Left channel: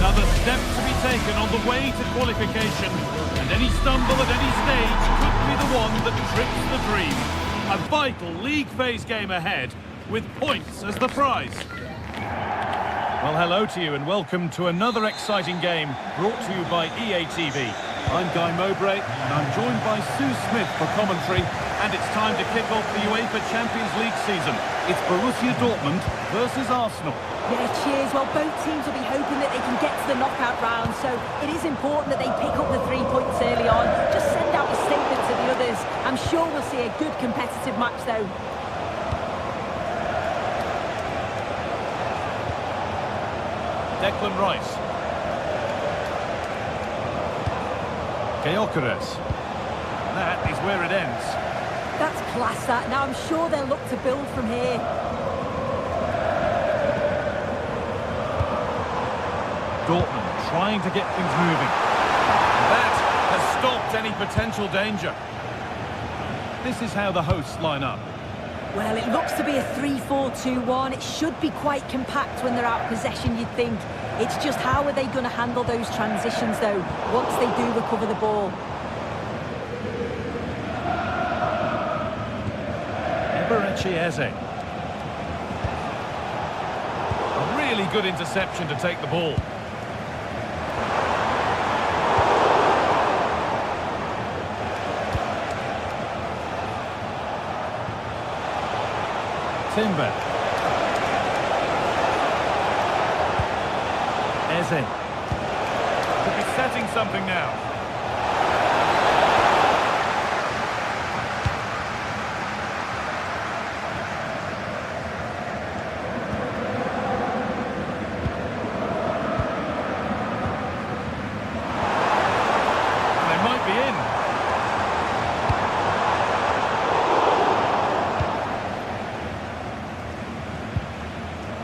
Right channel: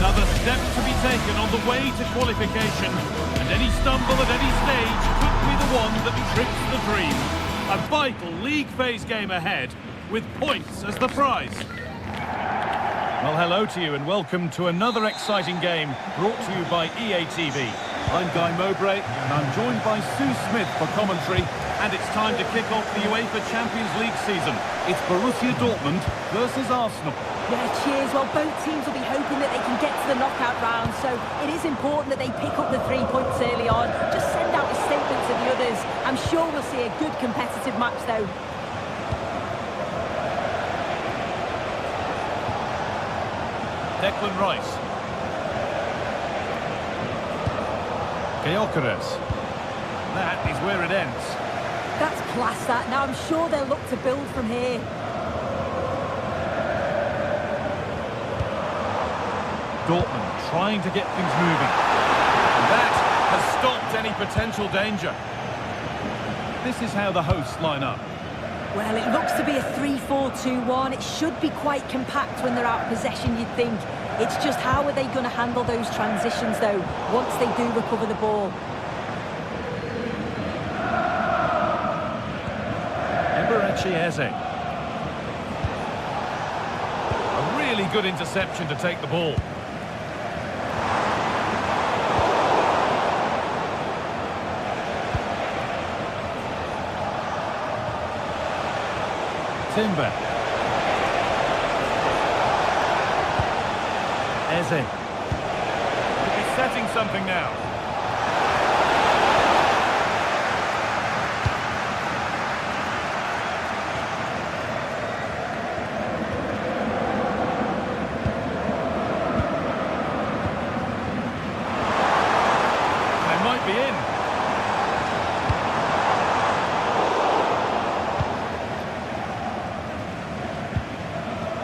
Another step to be taken on the way to qualification, and any stumble at any stage could be the one that trips the dream. A vital league phase game ahead, with points as the prize. Well, hello to you and welcome to another exciting game brought to you by EA TV. I'm Guy Mowbray and I'm joined by Sue Smith for commentary, and it's time to kick off the UEFA Champions League season. It's Borussia Dortmund versus Arsenal. Yeah, cheers. Well, both teams will be hoping that they can get to the knockout round, so it is important that they pick up the 3 points early on. Just send out a statement to the others. I'm sure we'll see a good competitive match, though. Declan Rice. Gyökeres. That is where it ends. That's class, that. Now, I'm sure they'll look to build from here. Dortmund trying to get things moving. And that has stopped any potential danger. This is how the hosts line up. Well, it looks to be a 3-4-2-1. It should be quite compact when they're out of possession, you'd think. It's just how are they going to handle those transitions, though, once they do recover the ball. Eberechi Eze. A really good interception to take the ball. Timber. Eze. Could be setting something now. And they might be in.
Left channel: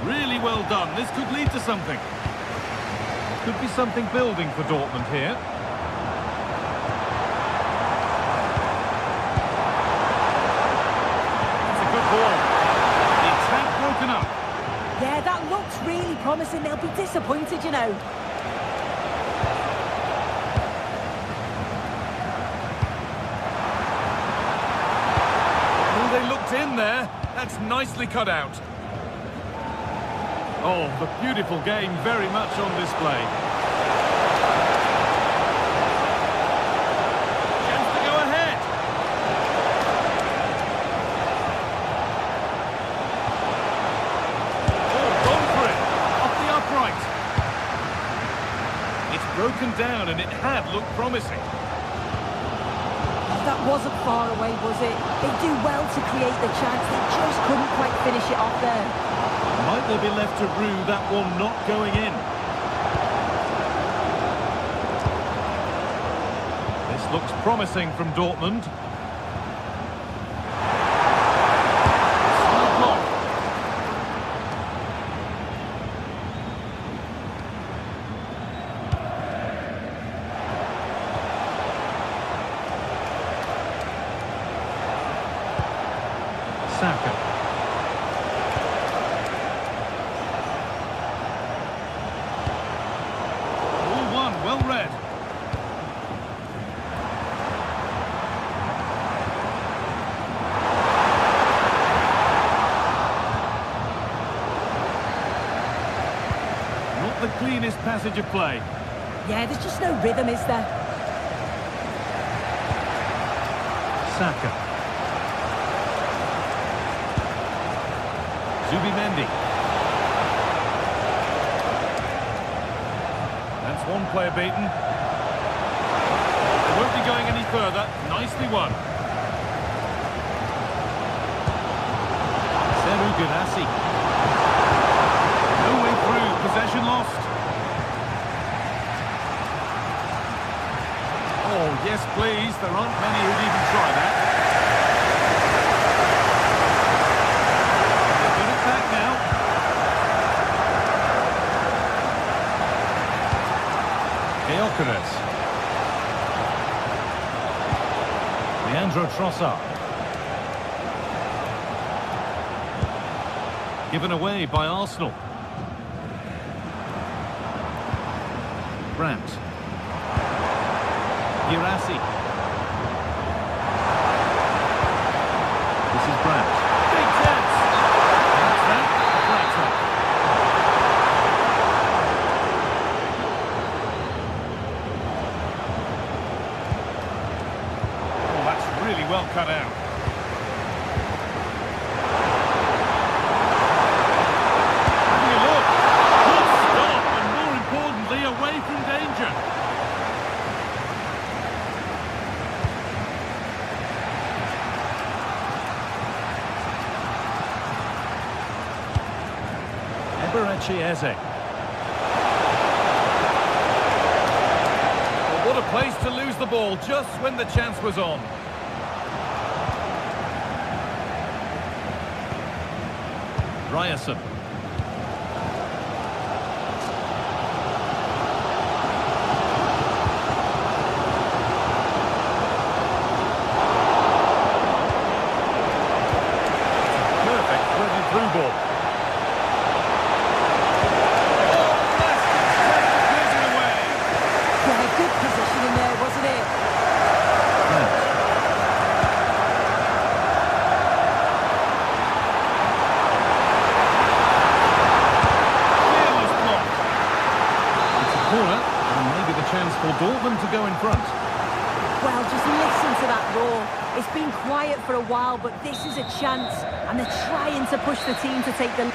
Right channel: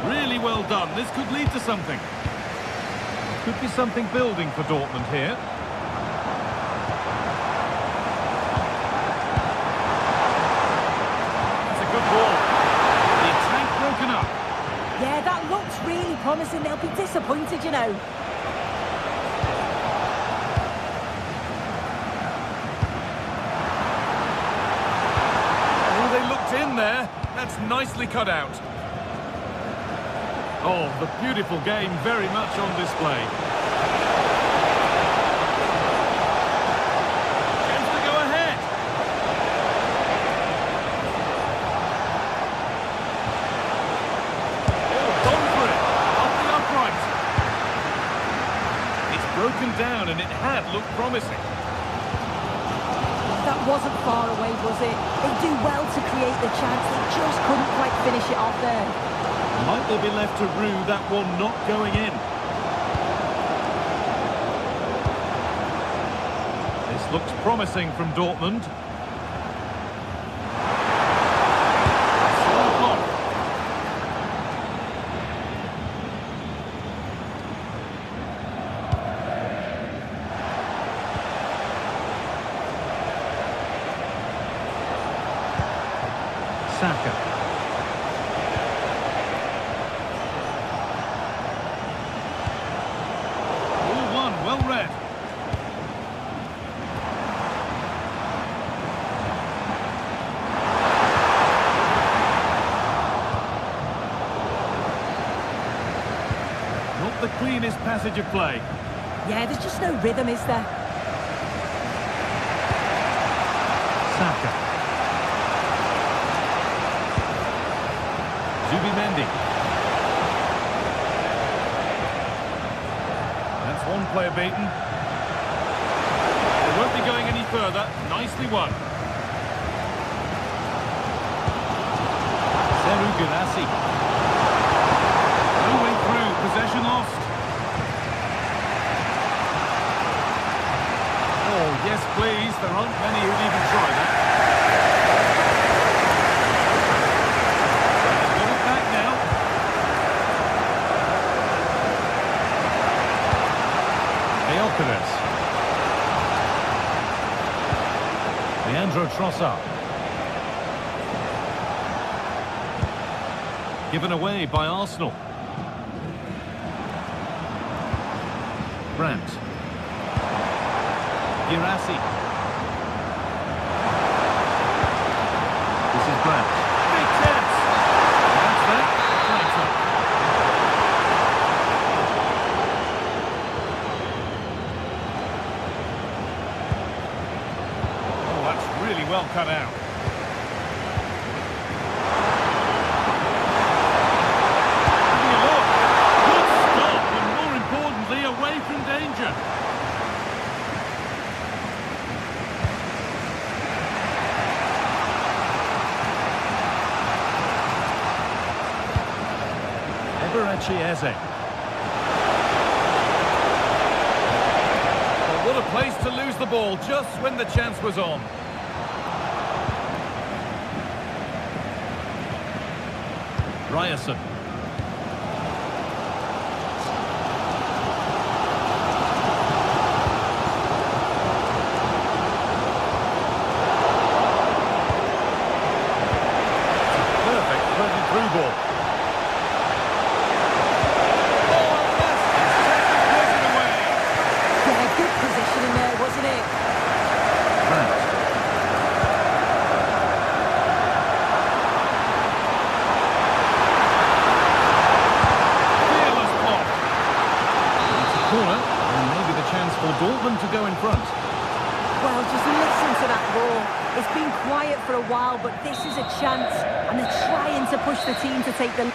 Really well done. This could lead to something. Could be something building for Dortmund here. That's a good ball. The attack broken up. Yeah, that looks really promising. They'll be disappointed, you know. Oh, they looked in there. That's nicely cut out. Oh, the beautiful game very much on display. Chance to go ahead. Oh, gone for it. Off the upright. It's broken down and it had looked promising. That wasn't far away, was it? They do well to create the chance. They just couldn't quite finish it off there. Might they be left to rue that one not going in? This looks promising from Dortmund. Solid block. Saka. Well read. Not the cleanest passage of play. Yeah, there's just no rhythm, is there? Saka. Zubimendi. That's one player beaten. They won't be going any further. Nicely won. Seru Girassi. No way through. Possession lost. Oh, yes, please. There aren't many who'd even try that. And they've got it back now. Gyökeres. Leandro Trossard. Given away by Arsenal. Brandt. Girassi. This is Brandt. Big chance! That's that. The flank's up. Really well cut out. Having a look. Good stop, and more importantly, away from danger. Eberechi Eze. Well, what a place to lose the ball just when the chance was on. Ryerson. It's a perfect threaded through ball. Oh, Lester's tackle clears it away. Yeah, good positioning there, wasn't it? Brandt. Corner, and maybe the chance for Dortmund to go in front. Well, just listen to that roar. It's been quiet for a while, but this is a chance, and they're trying to push the team to take the...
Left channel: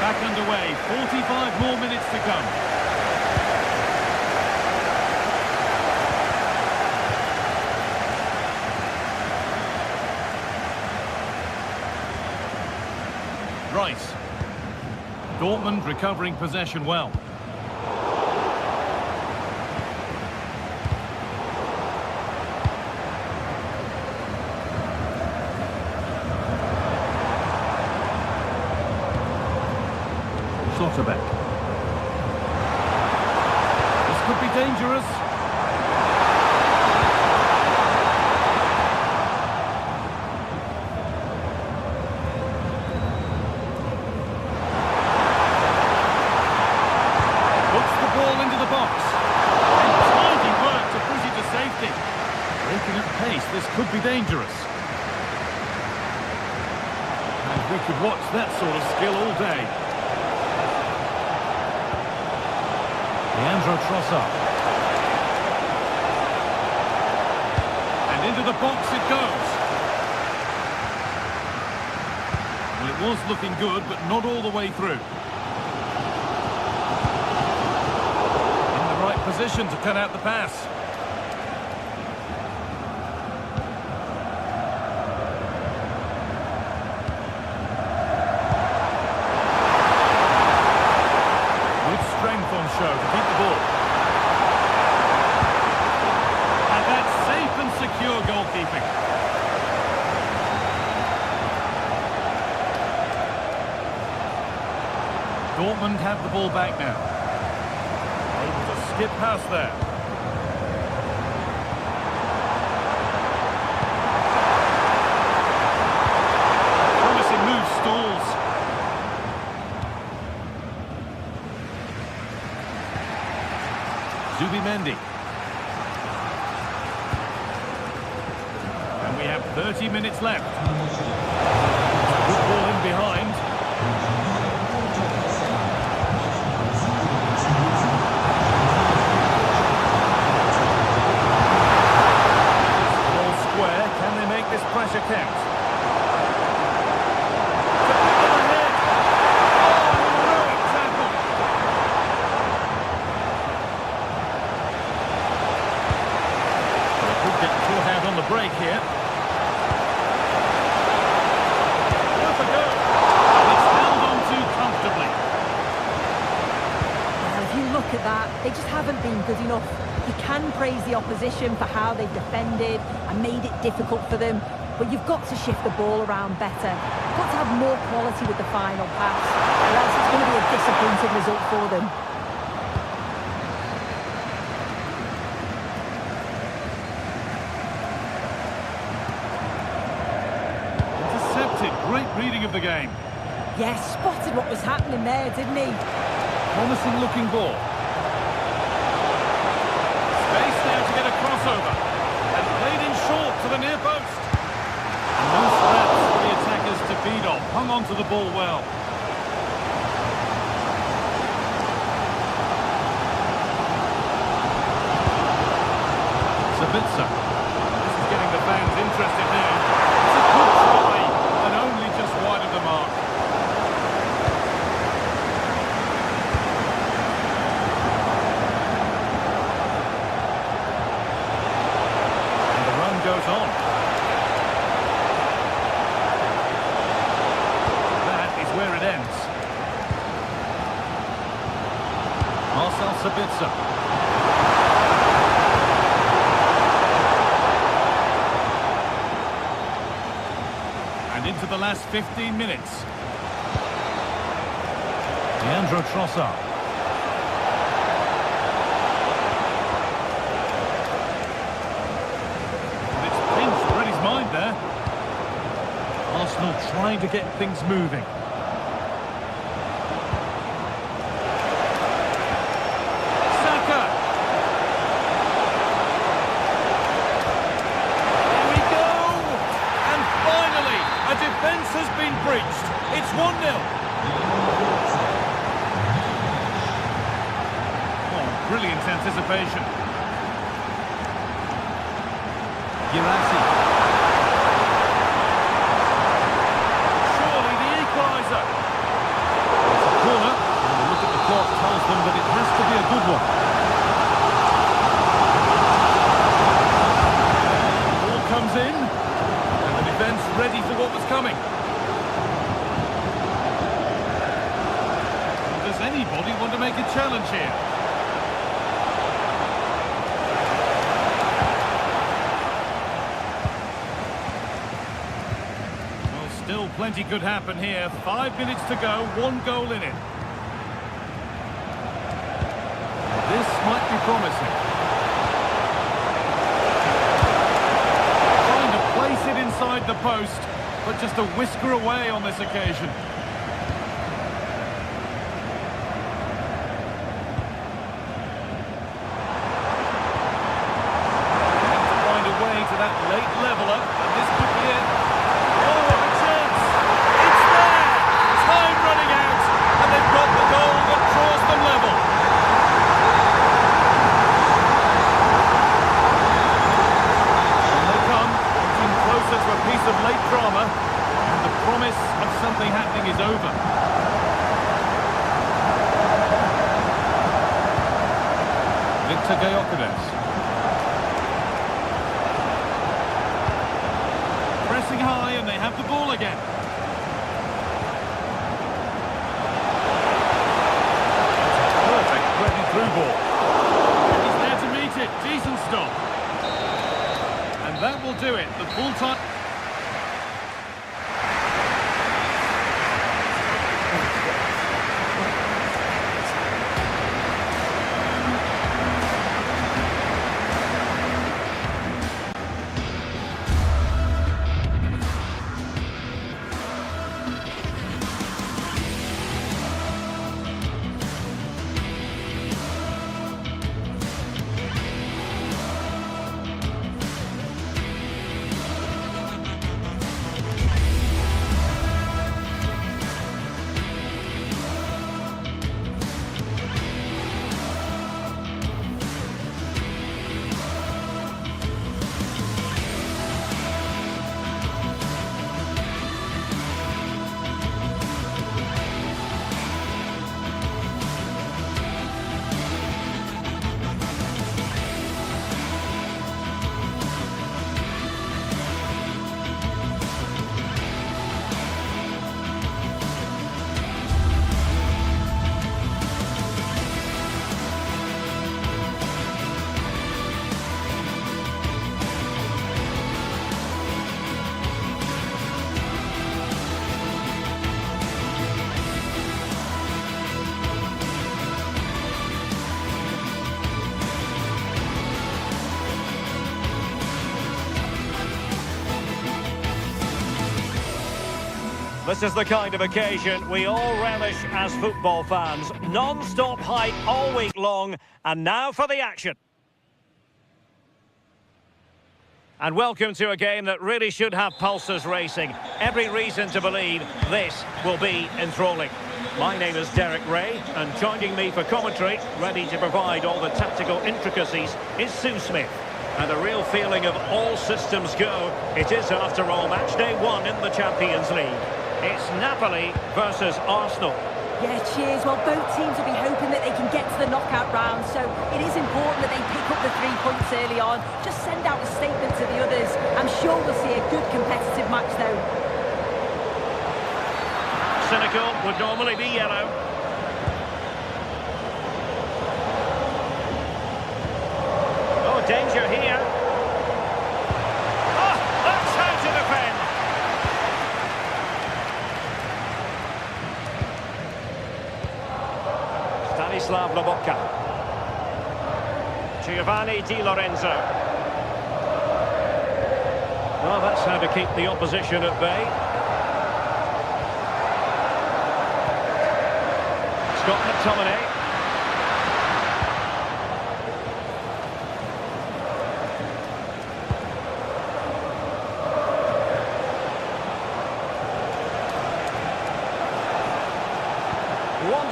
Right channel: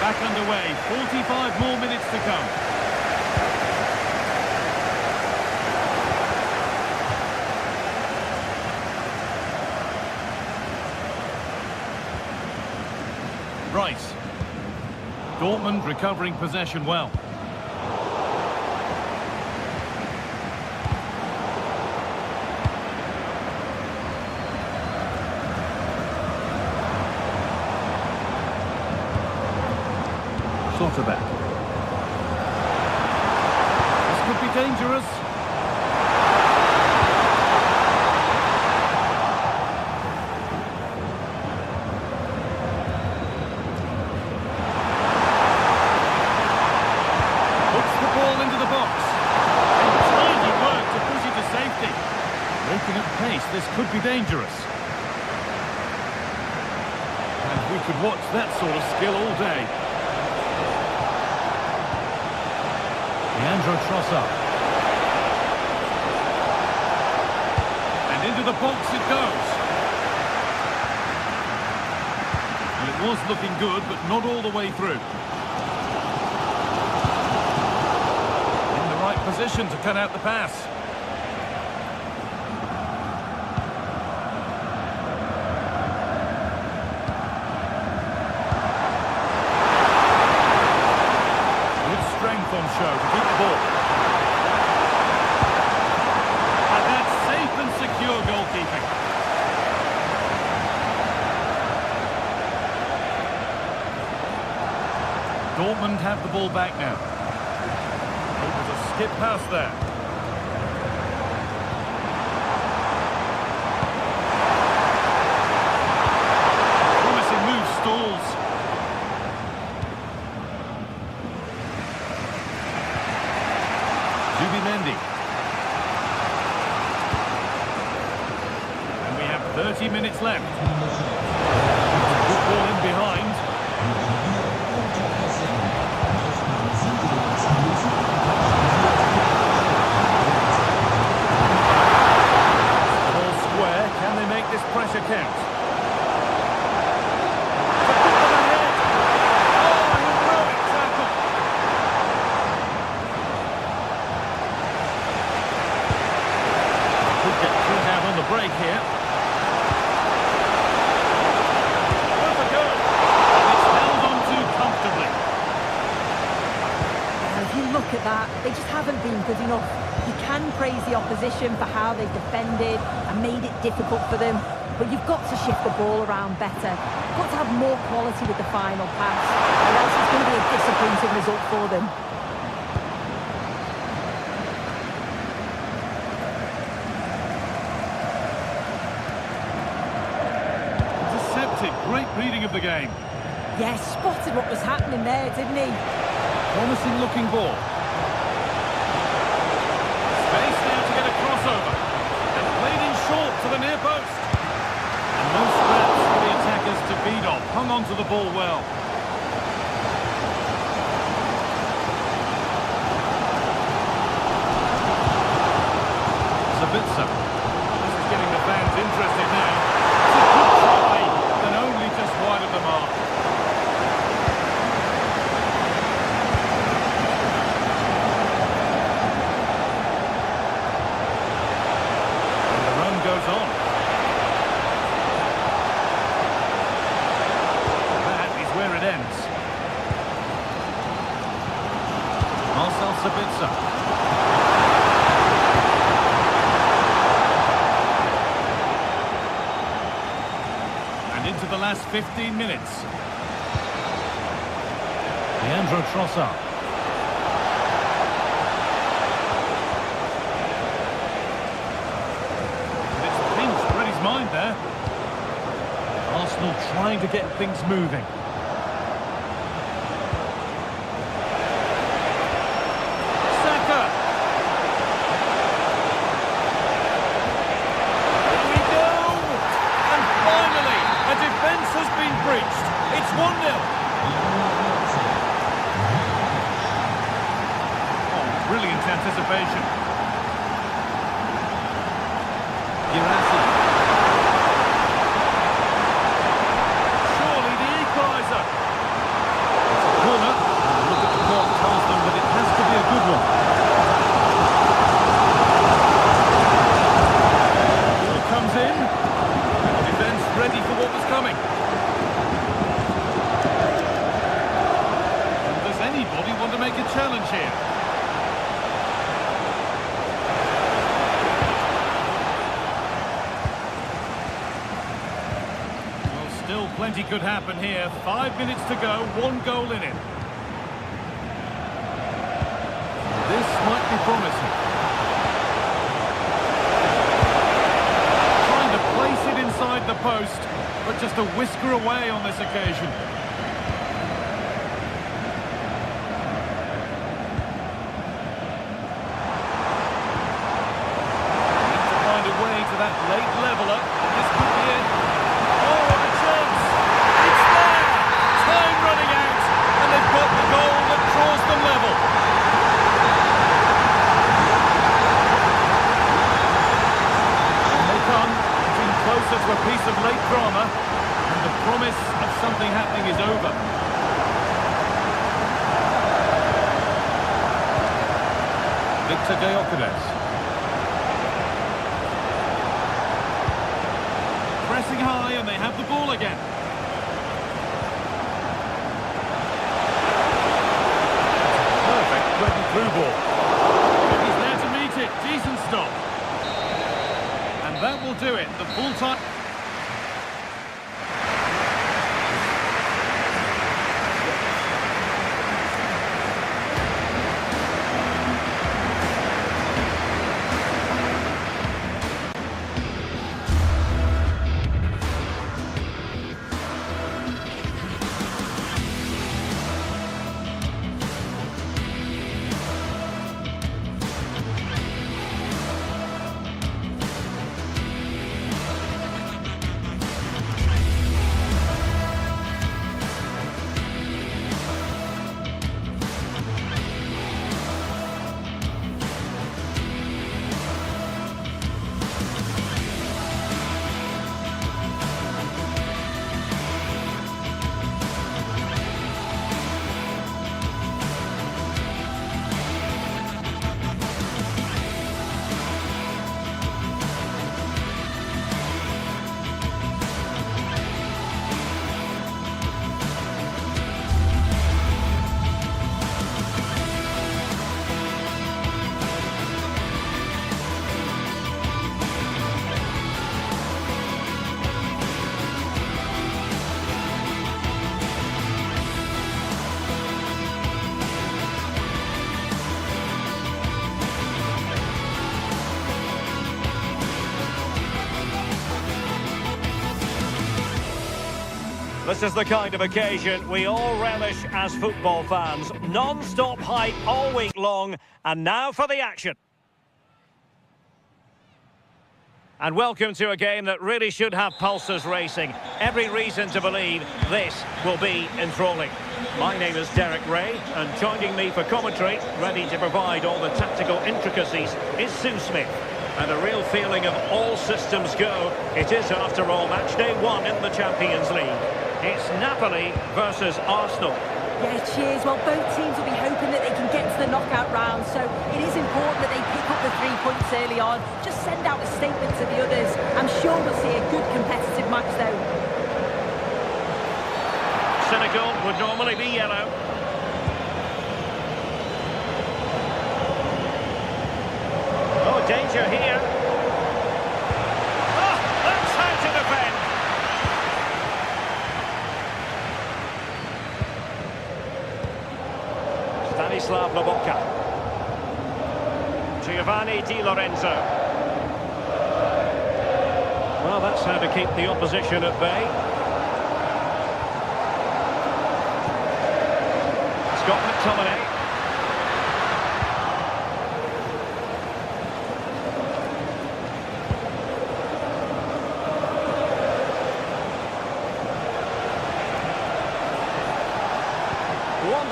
Back underway, 45 more minutes to come. Rice. Dortmund recovering possession well. Schlotterbeck. This could be dangerous. Puts the ball into the box. And tidy work to push it to safety. Breaking at pace, this could be dangerous. And we could watch that sort of skill all day. Leandro Trossard. And into the box it goes. Well, it was looking good, but not all the way through. In the right position to cut out the pass. Strength on show to keep the ball. And that's safe and secure goalkeeping. Dortmund have the ball back now. Able to skip past there. Promising move stalls. Zubimendi. And we have 30 minutes left. Good ball in behind. The ball square. Can they make this pressure count? To put them ahead. Oh, heroic tackle. Could get caught out on the break here. Worth a go. And it's held on to comfortably. Well, if you look at that, they just haven't been good enough. You can praise the opposition for how they've defended and made it difficult for them, but you've got to shift the ball around better. You've got to have more quality with the final pass, or else it's going to be a disappointing result for them. Great reading of the game. Yes, spotted what was happening there, didn't he? Promising looking ball. Space now to get a crossover. And played in short to the near post. And no scraps for the attackers to feed off. Hung on to the ball well. Sabitzer. This is getting the fans interested now. It's a good try. And only just wide of the mark. And the run goes on. That is where it ends. Marcel Sabitzer. And into the last 15 minutes. Leandro Trossard. And it's pinched, read his mind there. Arsenal trying to get things moving. Saka. Here we go. And finally, a defense It's 1-0. Oh, brilliant anticipation. Girassi. Surely the equaliser. It's a corner, and the look at the clock tells them that it has to be a good one. Ball comes in, and the defence ready for what was coming. And does anybody want to make a challenge here? Still plenty could happen here. 5 minutes to go, 1 goal in it. This might be promising. Trying to place it inside the post, but just a whisker away on this occasion. Need to find a way to that late leveller, and this could be it. Time running out, and they've got the goal that draws them level. And they come, inching closer to a piece of late drama, and the promise of something happening is over. Victor Gyökeres. Pressing high, and they have the ball again. Through ball. And he's there to meet it. Decent stop. And that will do it. The full time. This is the kind of occasion we all relish as football fans. Non-stop hype all week long, and now for the action. And welcome to a game that really should have pulses racing. Every reason to believe this will be enthralling. My name is Derek Ray, and joining me for commentary, ready to provide all the tactical intricacies, is Sue Smith. And a real feeling of all systems go. It is, after all, match day 1 in the Champions League. It's Napoli versus Arsenal. Yeah, cheers. Well, both teams will be hoping that they can get to the knockout round, so it is important that they pick up the 3 points early on. Just send out a statement to the others. I'm sure we'll see a good competitive match, though. Cynical would normally be yellow. Oh, danger here. Oh, that's how to defend. Stanislav Lobotka. Giovanni Di Lorenzo. Well, that's how to keep the opposition at bay. Scott McTominay.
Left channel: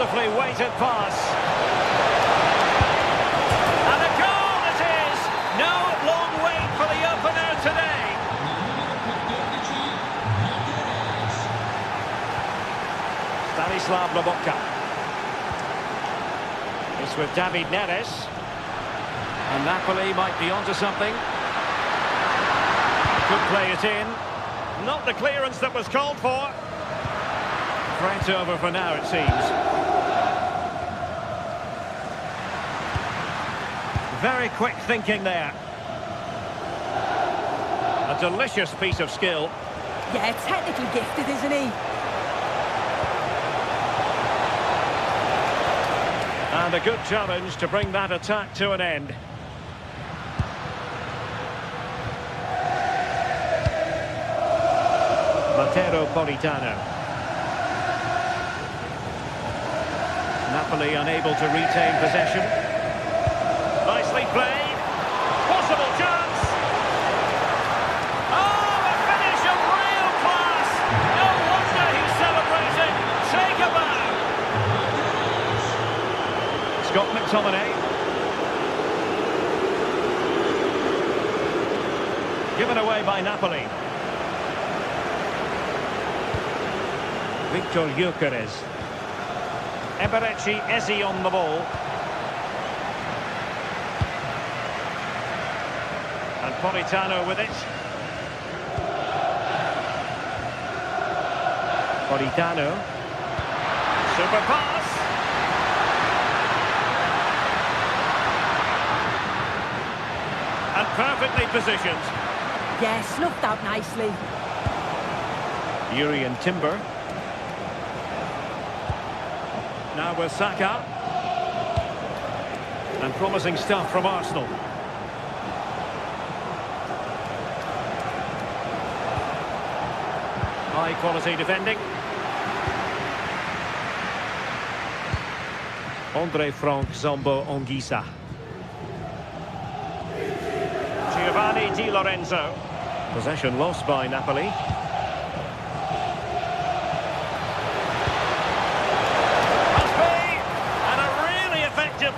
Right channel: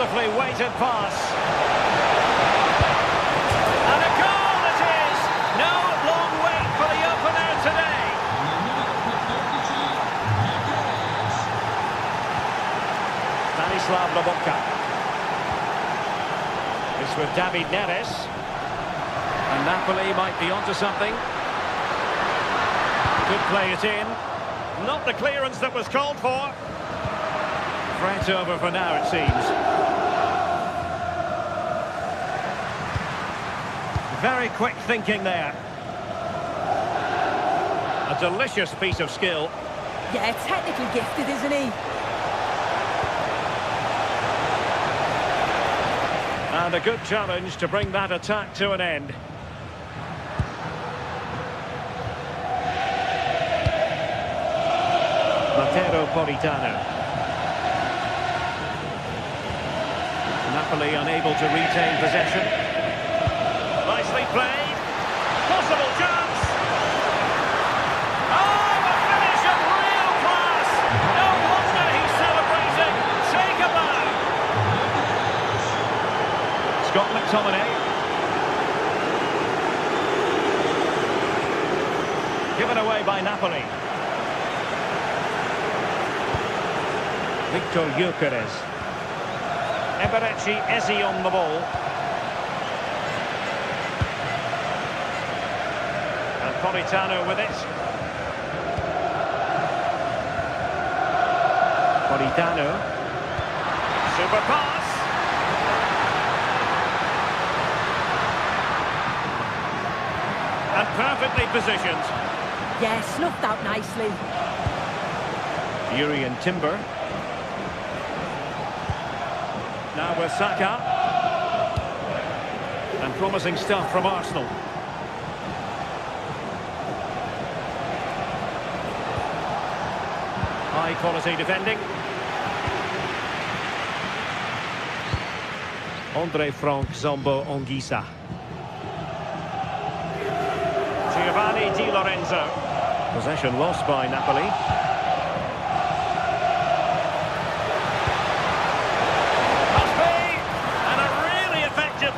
Wonderfully weighted pass. And a goal it is! No long wait for the opener today. Stanislav Lobotka. It's with David Neres. And Napoli might be onto something. Could play it in. Not the clearance that was called for. Threat over for now, it seems. Very quick thinking there. A delicious piece of skill. Yeah, technically gifted, isn't he? And a good challenge to bring that attack to an end. Matteo Politano. Napoli unable to retain possession. Nicely played. Possible chance. Oh, a finish of real class. No wonder he's celebrating. Take a bow. Scott McTominay. Given away by Napoli. Victor Gyökeres. Eberechi Eze on the ball. And Politano with it. Politano. Super pass. And perfectly positioned. Yeah, snuffed out nicely. Yuri and Timber. Now with Saka. And promising stuff from Arsenal. High quality defending. Andre Frank Zombo Anguissa. Giovanni Di Lorenzo. Possession lost by Napoli.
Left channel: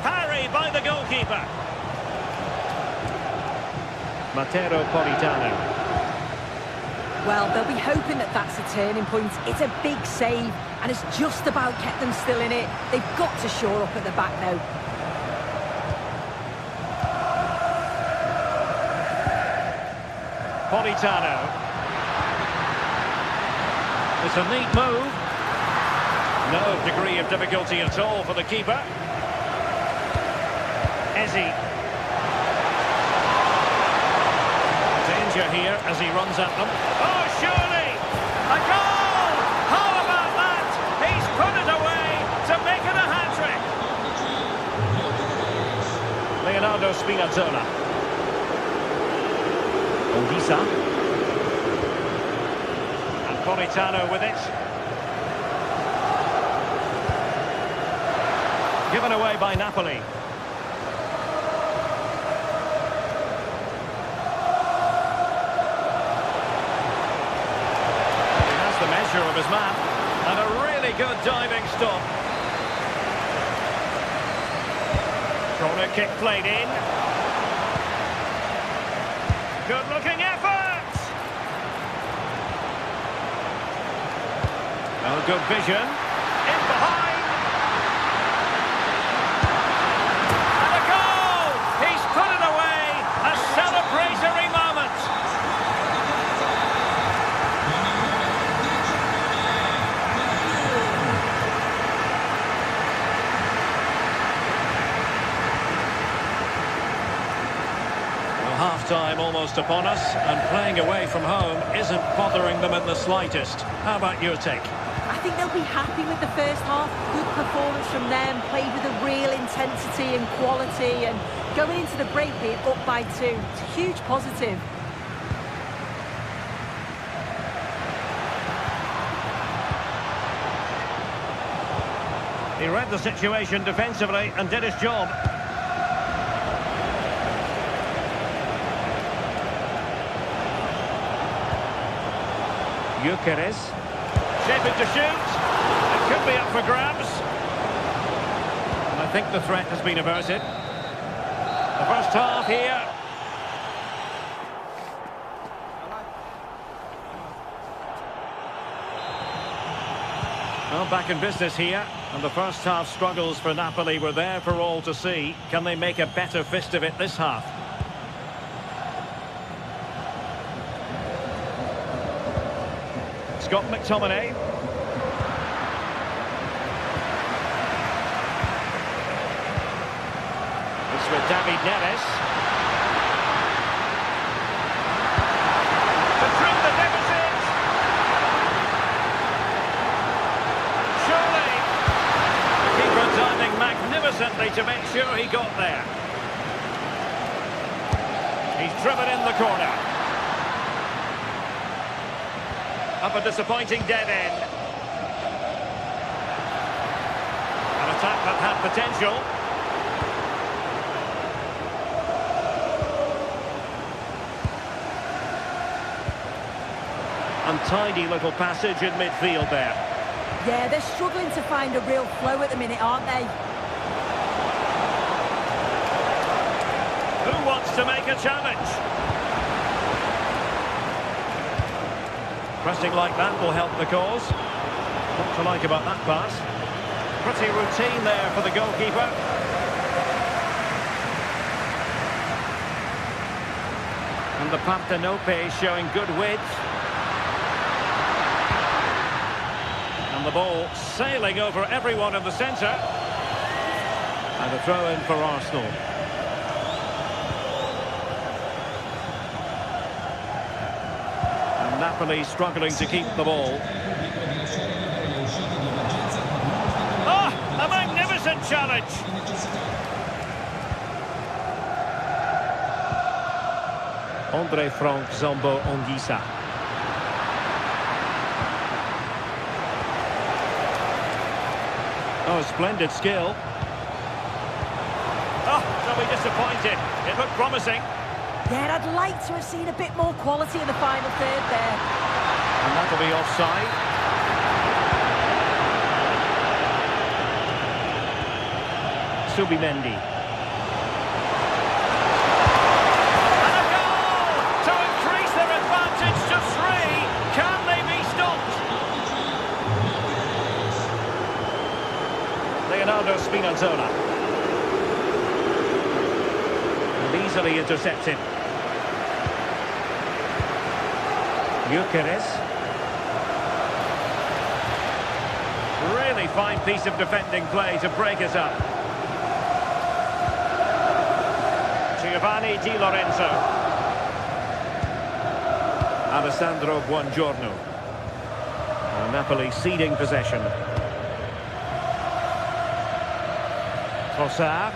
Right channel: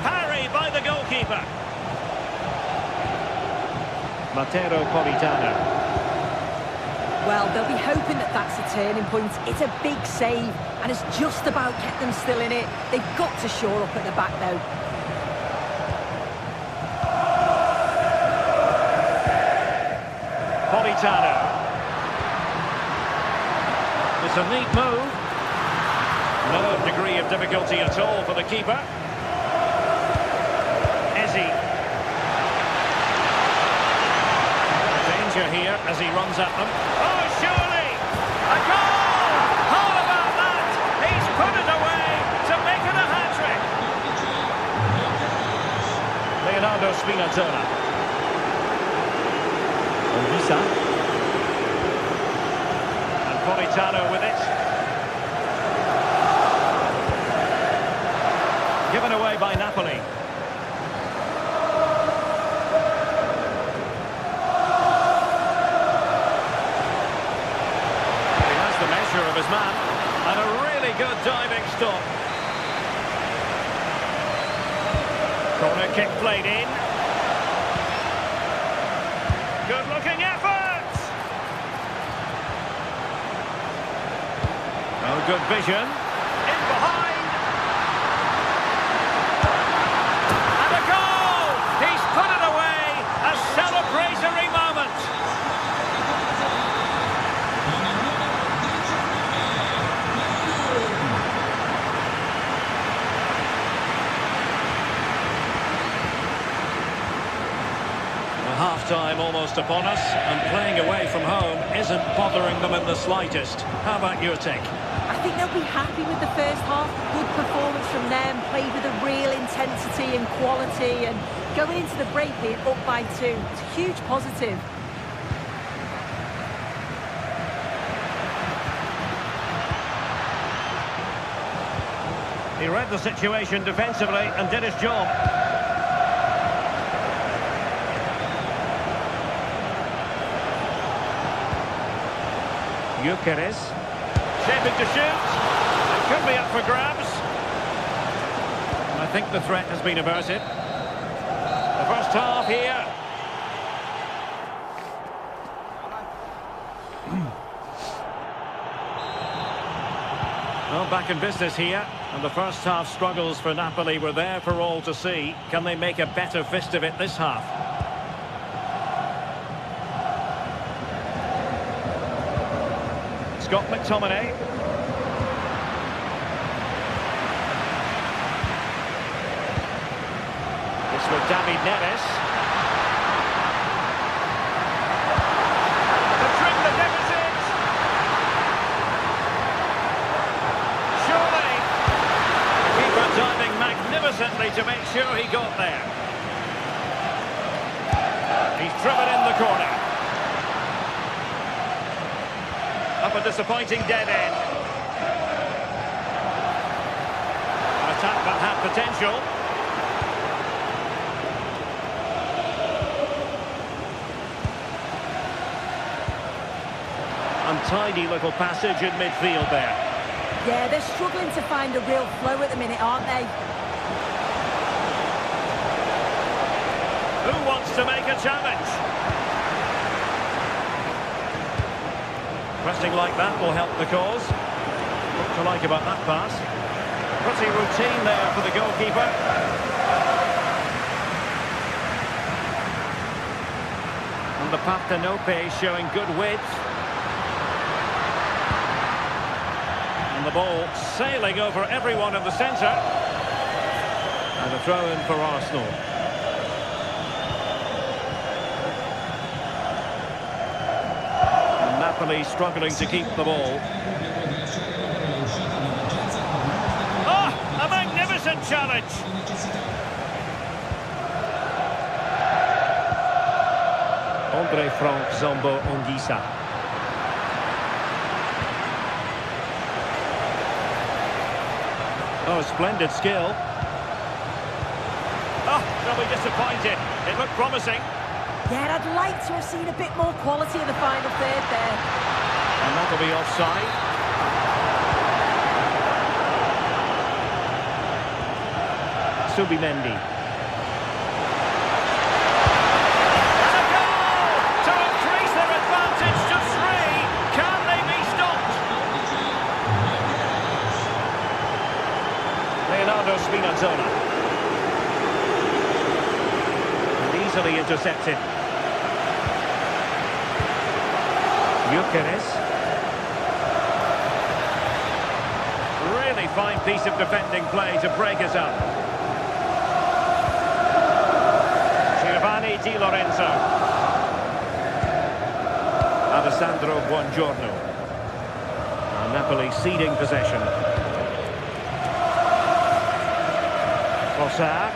Parry by the goalkeeper. Matteo Politano. Well, they'll be hoping that that's a turning point. It's a big save, and it's just about kept them still in it. They've got to shore up at the back, though. Politano. It's a neat move. No degree of difficulty at all for the keeper. Eze. Danger here as he runs at them. Oh, surely! A goal! How about that? He's put it away to make it a hat-trick. Leonardo Spinazzola. Anguissa. And Politano with it. Given away by Napoli. The measure of his man, and a really good diving stop. Corner kick played in. Good looking effort. Oh, good vision. In behind. And a goal! He's put it away. A celebratory moment. Half-time almost upon us, and playing away from home isn't bothering them in the slightest. How about your take? I think they'll be happy with the first half. Good performance from them, played with a real intensity and quality, and going into the break being up by 2. It's a huge positive. He read the situation defensively and did his job. Gyökeres. Shaping to shoot. It could be up for grabs. I think the threat has been averted. The first half here. Well, back in business here, and the first half struggles for Napoli were there for all to see. Can they make a better fist of it this half? Scott McTominay. It's with David Neres. To trim the deficit. Surely. The keeper diving magnificently to make sure he got there. He's driven in the corner. Up a disappointing dead end. An attack that had potential. Untidy little passage in midfield there. Yeah, they're struggling to find a real flow at the minute, aren't they? Who wants to make a challenge? Pressing like that will help the cause. What to like about that pass? Pretty routine there for the goalkeeper. And the Partenope showing good width. And the ball sailing over everyone in the centre. And a throw-in for Arsenal. And Napoli struggling to keep the ball. Oh, a magnificent challenge! Andre Frank Zambo Anguissa. Oh, splendid skill. Oh, they'll be disappointed. It looked promising. Yeah, I'd like to have seen a bit more quality in the final third there. And that'll be offside. Subimendi. And a goal to increase their advantage to 3. Can they be stopped? Leonardo Spinazzola. And easily intercepted. Gyökeres. Really fine piece of defending play to break us up. Giovanni Di Lorenzo. Alessandro Buongiorno. Napoli ceding possession. Trossard.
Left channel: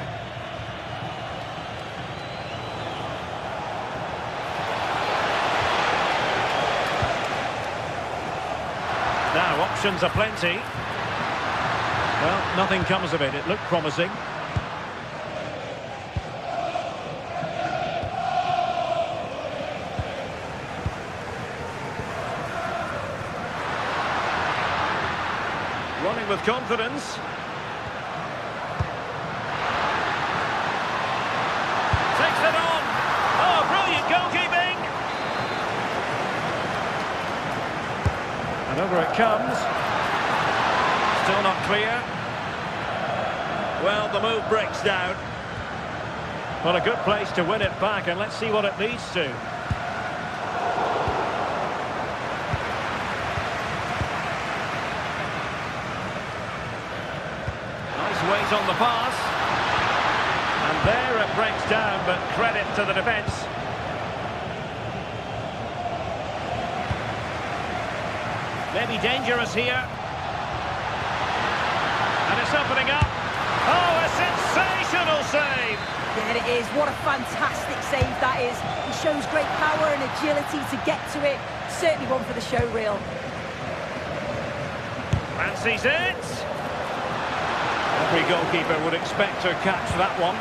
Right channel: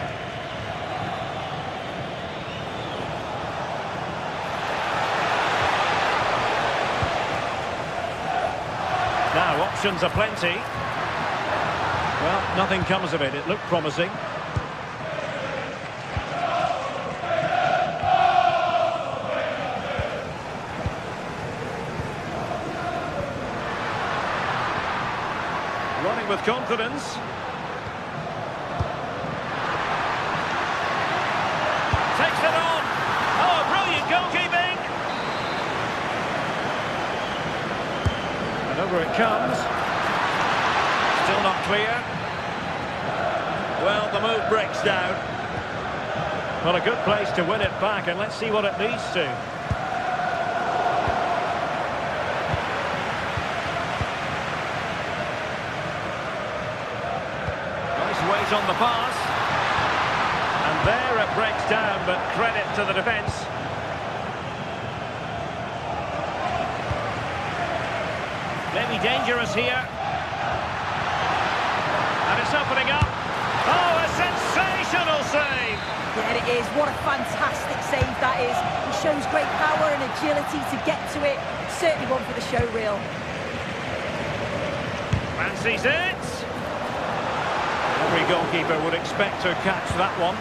Now, options are plenty. Well, nothing comes of it. It looked promising. Running with confidence. Takes it on. Oh, brilliant goalkeeping. And over it comes. Still not clear. Well, the move breaks down. Well, a good place to win it back, and let's see what it leads to. Nice weight on the pass. And there it breaks down, but credit to the defence. Maybe dangerous here. And it's opening up. Oh, a sensational save! Yeah, it is. What a fantastic save that is. He shows great power and agility to get to it. Certainly one for the show reel. Fancies it. Every goalkeeper would expect to catch that one.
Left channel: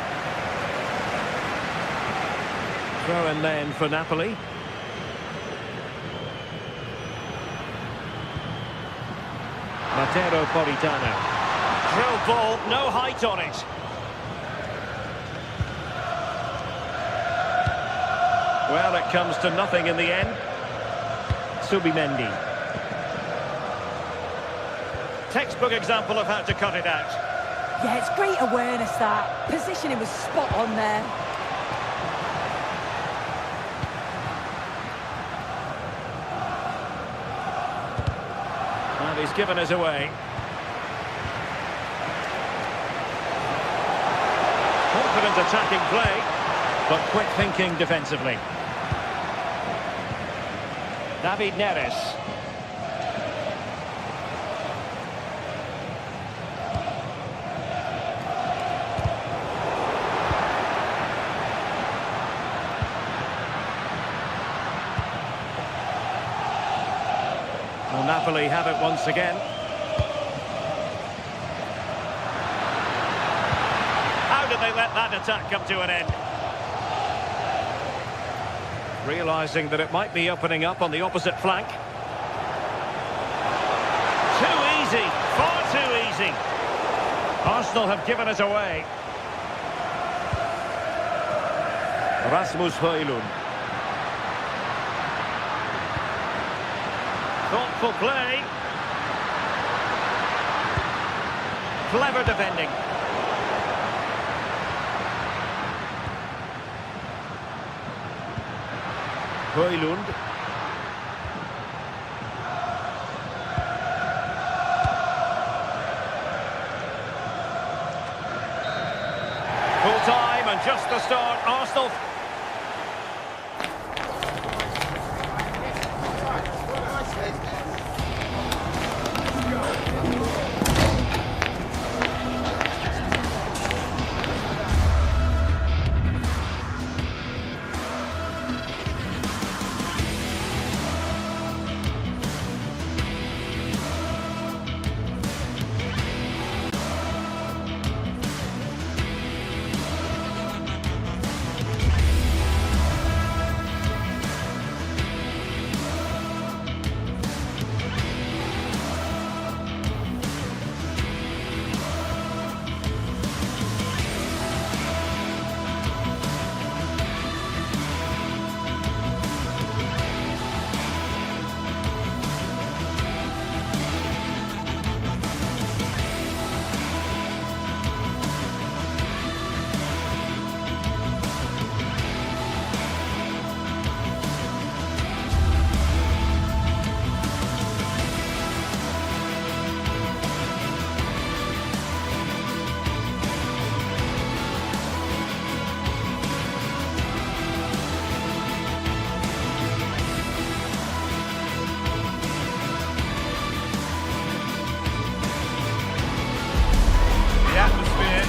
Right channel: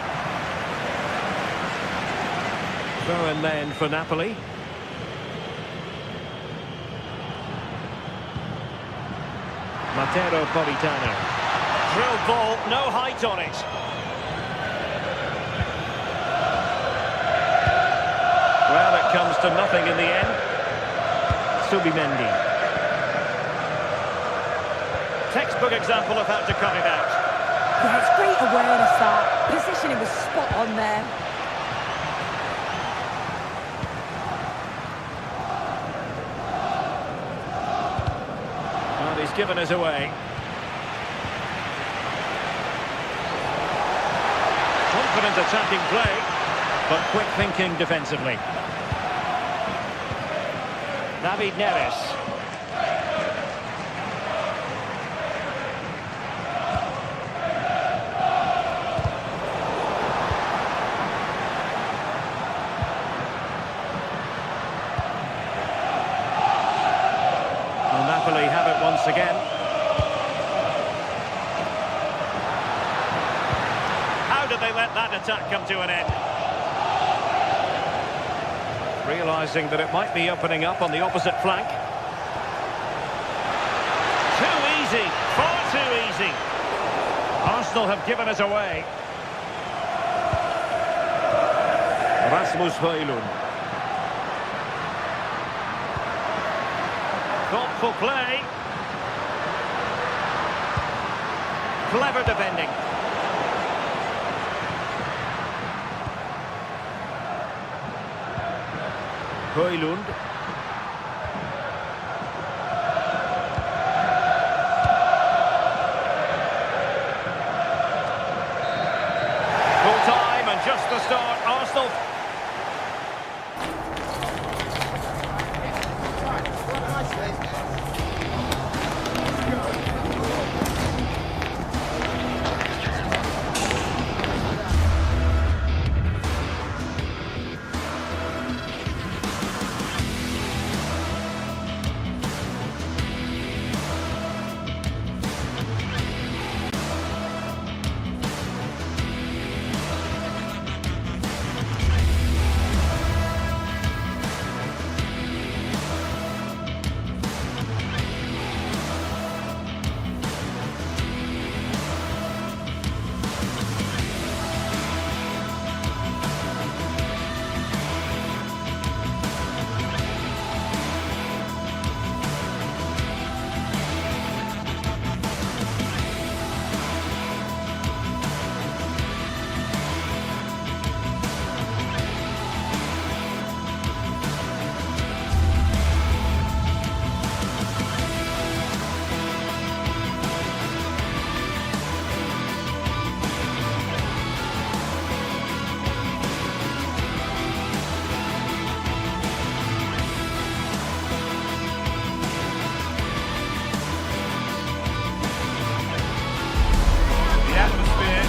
Throw in then for Napoli. Matteo Politano. drilled ball, no height on it. Well, it comes to nothing in the end. Subimendi. Textbook example of how to cut it out. Yeah, it's great awareness, that. Positioning was spot on there. And he's given us away. Confident attacking play, but quick thinking defensively. David Neres. Well, Napoli have it once again. How did they let that attack come to an end? Realising that it might be opening up on the opposite flank. Too easy, far too easy. Arsenal have given it away. Rasmus Højlund. Thoughtful play. Clever defending. Højlund. Full time and just the start. Arsenal.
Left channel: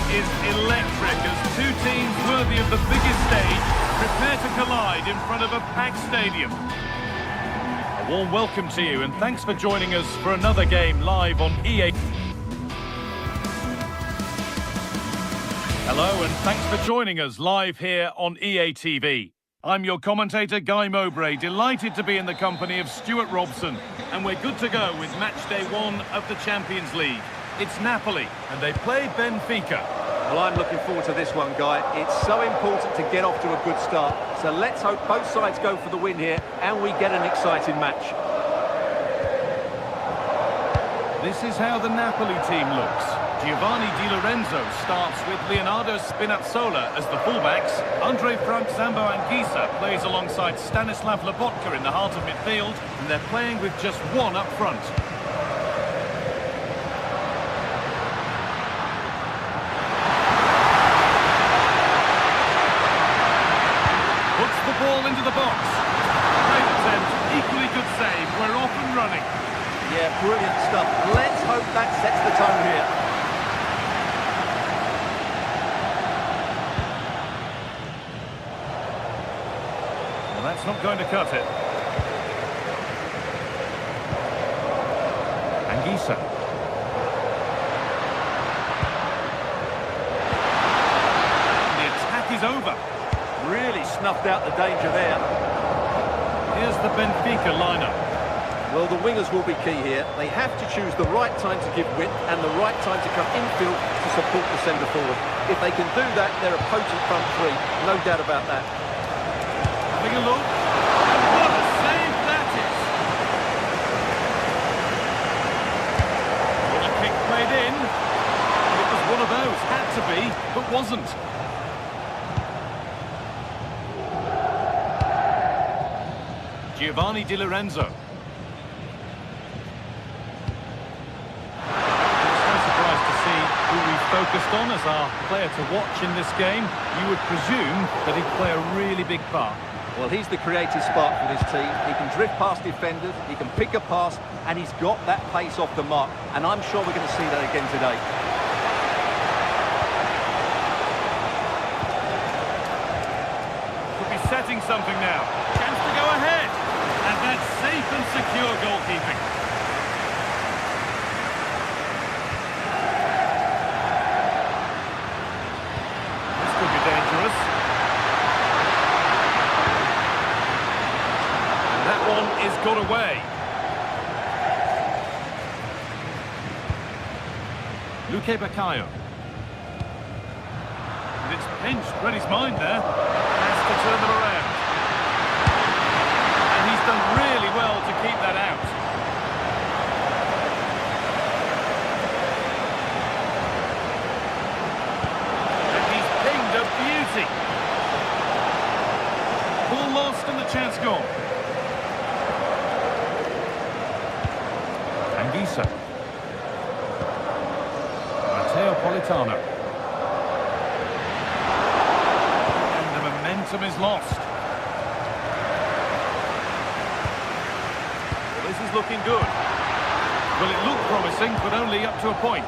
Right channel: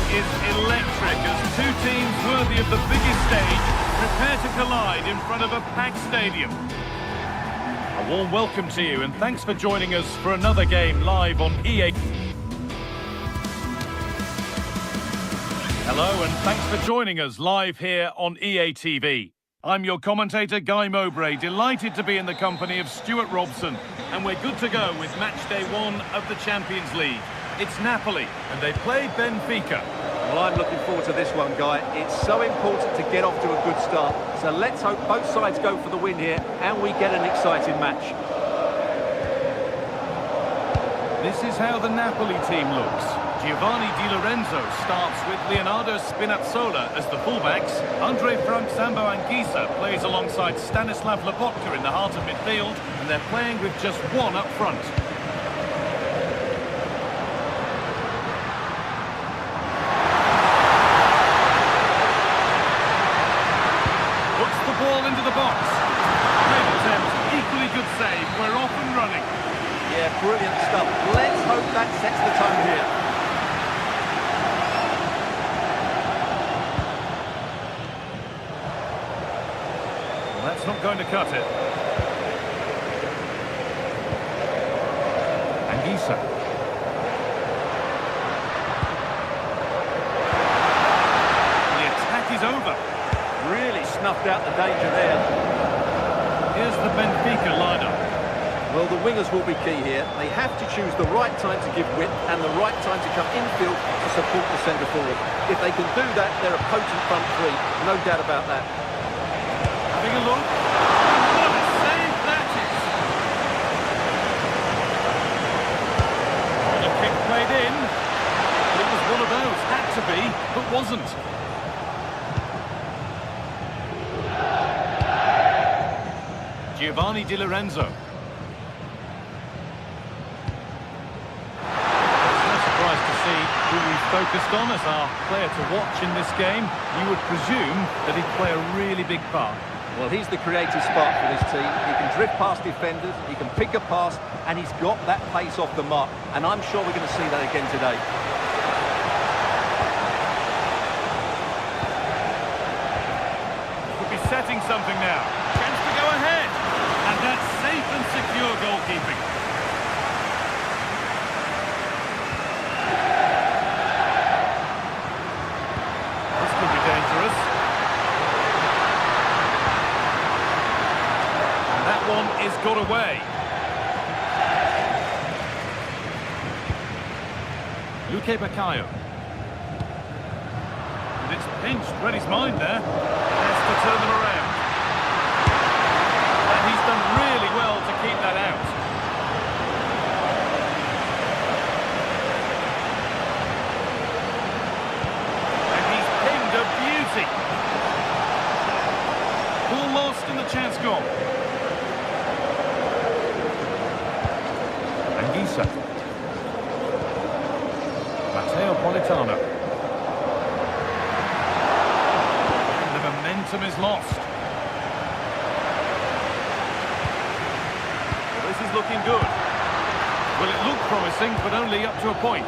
Is electric as two teams worthy of the biggest stage prepare to collide in front of a packed stadium. A warm welcome to you and thanks for joining us for another game live on EA. Hello and thanks for joining us live here on EA TV. I'm your commentator Guy Mowbray, delighted to be in the company of Stuart Robson, and we're good to go with match day 1 of the Champions League. It's Napoli and they play Benfica. Well, I'm looking forward to this one, Guy. It's so important to get off to a good start. So let's hope both sides go for the win here and we get an exciting match. This is how the Napoli team looks. Giovanni Di Lorenzo starts with Leonardo Spinazzola as the fullbacks. Andre Frank Zambo Anguissa plays alongside Stanislav Lobotka in the heart of midfield, and they're playing with just one up front. Puts the ball into the box. Great attempt, equally good save. We're off and running. Yeah, brilliant stuff. Let's hope that sets the tone here. Well, that's not going to cut it. Anguissa. The attack is over. Really snuffed out the danger there. Here's the Benfica lineup. Well, the wingers will be key here. They have to choose the right time to give width and the right time to come infield to support the centre forward. If they can do that, they're a potent front three. No doubt about that. Having a look. And what a save that is! What a kick played in. It was one of those. Had to be, but wasn't. Giovanni Di Lorenzo. It's no surprise to see who we've focused on as our player to watch in this game. You would presume that he'd play a really big part. Well, he's the creative spark for this team. He can drift past defenders, he can pick a pass, and he's got that pace off the mark. And I'm sure we're going to see that again today. Could be setting something now. Chance to go ahead. And that's safe and secure goalkeeping. This could be dangerous. And that one is got away. Luque Baccaio. And it's pinched. Read his mind there. Has to turn them around. And he's done really well to keep that out. And he's pinged a beauty. Ball lost and the chance gone. Anguissa. Matteo Politano. And the momentum is lost. Well, this is looking good. Well, it looked promising, but only up to a point.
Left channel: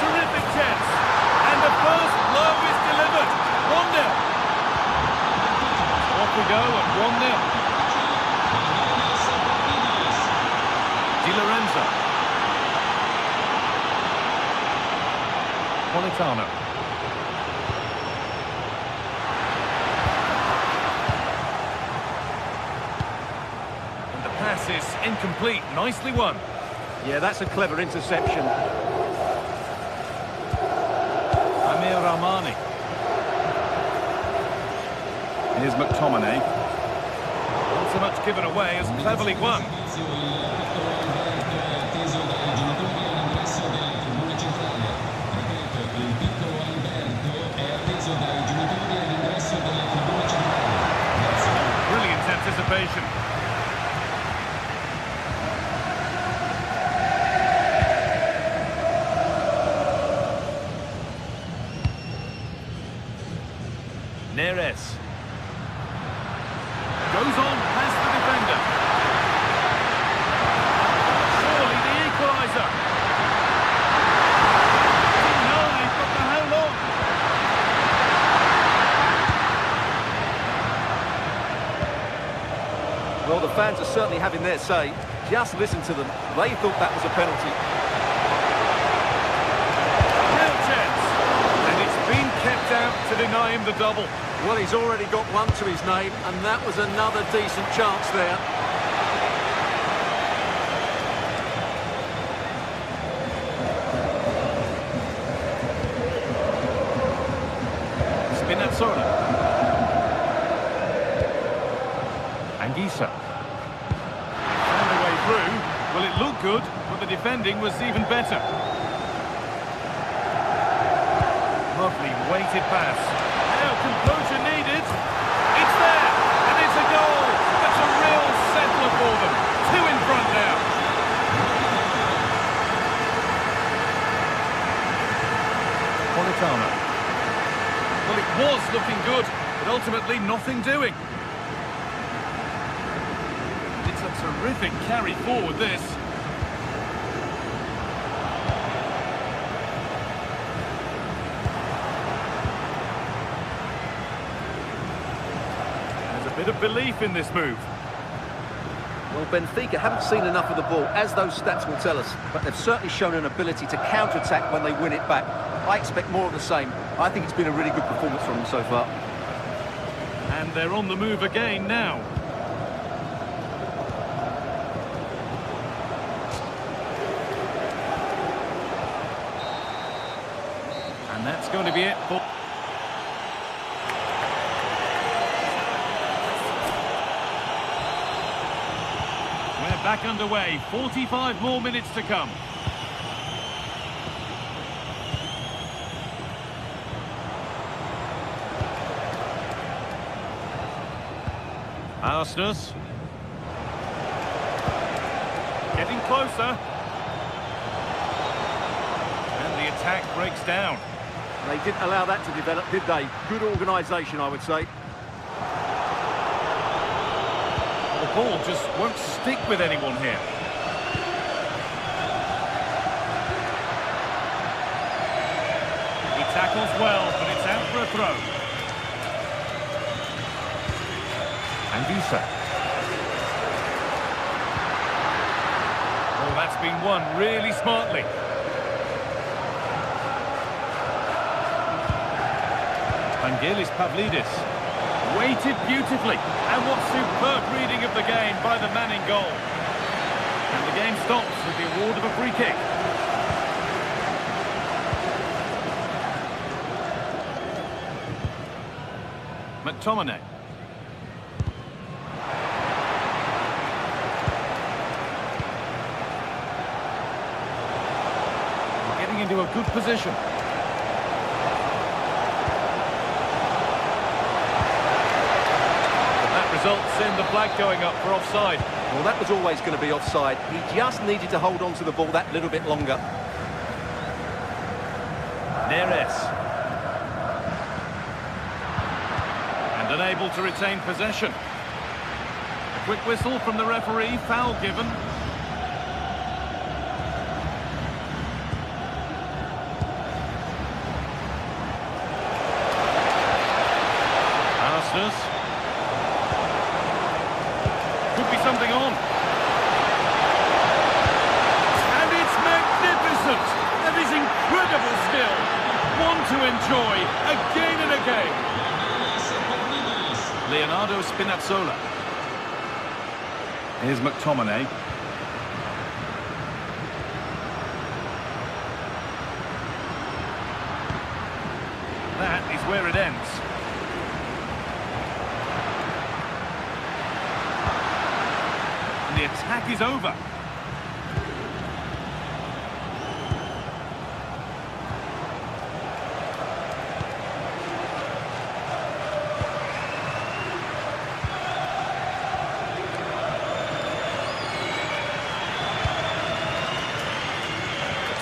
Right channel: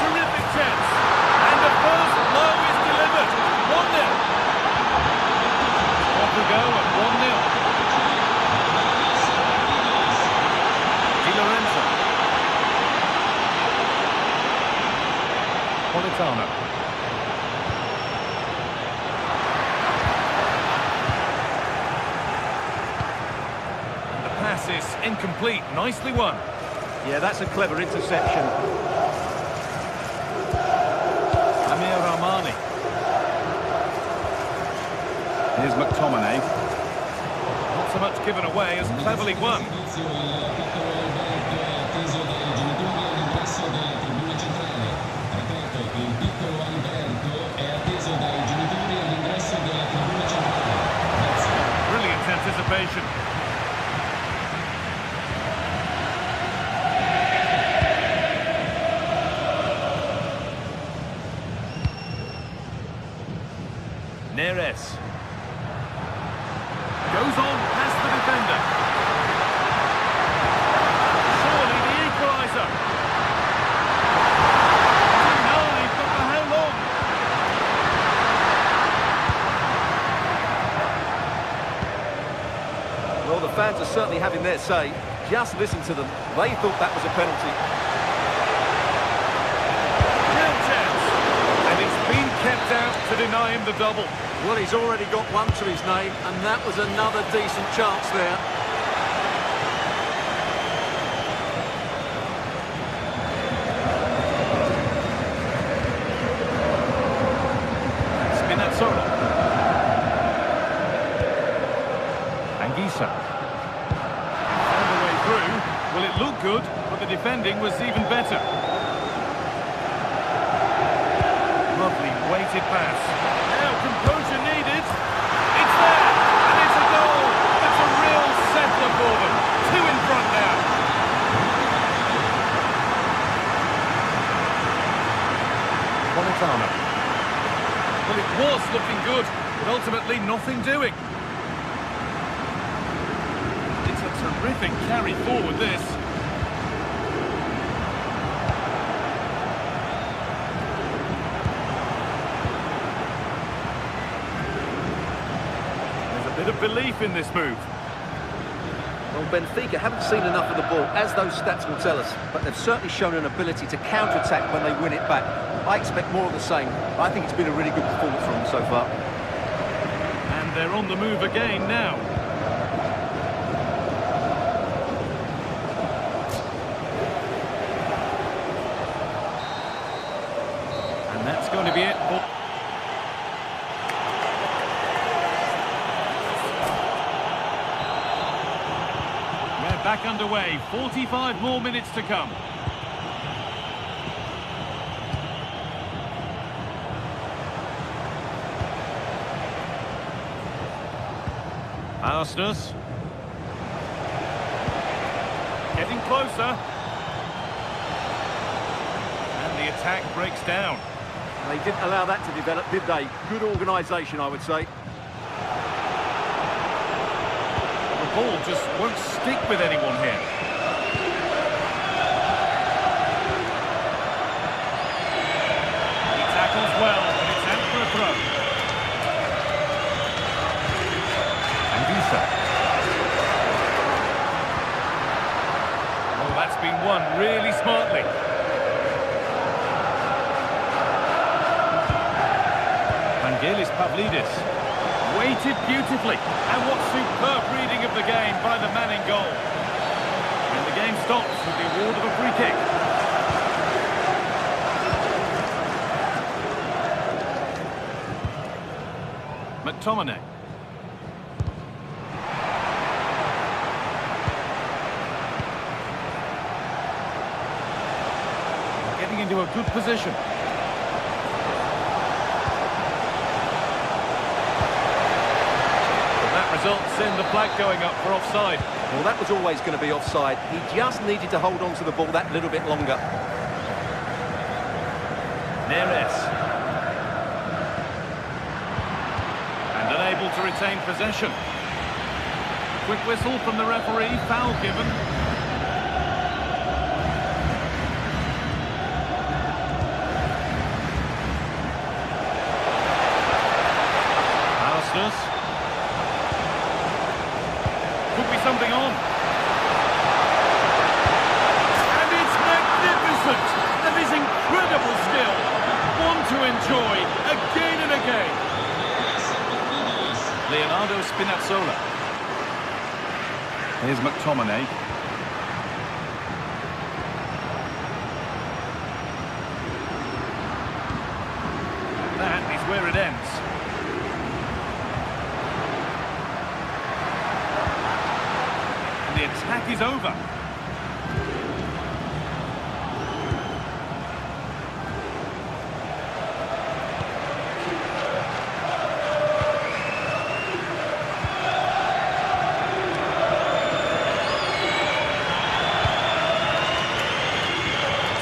Terrific chance. And the first blow is delivered. 1-0. Off we go at 1-0. Di Lorenzo. Politano. And the pass is incomplete. Nicely won. Yeah, that's a clever interception. Amir Rahmani. Here's McTominay. Not so much given away as cleverly won. Brilliant anticipation. Neres. Goes on past the defender. Surely the equaliser. Denied, but for how long? Well, the fans are certainly having their say. Just listen to them. They thought that was a penalty. Real chance. And it's been kept out to deny him the double. Well, he's already got one to his name, and that was another decent chance there. Spinazzola. Anguissa. He found a way through. Well, it looked good, but the defending was even better. Lovely weighted pass. Now composure needed. It's there, and it's a goal. That's a real settler for them. 2 in front now. Politano. Well, it was looking good, but ultimately nothing doing. It's a terrific carry forward, this. Bit of belief in this move. Well, Benfica haven't seen enough of the ball, as those stats will tell us, but they've certainly shown an ability to counter-attack when they win it back. I expect more of the same. I think it's been a really good performance from them so far. And they're on the move again now. And that's going to be it for... We're back underway. 45 more minutes to come. Arsenus. Getting closer. And the attack breaks down. They didn't allow that to develop, did they? Good organisation, I would say. The ball just won't stick with anyone here. He tackles well, but it's out for a throw. Anguissa. Oh, that's been won really smartly. Vangelis Pavlidis. Weighted beautifully. And what superb reading of the game by the man in goal. And the game stops with the award of a free kick. McTominay. Getting into a good position. That results in the flag going up for offside. Well, that was always going to be offside. He just needed to hold on to the ball that little bit longer. Neres. And unable to retain possession. A quick whistle from the referee, foul given. Arsenus. Could be something on. And it's magnificent! That is incredible skill. One to enjoy again and again. Leonardo Spinazzola. Here's McTominay. And that is where it ends. The attack is over.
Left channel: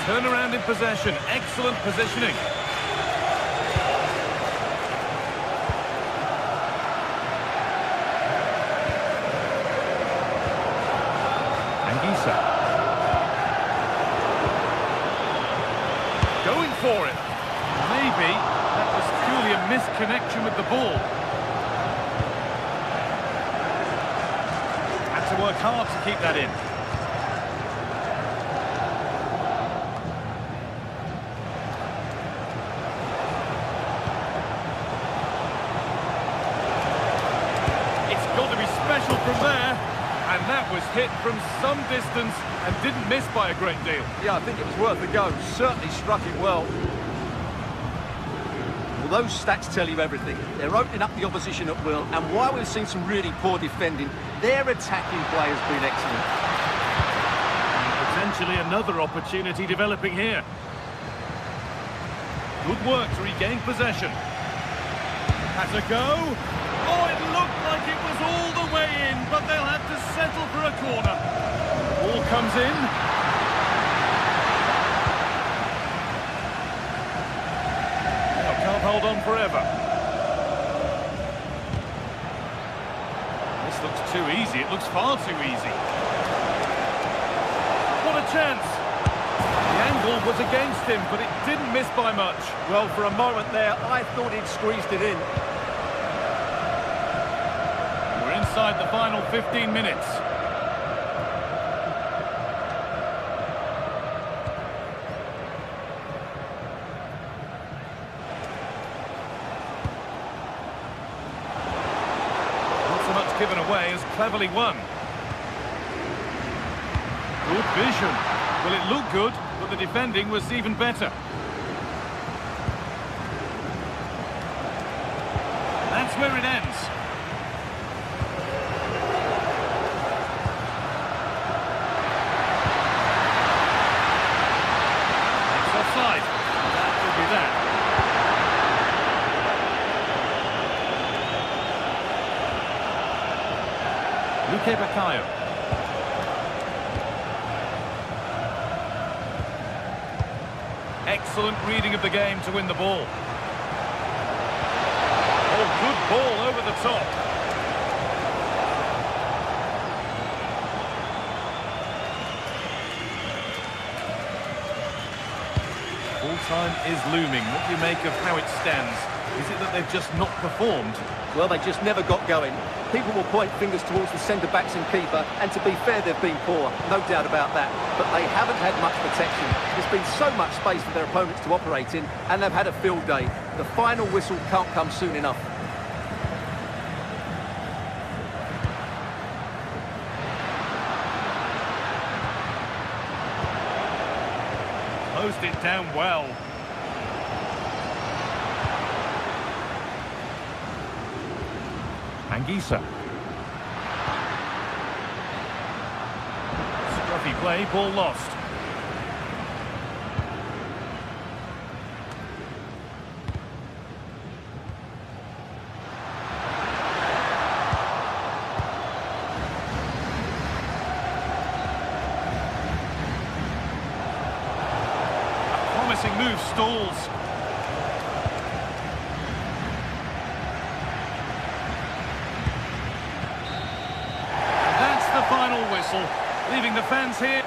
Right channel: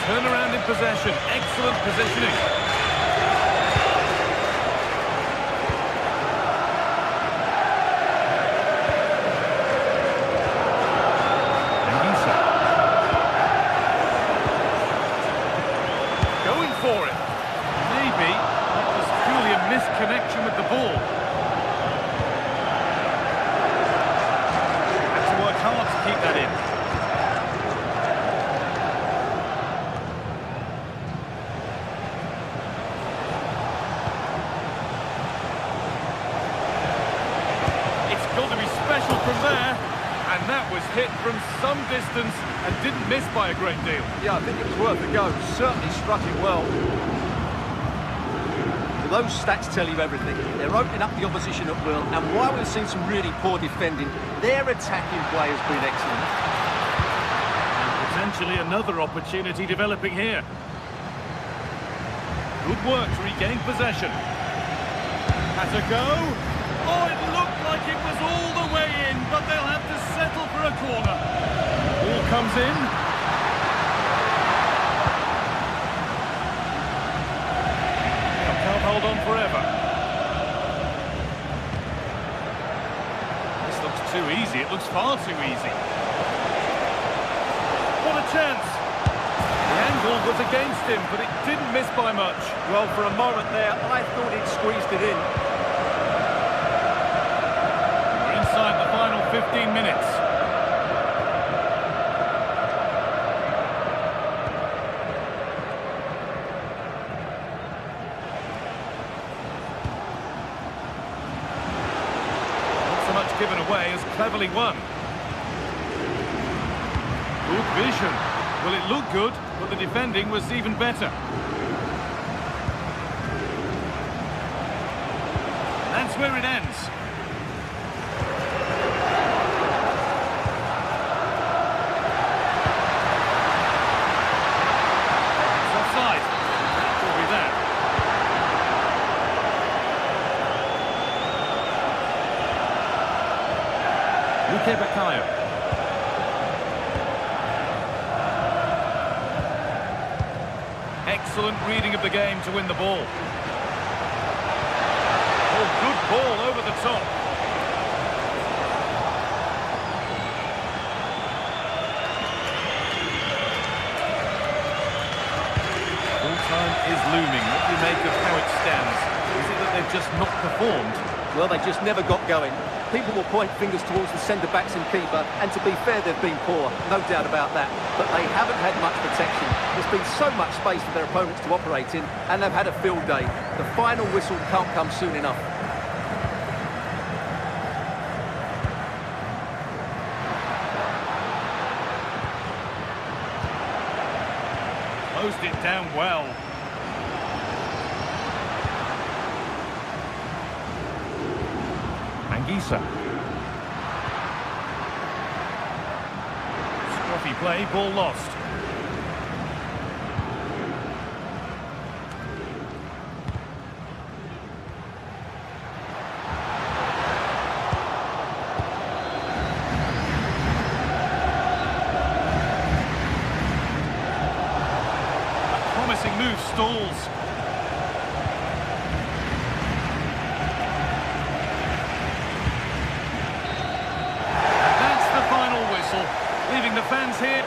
Turnaround in possession. Excellent positioning. Going for it. Maybe that was purely a misconnection with the ball. Had to work hard to keep that in. It's got to be special from there. And that was hit from some distance and didn't miss by a great deal. Yeah, I think it was worth a go. Certainly struck it well. Well, those stats tell you everything. They're opening up the opposition at will, and while we've seen some really poor defending, their attacking play has been excellent. And potentially another opportunity developing here. Good work to regain possession. Has a go. Oh, it looked like it was all the way in, but they'll have to settle for a corner. The ball comes in. Now, can't hold on forever. This looks too easy. It looks far too easy. What a chance. The angle was against him, but it didn't miss by much. Well, for a moment there, I thought he'd squeezed it in. Inside the final 15 minutes. away as cleverly won. Good vision. Well, it looked good, but the defending was even better. That's where it ends. It's offside. That will be that. Luque Baccaio. Excellent reading of the game to win the ball. Oh, good ball over the top. Full time is looming. What do you make of how it stands? Is it that they've just not performed? Well, they just never got going. People will point fingers towards the centre-backs and keeper, and to be fair, they've been poor, no doubt about that. But they haven't had much protection. There's been so much space for their opponents to operate in, and they've had a field day. The final whistle can't come soon enough. Closed it down well. Anguissa. Scruffy play, ball lost. A promising move stalls. Final whistle, leaving the fans here.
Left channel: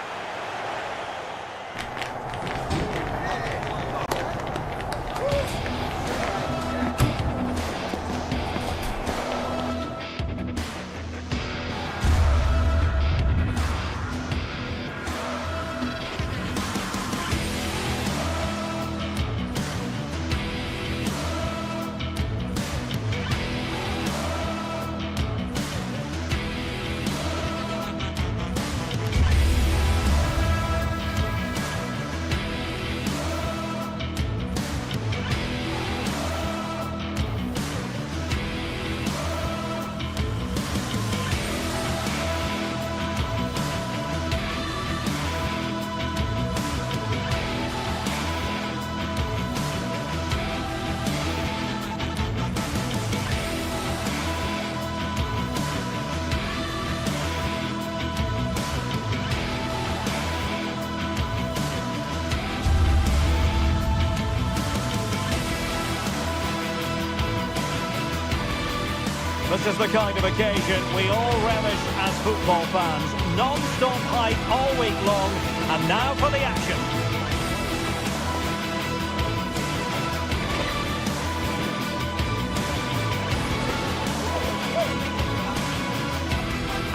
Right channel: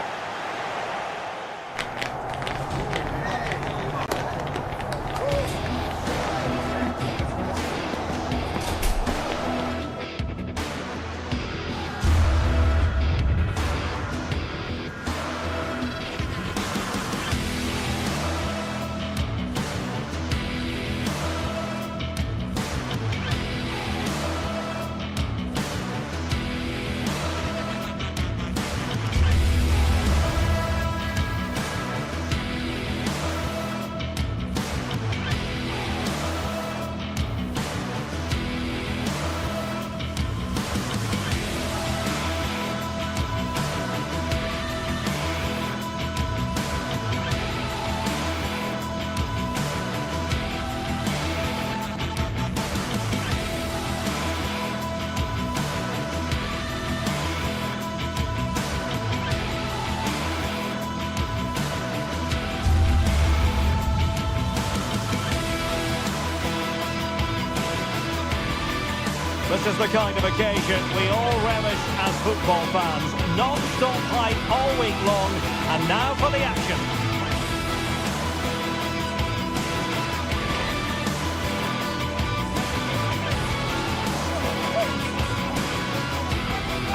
This is the kind of occasion we all relish as football fans. Non-stop hype all week long, and now for the action.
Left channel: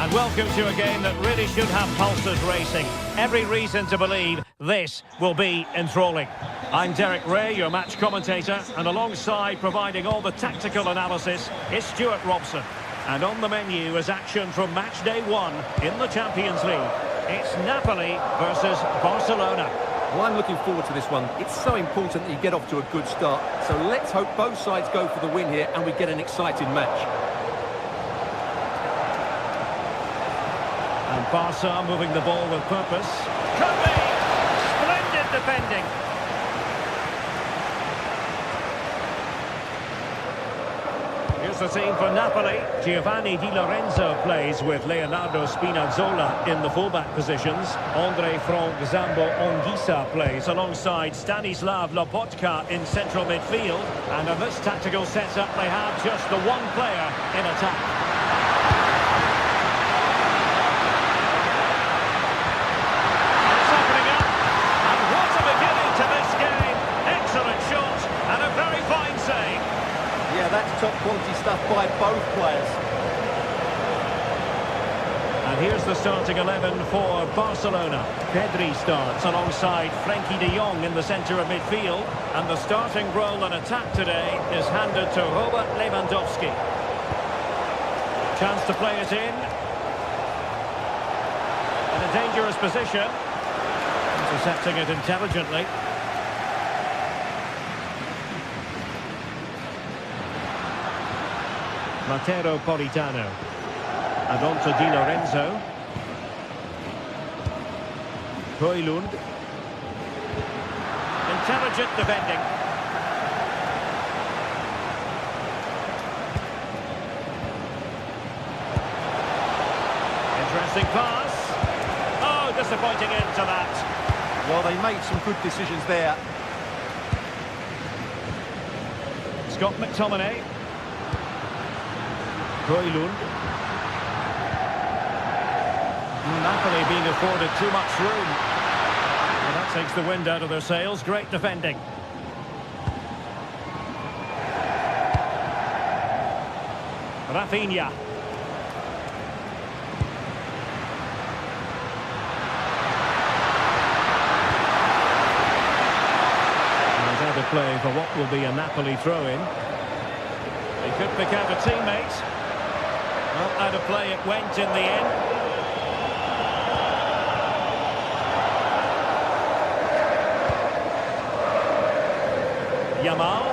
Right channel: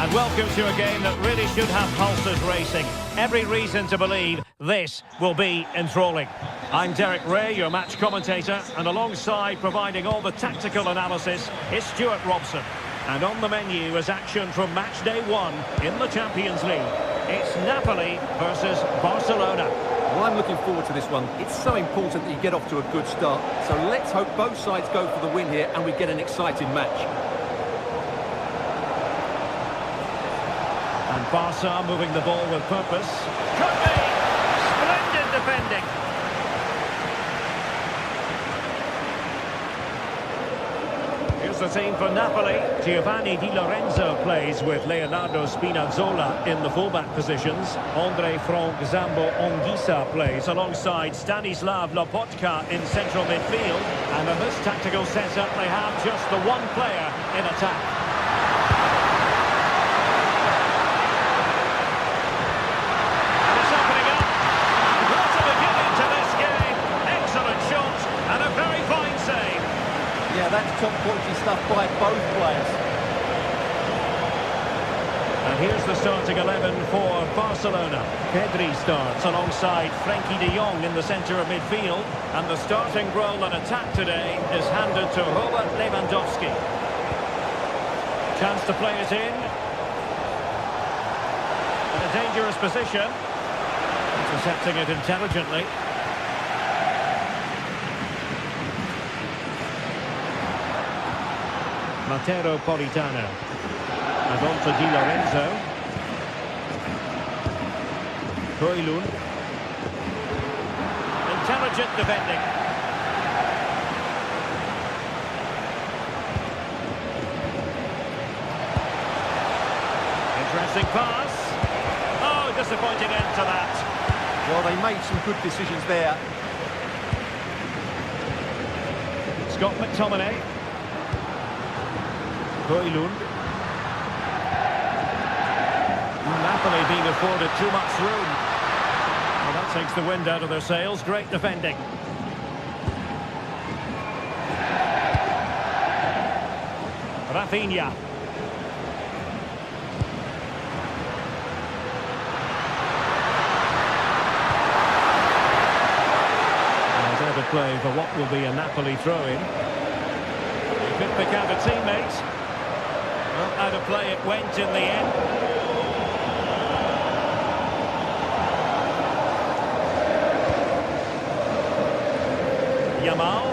And welcome to a game that really should have pulses racing. Every reason to believe this will be enthralling. I'm Derek Ray, your match commentator, and alongside providing all the tactical analysis is Stuart Robson. And on the menu is action from match day 1 in the Champions League. It's Napoli versus Barcelona. Well, I'm looking forward to this one. It's so important that you get off to a good start. So let's hope both sides go for the win here and we get an exciting match. And Barca moving the ball with purpose. Could be! Splendid defending. Here's the team for Napoli. Giovanni Di Lorenzo plays with Leonardo Spinazzola in the fullback positions. Andre Frank Zambo Anguissa plays alongside Stanislav Lobotka in central midfield. And in this tactical setup, they have just the one player in attack. And it's opening up. And what a beginning to this game. Excellent shot and a very fine save. Yeah, that's top quality stuff by both players. And here's the starting 11 for Barcelona. Pedri starts alongside Frenkie de Jong in the centre of midfield. And the starting role in attack today is handed to Robert Lewandowski. Chance to play it in. In a dangerous position. Intercepting it intelligently. Matteo Politano. And on to Di Lorenzo. Højlund. Intelligent defending. Interesting pass. Oh, disappointing end to that. Well, they made some good decisions there. Scott McTominay. Højlund. Napoli being afforded too much room. Well, that takes the wind out of their sails. Great defending. Rafinha. And out of play for what will be a Napoli throw-in. He could pick out a teammate. Well, out of play it went in the end. Yamal.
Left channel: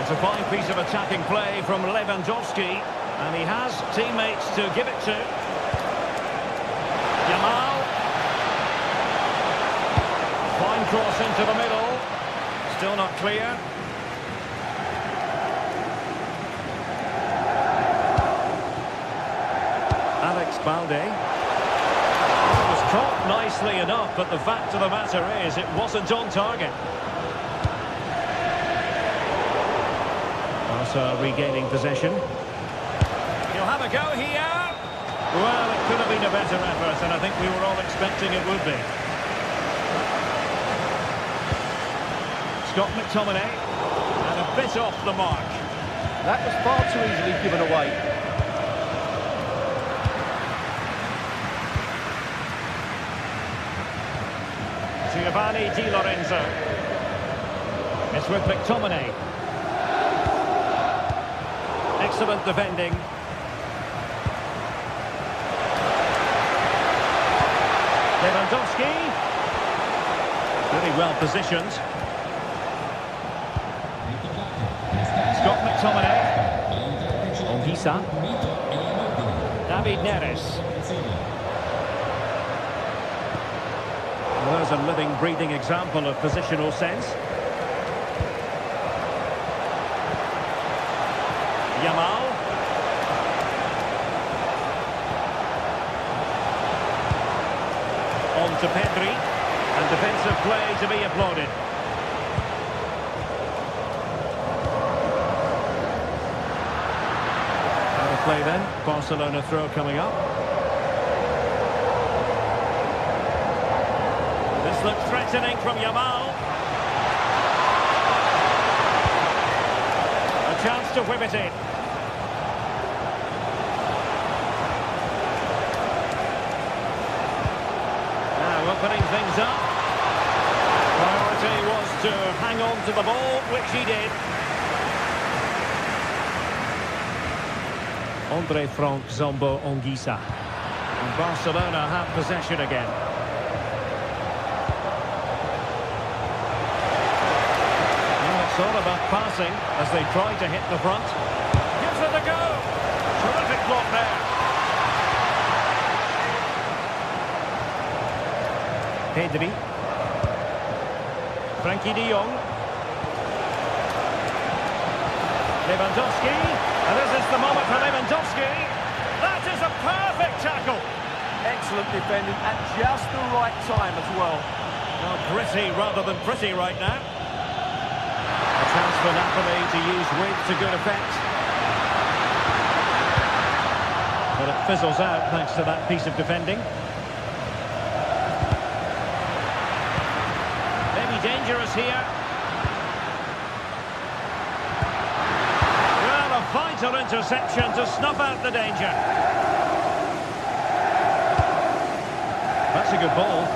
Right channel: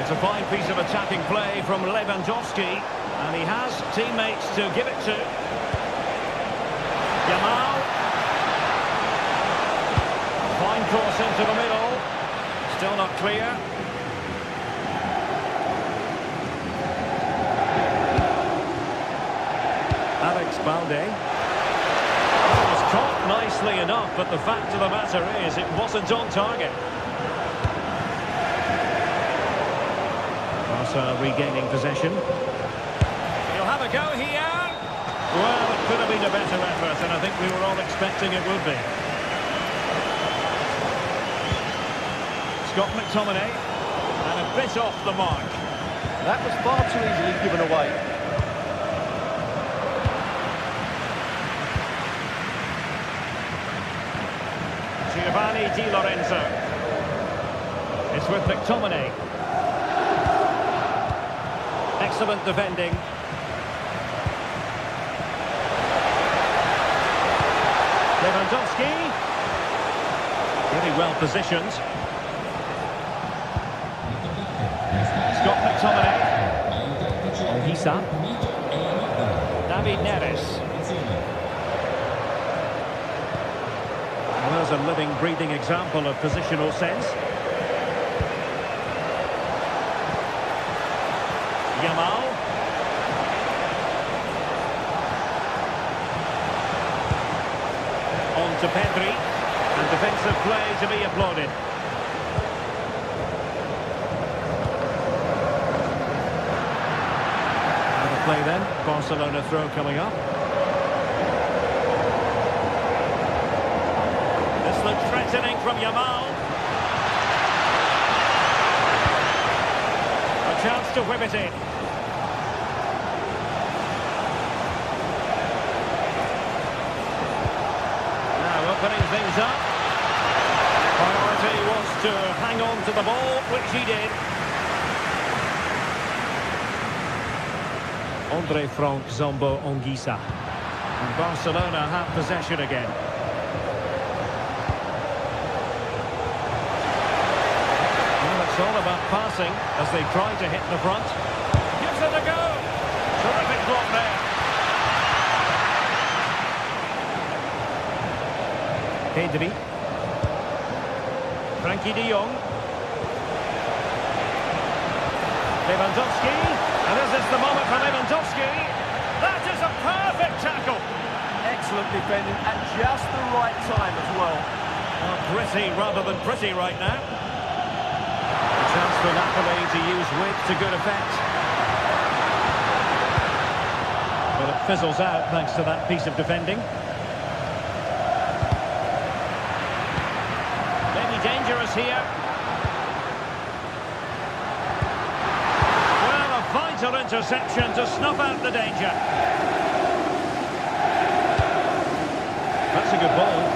It's a fine piece of attacking play from Lewandowski, and he has teammates to give it to. Yamal. Fine cross into the middle. Still not clear. Alex Balde. It was caught nicely enough, but the fact of the matter is it wasn't on target. Barca regaining possession. He'll have a go here. Well, it could have been a better effort, and I think we were all expecting it would be. Scott McTominay. And a bit off the mark. That was far too easily given away. Giovanni Di Lorenzo. It's with McTominay. Excellent defending. Lewandowski. Really well positioned. Scott McTominay. Ongisa. David Neres. Well, there's a living, breathing example of positional sense. Yamal. On to Pedri. And defensive play to be applauded. Out of play then. Barcelona throw coming up. This looks threatening from Yamal. A chance to whip it in. Now opening things up. Priority was to hang on to the ball, which he did. Andre Frank Zombo Ongisa. And Barcelona have possession again. It's all about passing as they try to hit the front. Gives it a go. Terrific block there. Pedri. Frankie de Jong. Lewandowski. And this is the moment for Lewandowski. That is a perfect tackle. Excellent defending at just the right time as well. Well, gritty rather than pretty right now. A chance for Napoli to use width to good effect. But it fizzles out thanks to that piece of defending. Maybe dangerous here. Well, a vital interception to snuff out the danger. That's a good ball.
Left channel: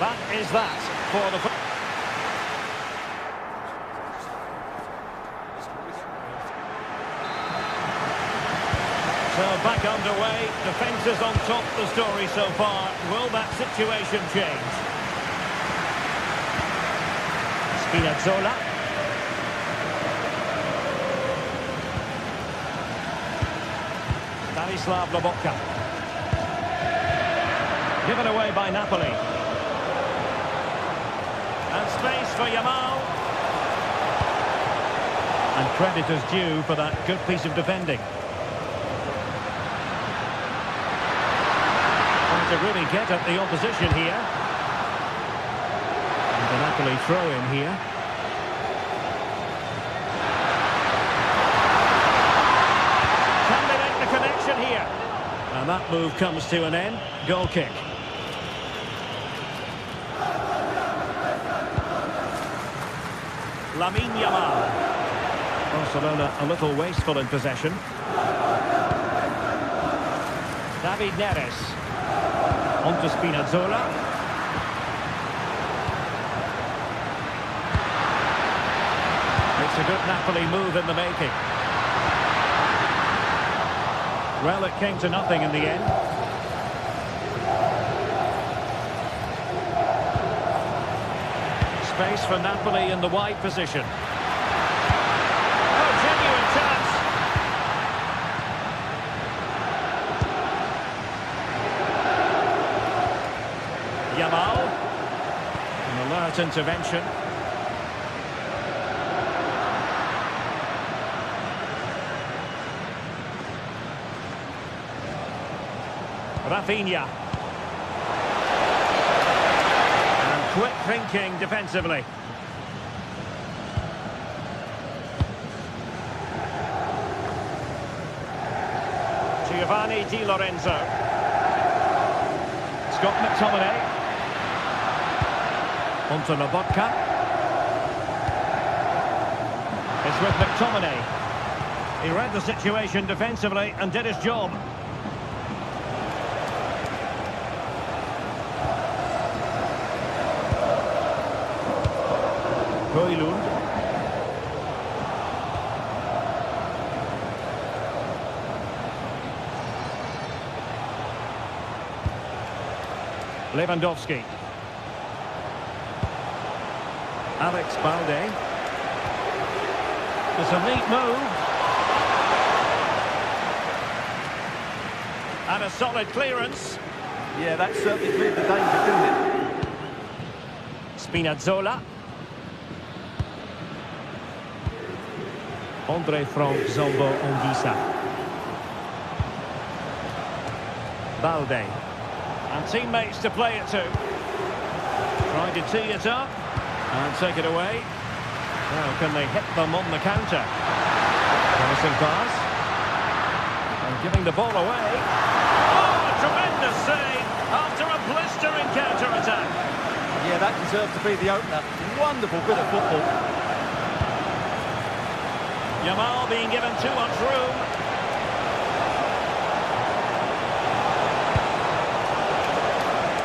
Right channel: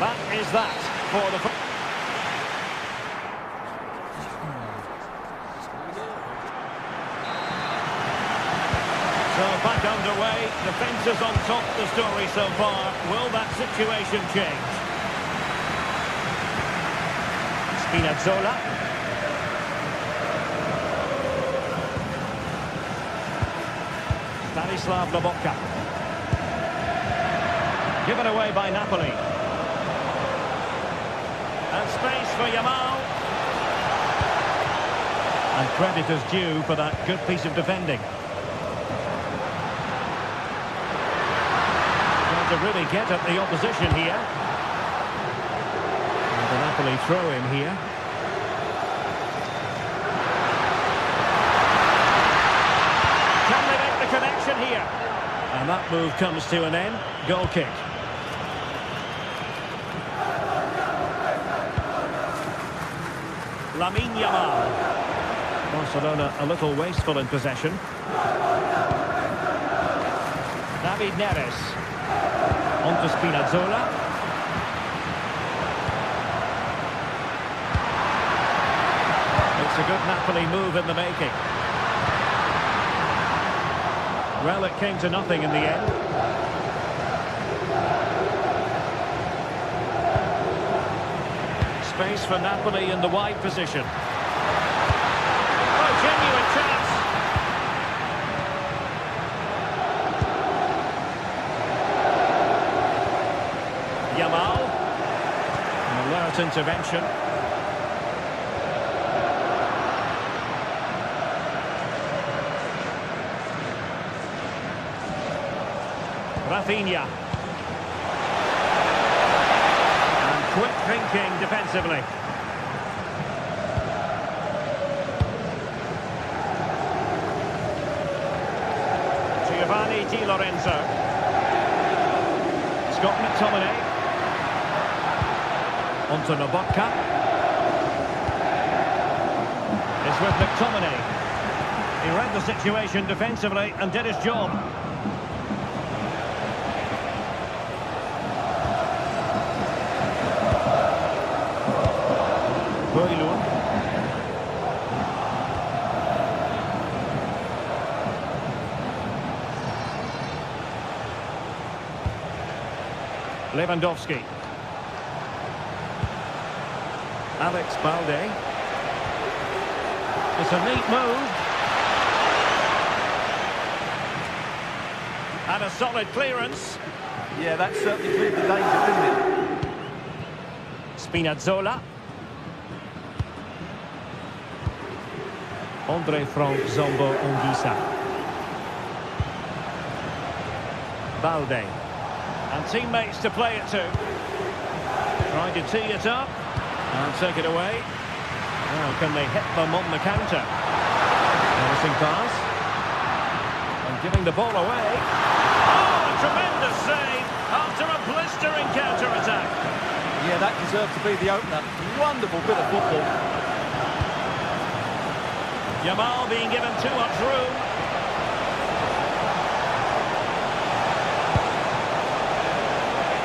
That is that for the... So back underway, defence is on top of the story so far. Will that situation change? Spinazzola. Stanislav Lobotka. Given away by Napoli. And space for Yamal. And credit is due for that good piece of defending. Trying to really get at the opposition here. And the Napoli throw in here. Can they make the connection here? And that move comes to an end. Goal kick. Lamine Yamal. Barcelona a little wasteful in possession. David Neres. On to Spinazzola. It's a good Napoli move in the making. Well, it came to nothing in the end. Space for Napoli in the wide position. Oh, genuine chance. Yamal. An alert intervention. Rafinha. And quick thinking defensively. Giovanni Di Lorenzo. Scott McTominay. Onto Lobotka. It's with McTominay. He read the situation defensively and did his job. Højlund. Lewandowski. Alex Balde. It's a neat move. And a solid clearance. Yeah, that certainly cleared the danger, didn't it? Spinazzola. Andre Frank Zombo Ongisa. Balde. And teammates to play it to. Trying to tee it up. And take it away. Now, can they hit them on the counter? Promising pass. And giving the ball away. Oh, a tremendous save after a blistering counter-attack. Yeah, that deserved to be the opener. Wonderful bit of football. Yamal being given too much room.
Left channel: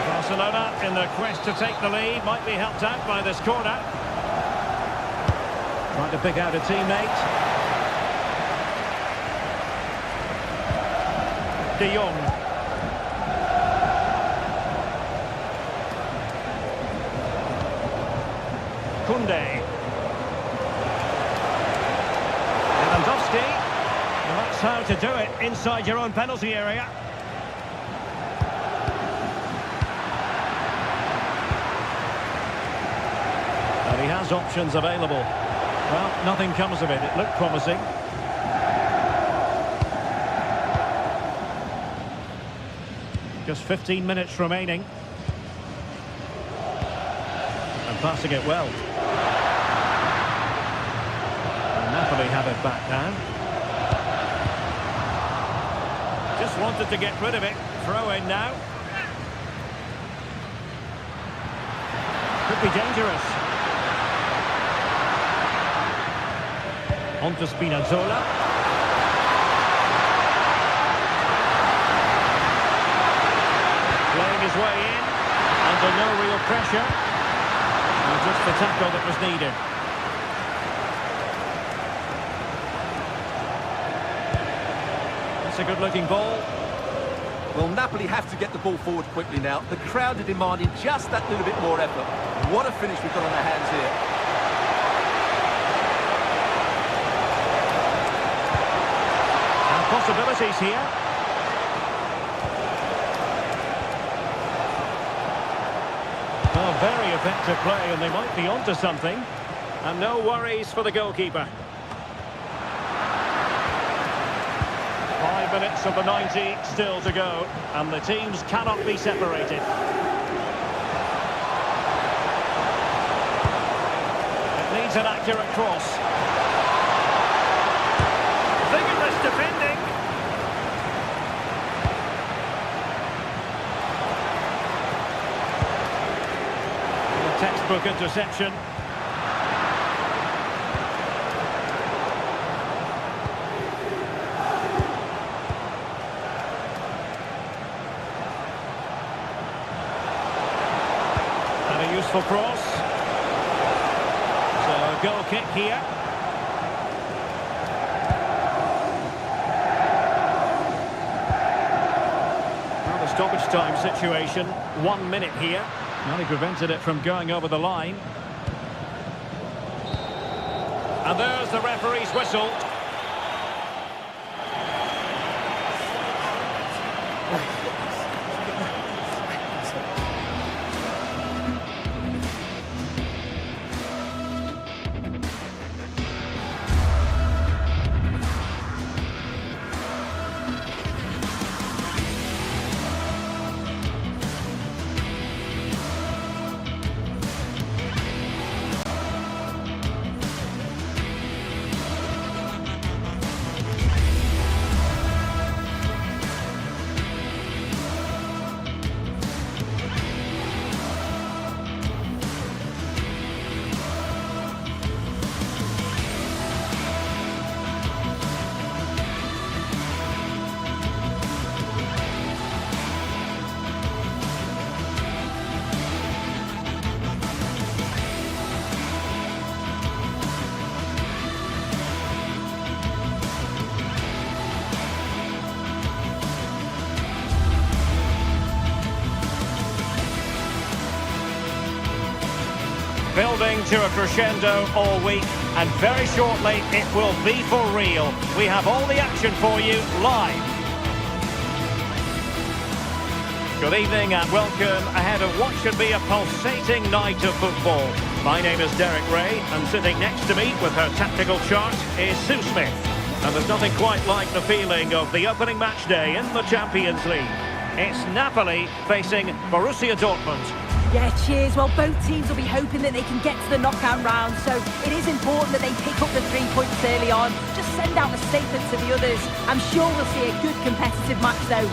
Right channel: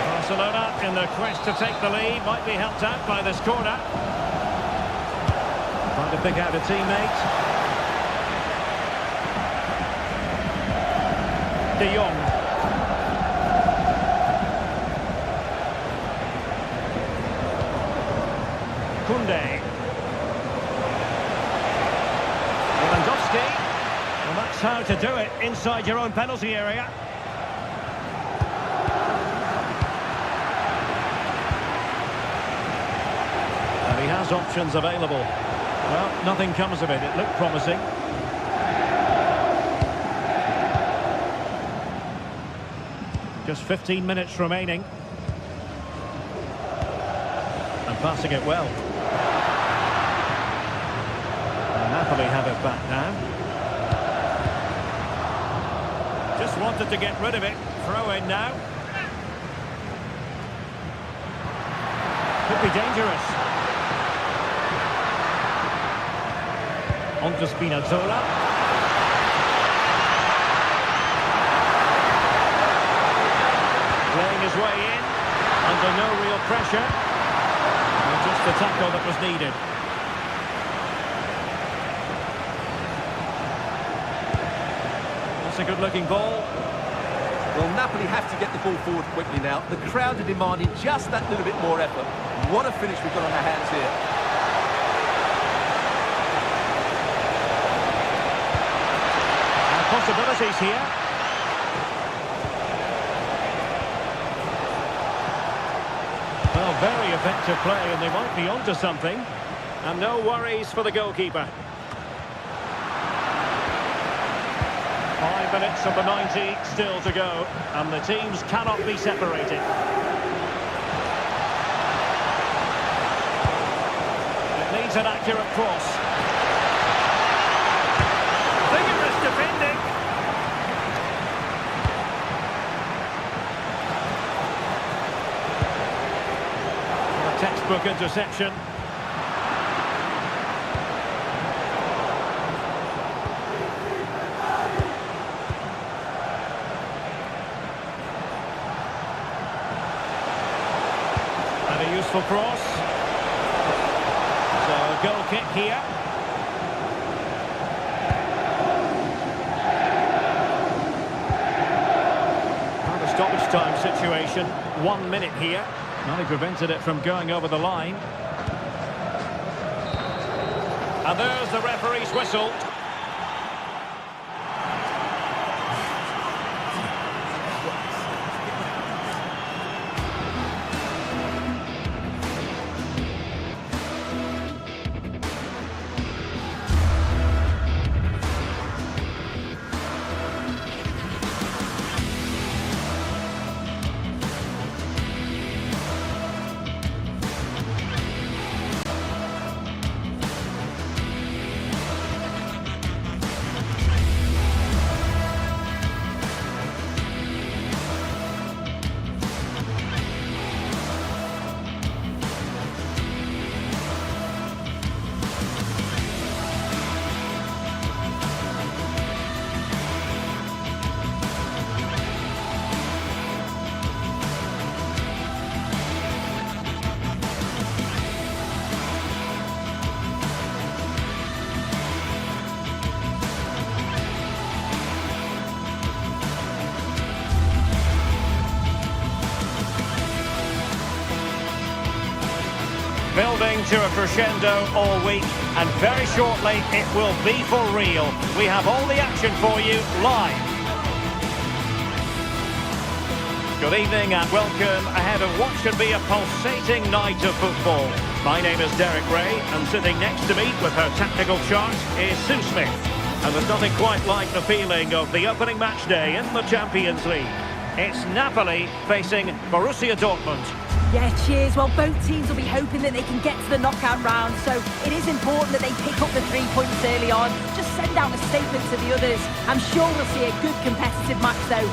Barcelona in the quest to take the lead, might be helped out by this corner. Trying to pick out a teammate. De Jong. Koundé. Lewandowski. Well, that's how to do it inside your own penalty area. And he has options available. Well, nothing comes of it. It looked promising. Just 15 minutes remaining. And passing it well. And Napoli have it back now. Just wanted to get rid of it. Throw in now. Could be dangerous. On to Spinazzola. Playing his way in, under no real pressure. And just the tackle that was needed. That's a good-looking ball. Well, Napoli have to get the ball forward quickly now. The crowd are demanding just that little bit more effort. What a finish we've got on our hands here. And possibilities here. Well, very effective play, and they might be onto something. And no worries for the goalkeeper. 5 minutes of the 90 still to go, and the teams cannot be separated. It needs an accurate cross. Vigorous defending. A textbook interception. And a useful cross. So a goal kick here. Well, the stoppage time situation. 1 minute here. Well, he prevented it from going over the line. And there's the referee's whistle. Building to a crescendo all week, and very shortly it will be for real. We have all the action for you live. Good evening and welcome ahead of what should be a pulsating night of football. My name is Derek Ray, and sitting next to me with her tactical chart is Sue Smith. And there's nothing quite like the feeling of the opening match day in the Champions League. It's Napoli facing Borussia Dortmund. Yeah, cheers. Well, both teams will be hoping that they can get to the knockout round, so it is important that they pick up the 3 points early on. Just send out a statement to the others. I'm sure we'll see a good competitive match, though.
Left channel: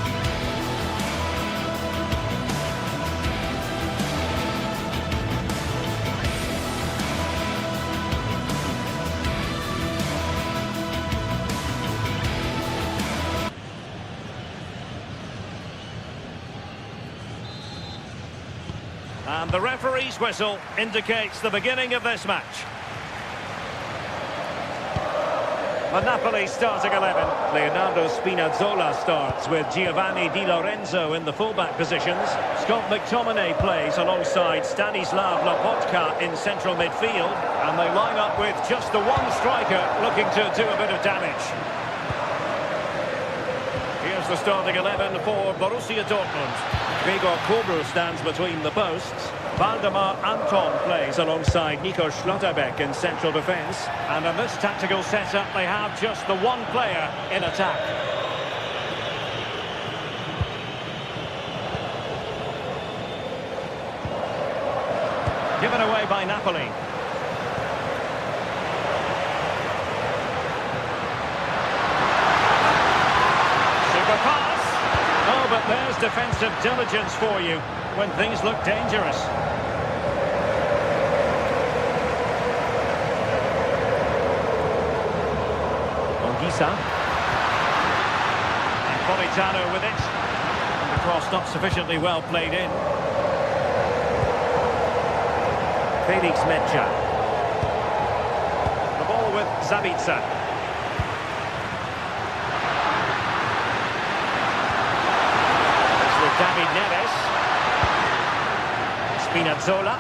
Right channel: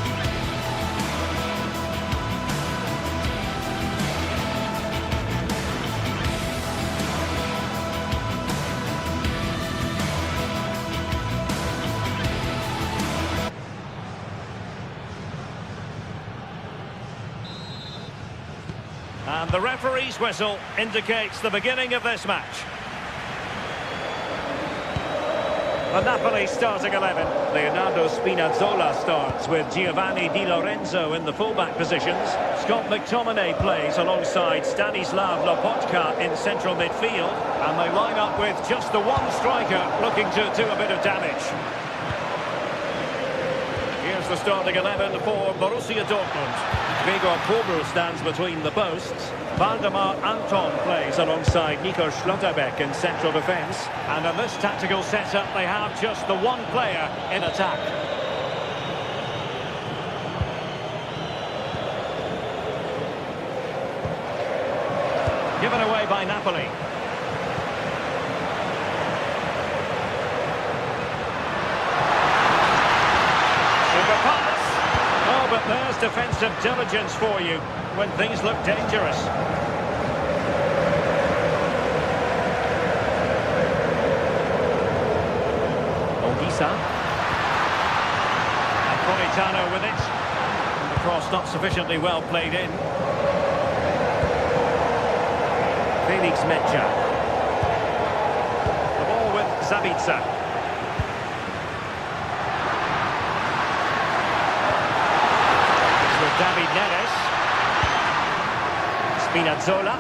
And the referee's whistle indicates the beginning of this match. The Napoli starting 11. Leonardo Spinazzola starts with Giovanni Di Lorenzo in the fullback positions. Scott McTominay plays alongside Stanislav Lobotka in central midfield. And they line up with just the one striker looking to do a bit of damage. Here's the starting 11 for Borussia Dortmund. Gregor Kobel stands between the posts. Valdemar Anton plays alongside Nico Schlotterbeck in central defence. And in this tactical setup, they have just the one player in attack. Given away by Napoli. Super pass. Oh, but there's defensive diligence for you when things look dangerous. Ongisa. And Politano with it. And the cross not sufficiently well played in. Felix Mejia. The ball with Zabitzer. David Neres. Spinazzola.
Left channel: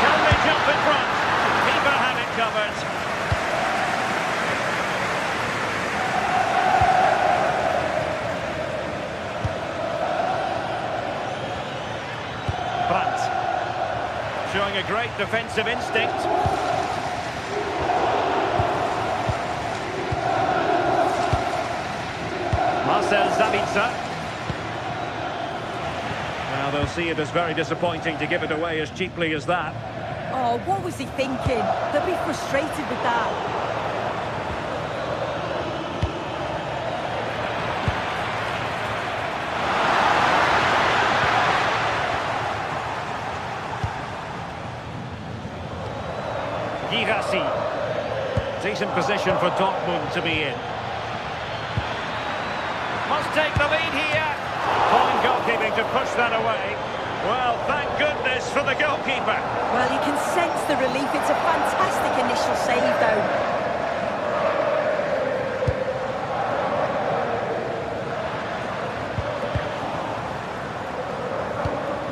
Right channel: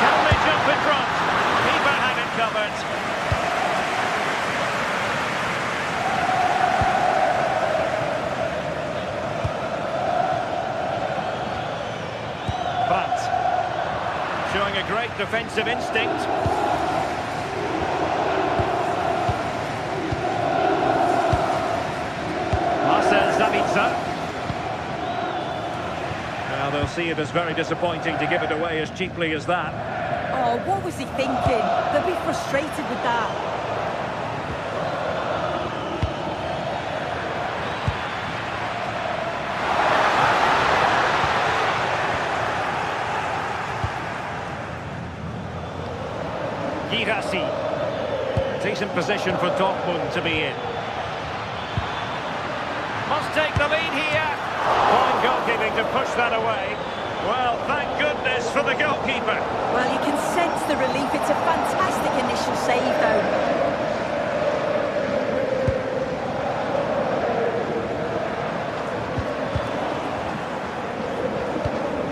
Can they jump in front? Keeper had it covered. Brandt. Showing a great defensive instinct. Marcel Sabitzer. Well, they'll see it as very disappointing to give it away as cheaply as that. Oh, what was he thinking? They'll be frustrated with that. Girassi. Decent position for Dortmund to be in. Must take the lead here. Fine goalkeeping to push that away. Well, thank goodness for the goalkeeper. Well, you can sense the relief. It's a fantastic initial save, though.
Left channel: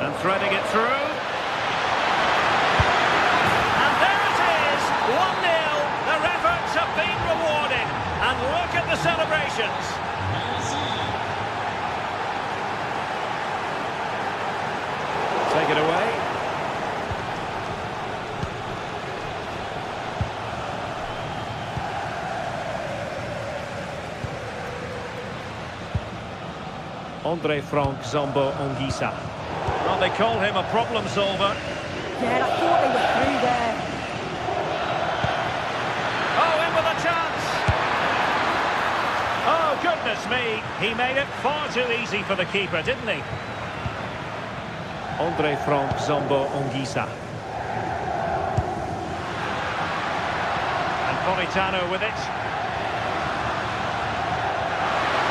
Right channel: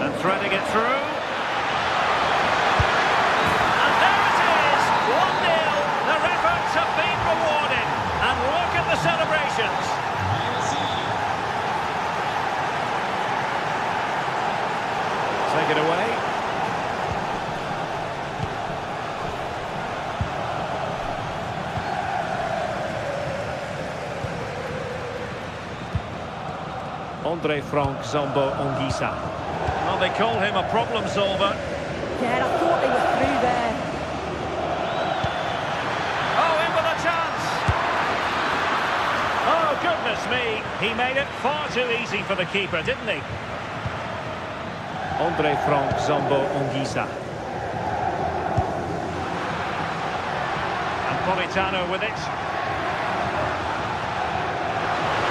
And threading it through. And there it is, 1-0. Their efforts have been rewarded. And look at the celebrations. Take it away. Andre Frank Zombo Ongisa. Well, they call him a problem solver. Yeah, I thought they were through there. Oh, in with a chance. Oh, goodness me. He made it far too easy for the keeper, didn't he? Andre Frank Zombo Ongisa. And Politano with it.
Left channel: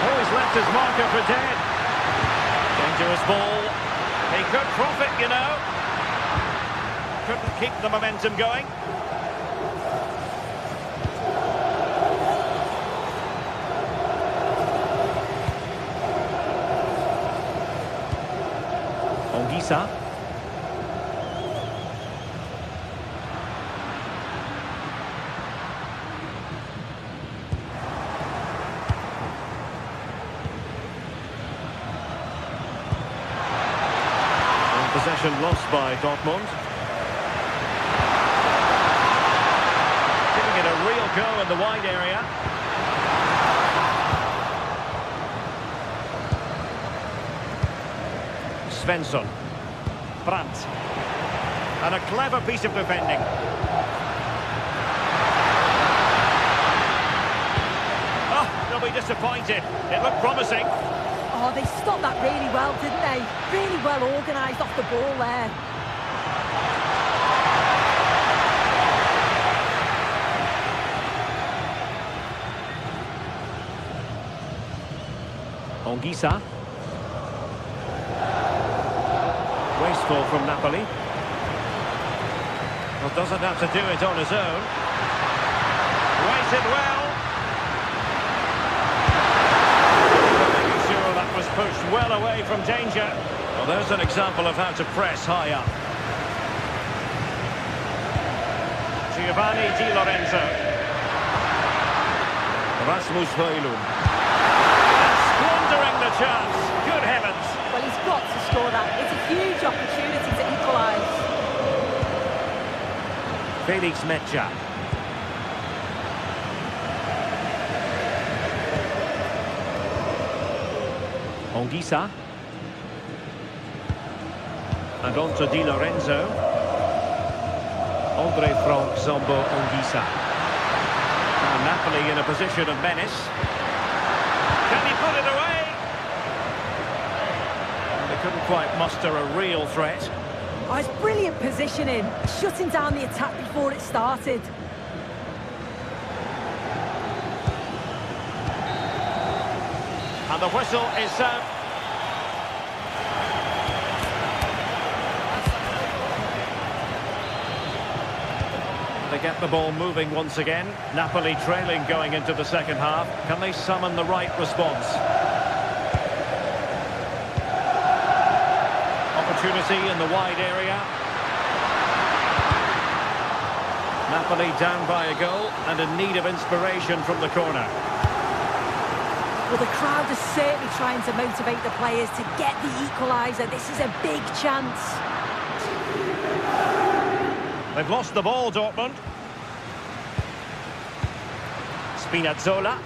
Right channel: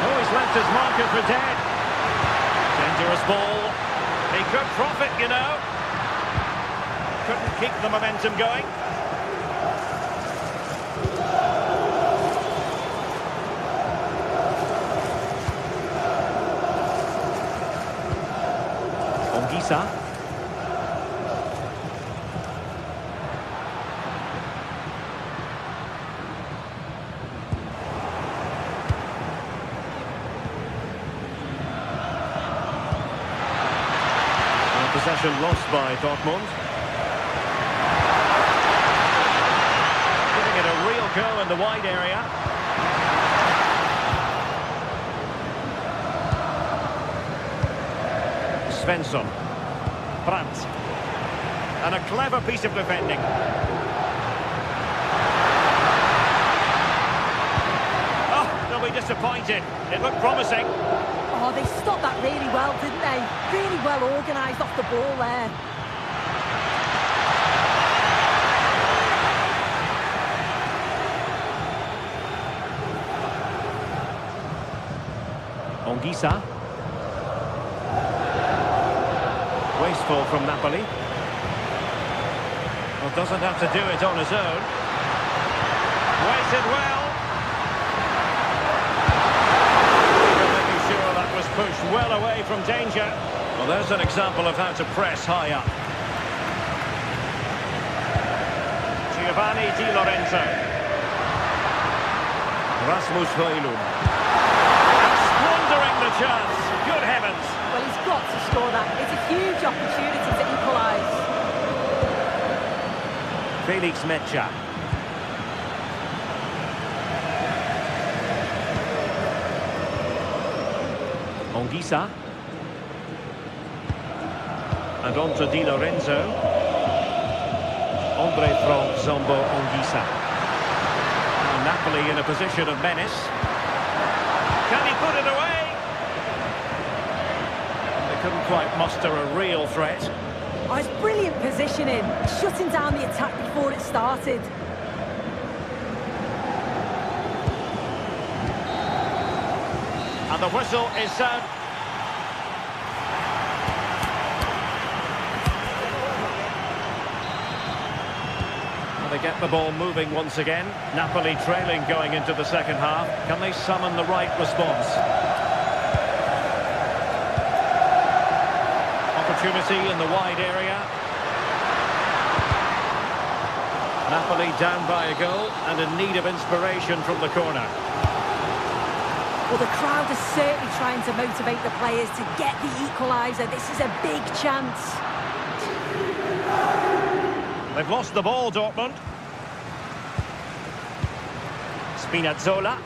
Oh, he's left his marker for dead. Dangerous ball. He could profit, you know. Couldn't keep the momentum going. Ongisa. And possession lost by Dortmund. Giving it a real go in the wide area. Svensson. Brandt. And a clever piece of defending. Oh, they'll be disappointed. It looked promising. Oh, they stopped that really well, didn't they? Really well organised off the ball there. Ongisa. Wasteful from Napoli. Well, doesn't have to do it on his own. Waited well. Keeper making sure that was pushed well away from danger. Well, there's an example of how to press high up. Giovanni Di Lorenzo. Rasmus Højlund. And squandering the chance. Good heavens. Well, he's got to score that. It's a huge opportunity to equalise. Felix Mecha. Ongisa. And on to Di Lorenzo. Andre Frank Zombo Ongisa. Now Napoli in a position of menace. Can he put it away? They couldn't quite muster a real threat. Oh, it's brilliant positioning. Shutting down the attack before it started. And the whistle is sound. Well, to get the ball moving once again. Napoli trailing going into the second half. Can they summon the right response? Opportunity in the wide area. Napoli down by a goal and in need of inspiration from the corner. Well, the crowd is certainly trying to motivate the players to get the equaliser. This is a big chance. They've lost the ball, Dortmund. Spinazzola.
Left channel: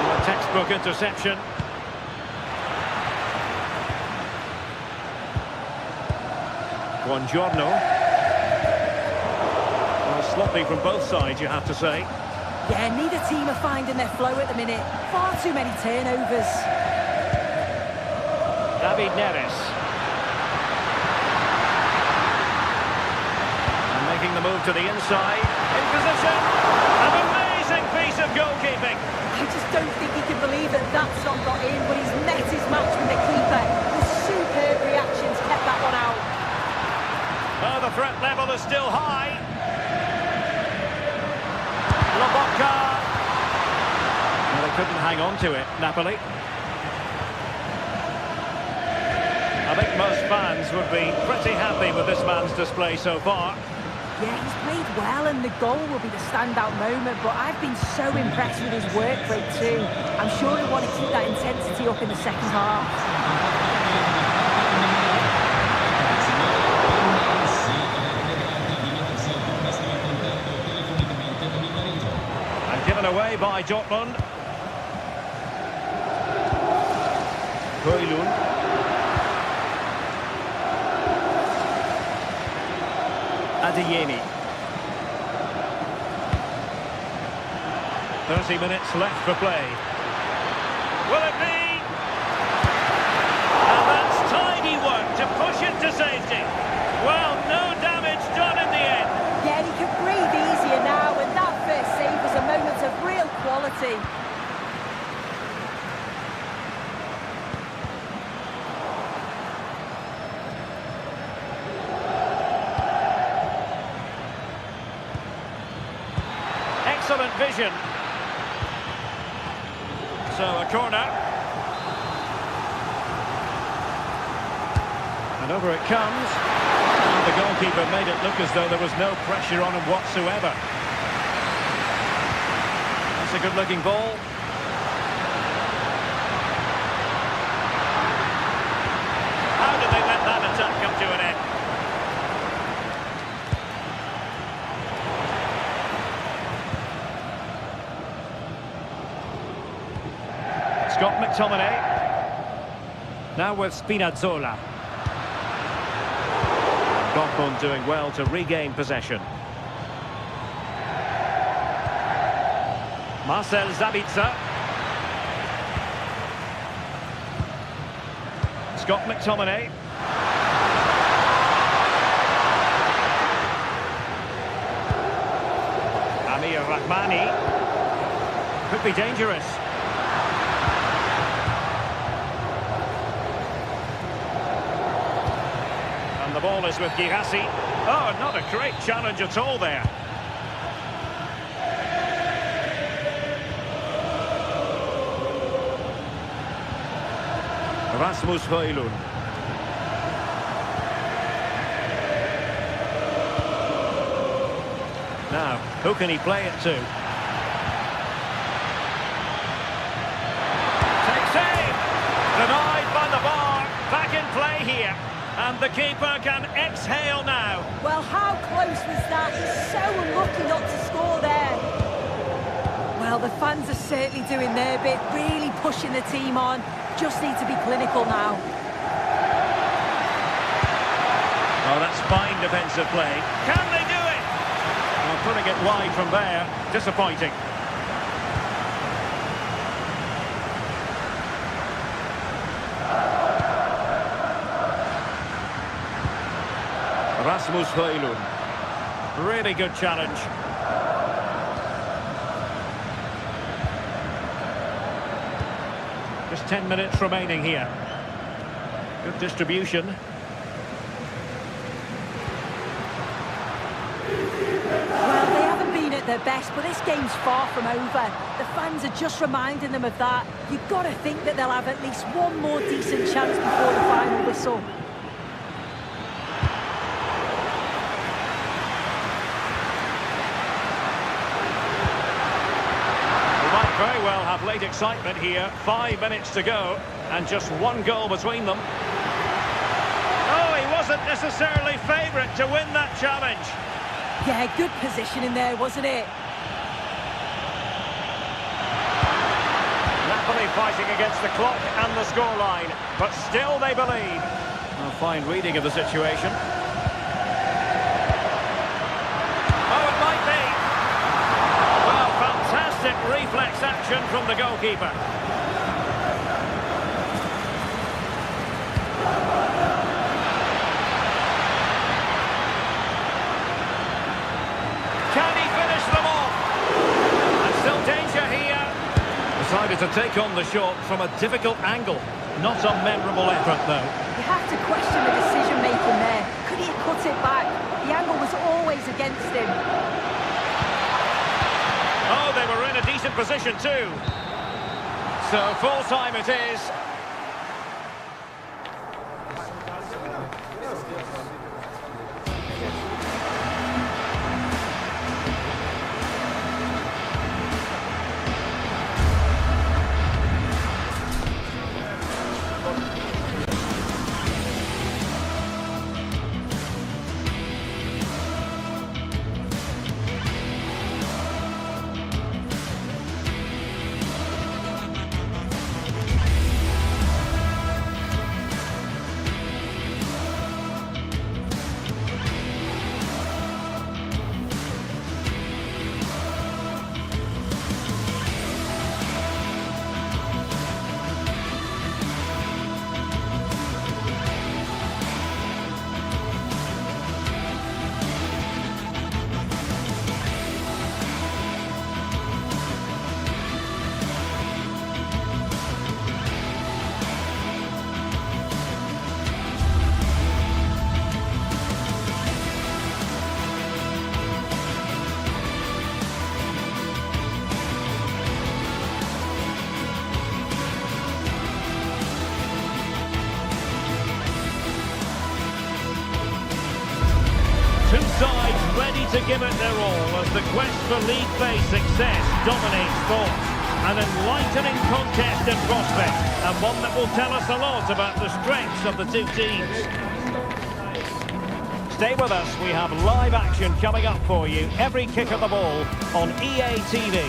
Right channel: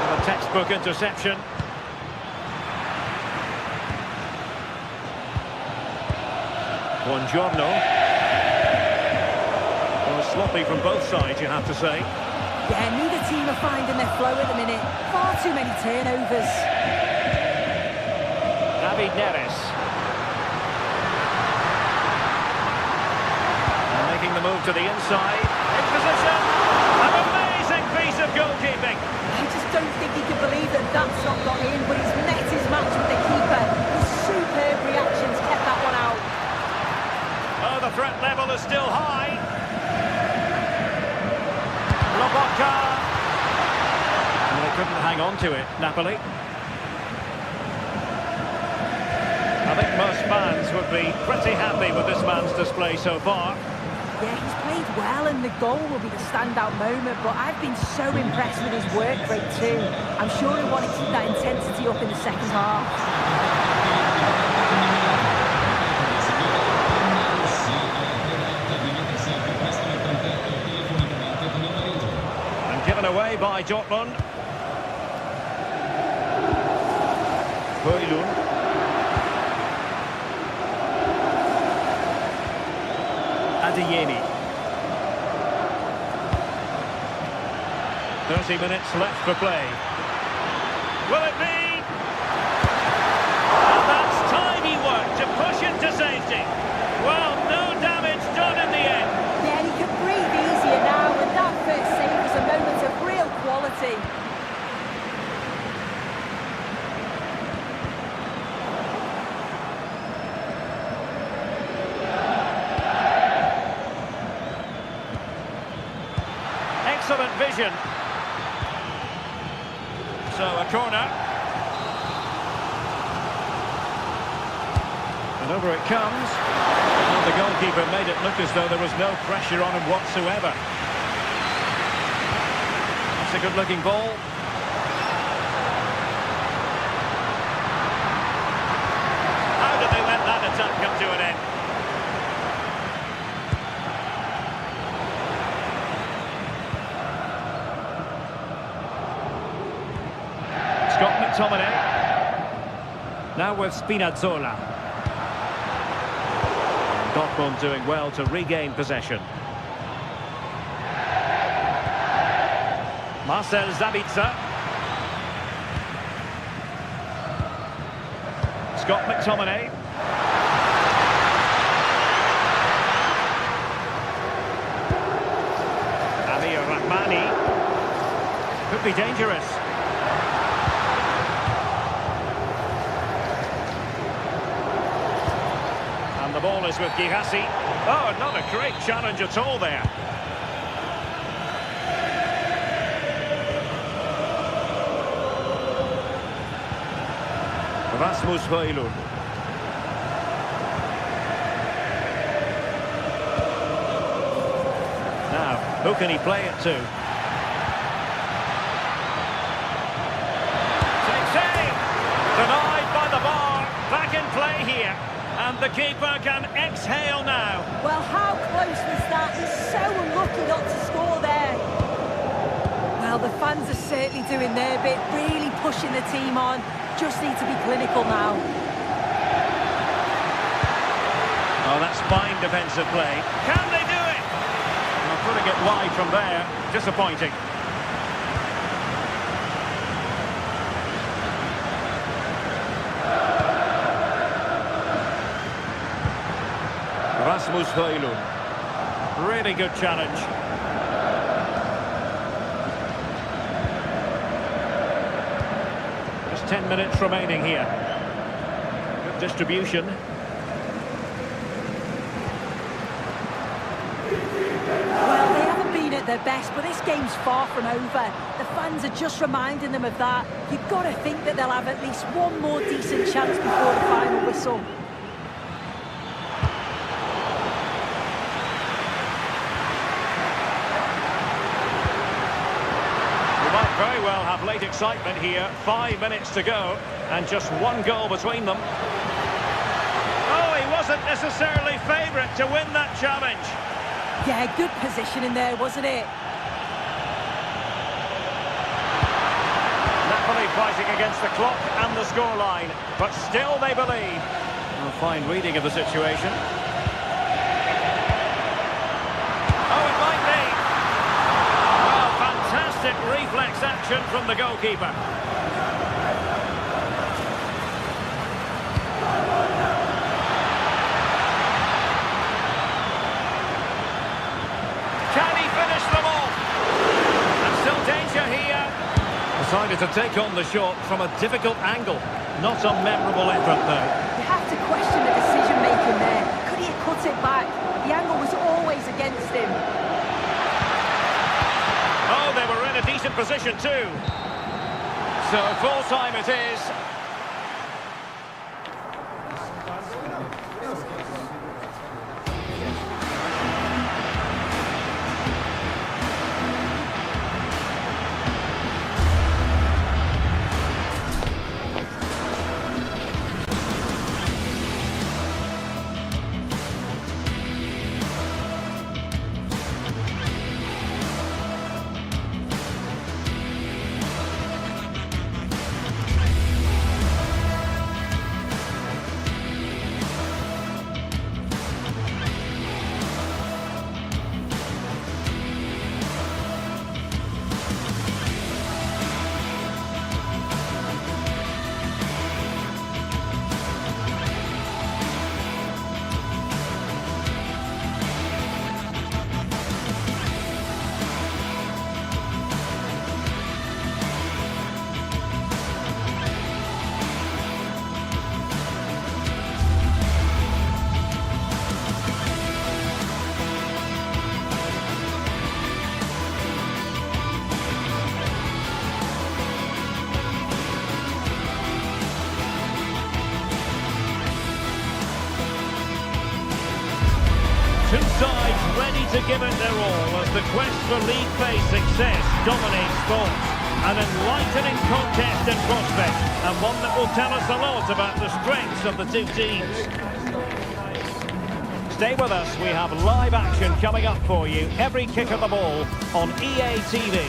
And a textbook interception. Buongiorno. Well, sloppy from both sides, you have to say. Yeah, neither team are finding their flow at the minute. Far too many turnovers. David Neres. And making the move to the inside. In position. An amazing piece of goalkeeping. I just don't think he can believe that that's not got in, but he's met his match with the keeper. His superb reactions kept that one out. Oh, the threat level is still high. Lobotka. Well, they couldn't hang on to it, Napoli. I think most fans would be pretty happy with this man's display so far. Yeah, he's played well and the goal will be the standout moment, but I've been so impressed with his work rate too. I'm sure he'll want to keep that intensity up in the second half. Given away by Dortmund. Højlund. Adeyemi. 30 minutes left for play. Will it be? And that's tidy work to push it to safety. Well, no damage done in the end. Yeah, he can breathe easier now, and that first save was a moment of real quality. Excellent vision. So a corner. And over it comes. Well, the goalkeeper made it look as though there was no pressure on him whatsoever. That's a good-looking ball. How did they let that attack come to an end? Scott McTominay. Now with Spinazzola. Dortmund doing well to regain possession. Marcel Sabitzer. Scott McTominay. Amir Rahmani. Could be dangerous. And the ball is with Girassi. Oh, not a great challenge at all there. Rasmus Højlund. Now, who can he play it to? Takes aim! Denied by the bar. Back in play here. And the keeper can exhale now. Well, how close was that? He's so unlucky not to score there. Well, the fans are certainly doing their bit, really pushing the team on. Just need to be clinical now. Oh, that's fine defensive play. Can they do it? Well, putting it wide from there. Disappointing. Rasmus Højlund. Really good challenge. Just 10 minutes remaining here. Good distribution. Well, they haven't been at their best, but this game's far from over. The fans are just reminding them of that. You've got to think that they'll have at least one more decent chance before the final whistle. We might very well have late excitement here. 5 minutes to go, and just one goal between them. Oh, he wasn't necessarily favourite to win that challenge. Yeah, good position in there, wasn't it? Napoli fighting against the clock and the scoreline, but still they believe. A fine reading of the situation. Oh, it might be. Well, fantastic reflex action from the goalkeeper. Can he finish them off? And still danger here. Decided to take on the shot from a difficult angle. Not a memorable effort, though. You have to question the decision-making there. Could he have cut it back? The angle was always against him. Oh, they were in a decent position, too. So, full-time it is. Two sides ready to give it their all as the quest for league phase success dominates thoughts. An enlightening contest in prospect, and one that will tell us a lot about the strengths of the two teams. Stay with us, we have live action coming up for you every kick of the ball on EA TV.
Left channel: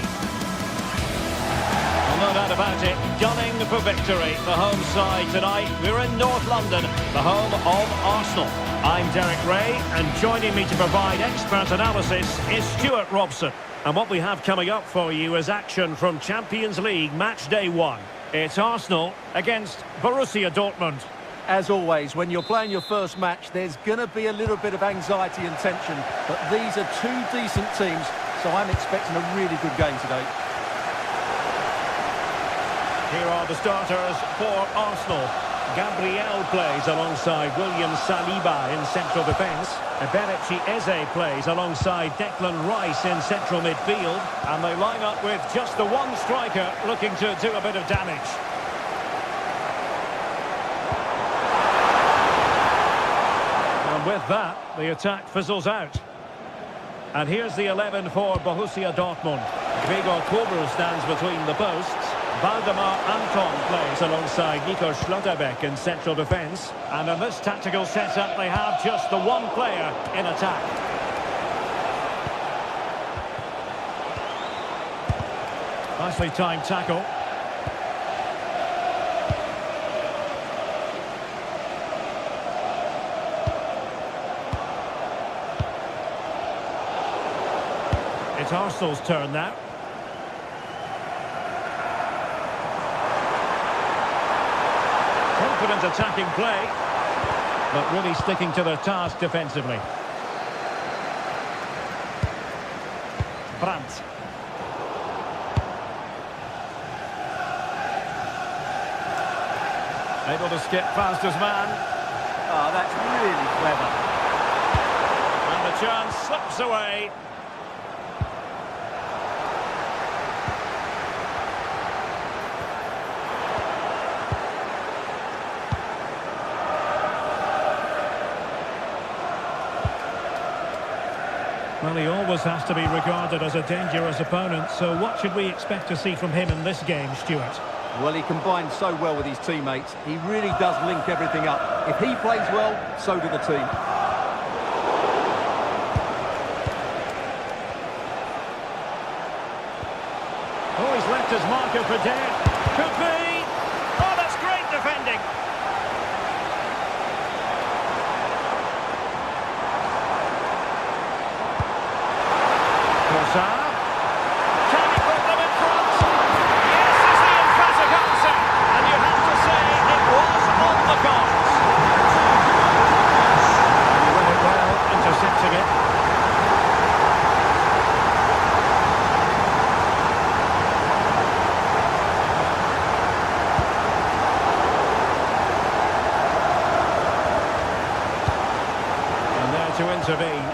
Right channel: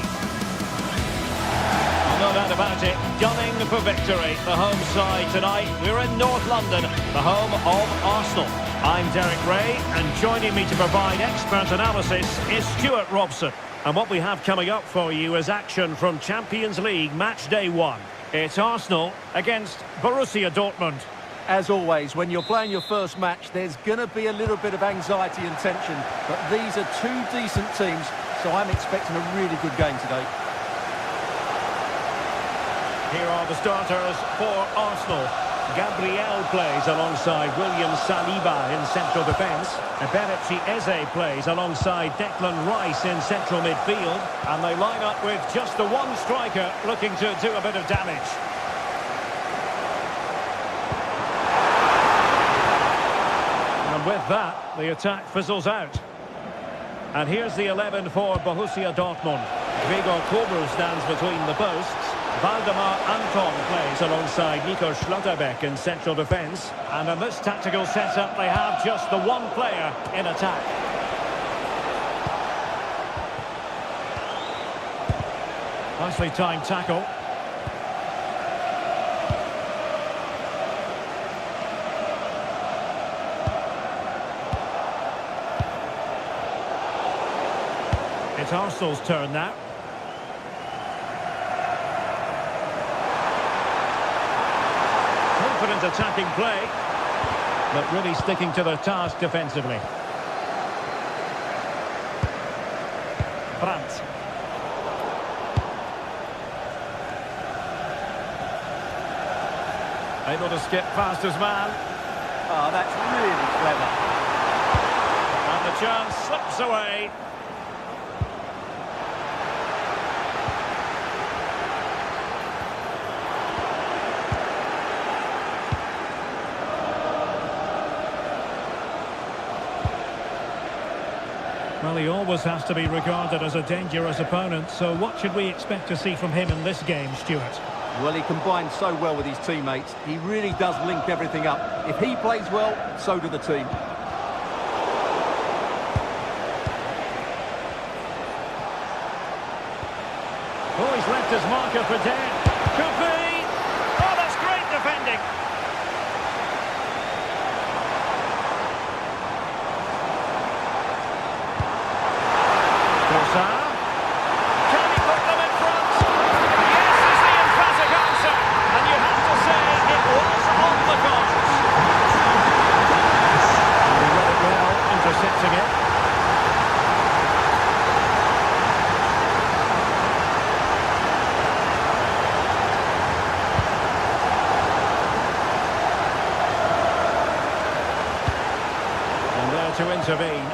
No doubt about it, gunning for victory. The home side tonight, we're in North London, the home of Arsenal. I'm Derek Ray, and joining me to provide expert analysis is Stuart Robson. And what we have coming up for you is action from Champions League match day 1. It's Arsenal against Borussia Dortmund. As always, when you're playing your first match, there's going to be a little bit of anxiety and tension. But these are two decent teams, so I'm expecting a really good game today. Here are the starters for Arsenal. Gabriel plays alongside William Saliba in central defence. Eberechi Eze plays alongside Declan Rice in central midfield. And they line up with just the one striker looking to do a bit of damage. And with that, the attack fizzles out. And here's the 11 for Borussia Dortmund. Gregor Kobel stands between the posts. Valdemar Anton plays alongside Nico Schlotterbeck in central defence. And in this tactical setup, they have just the one player in attack. Nicely timed tackle. It's Arsenal's turn now. Confident attacking play, but really sticking to their task defensively. Brandt. Able to skip past his man. Oh, that's really clever. And the chance slips away. Well, he always has to be regarded as a dangerous opponent, so what should we expect to see from him in this game, Stuart? Well, he combines so well with his teammates. He really does link everything up. If he plays well, so do the team. Oh, he's left his marker for dead. Could be. Oh, that's great defending. Trossard. Can he put them in front? Yes is the emphatic answer. And you have to say it was on the cards. And he read it well, intercepting it. And there to intervene.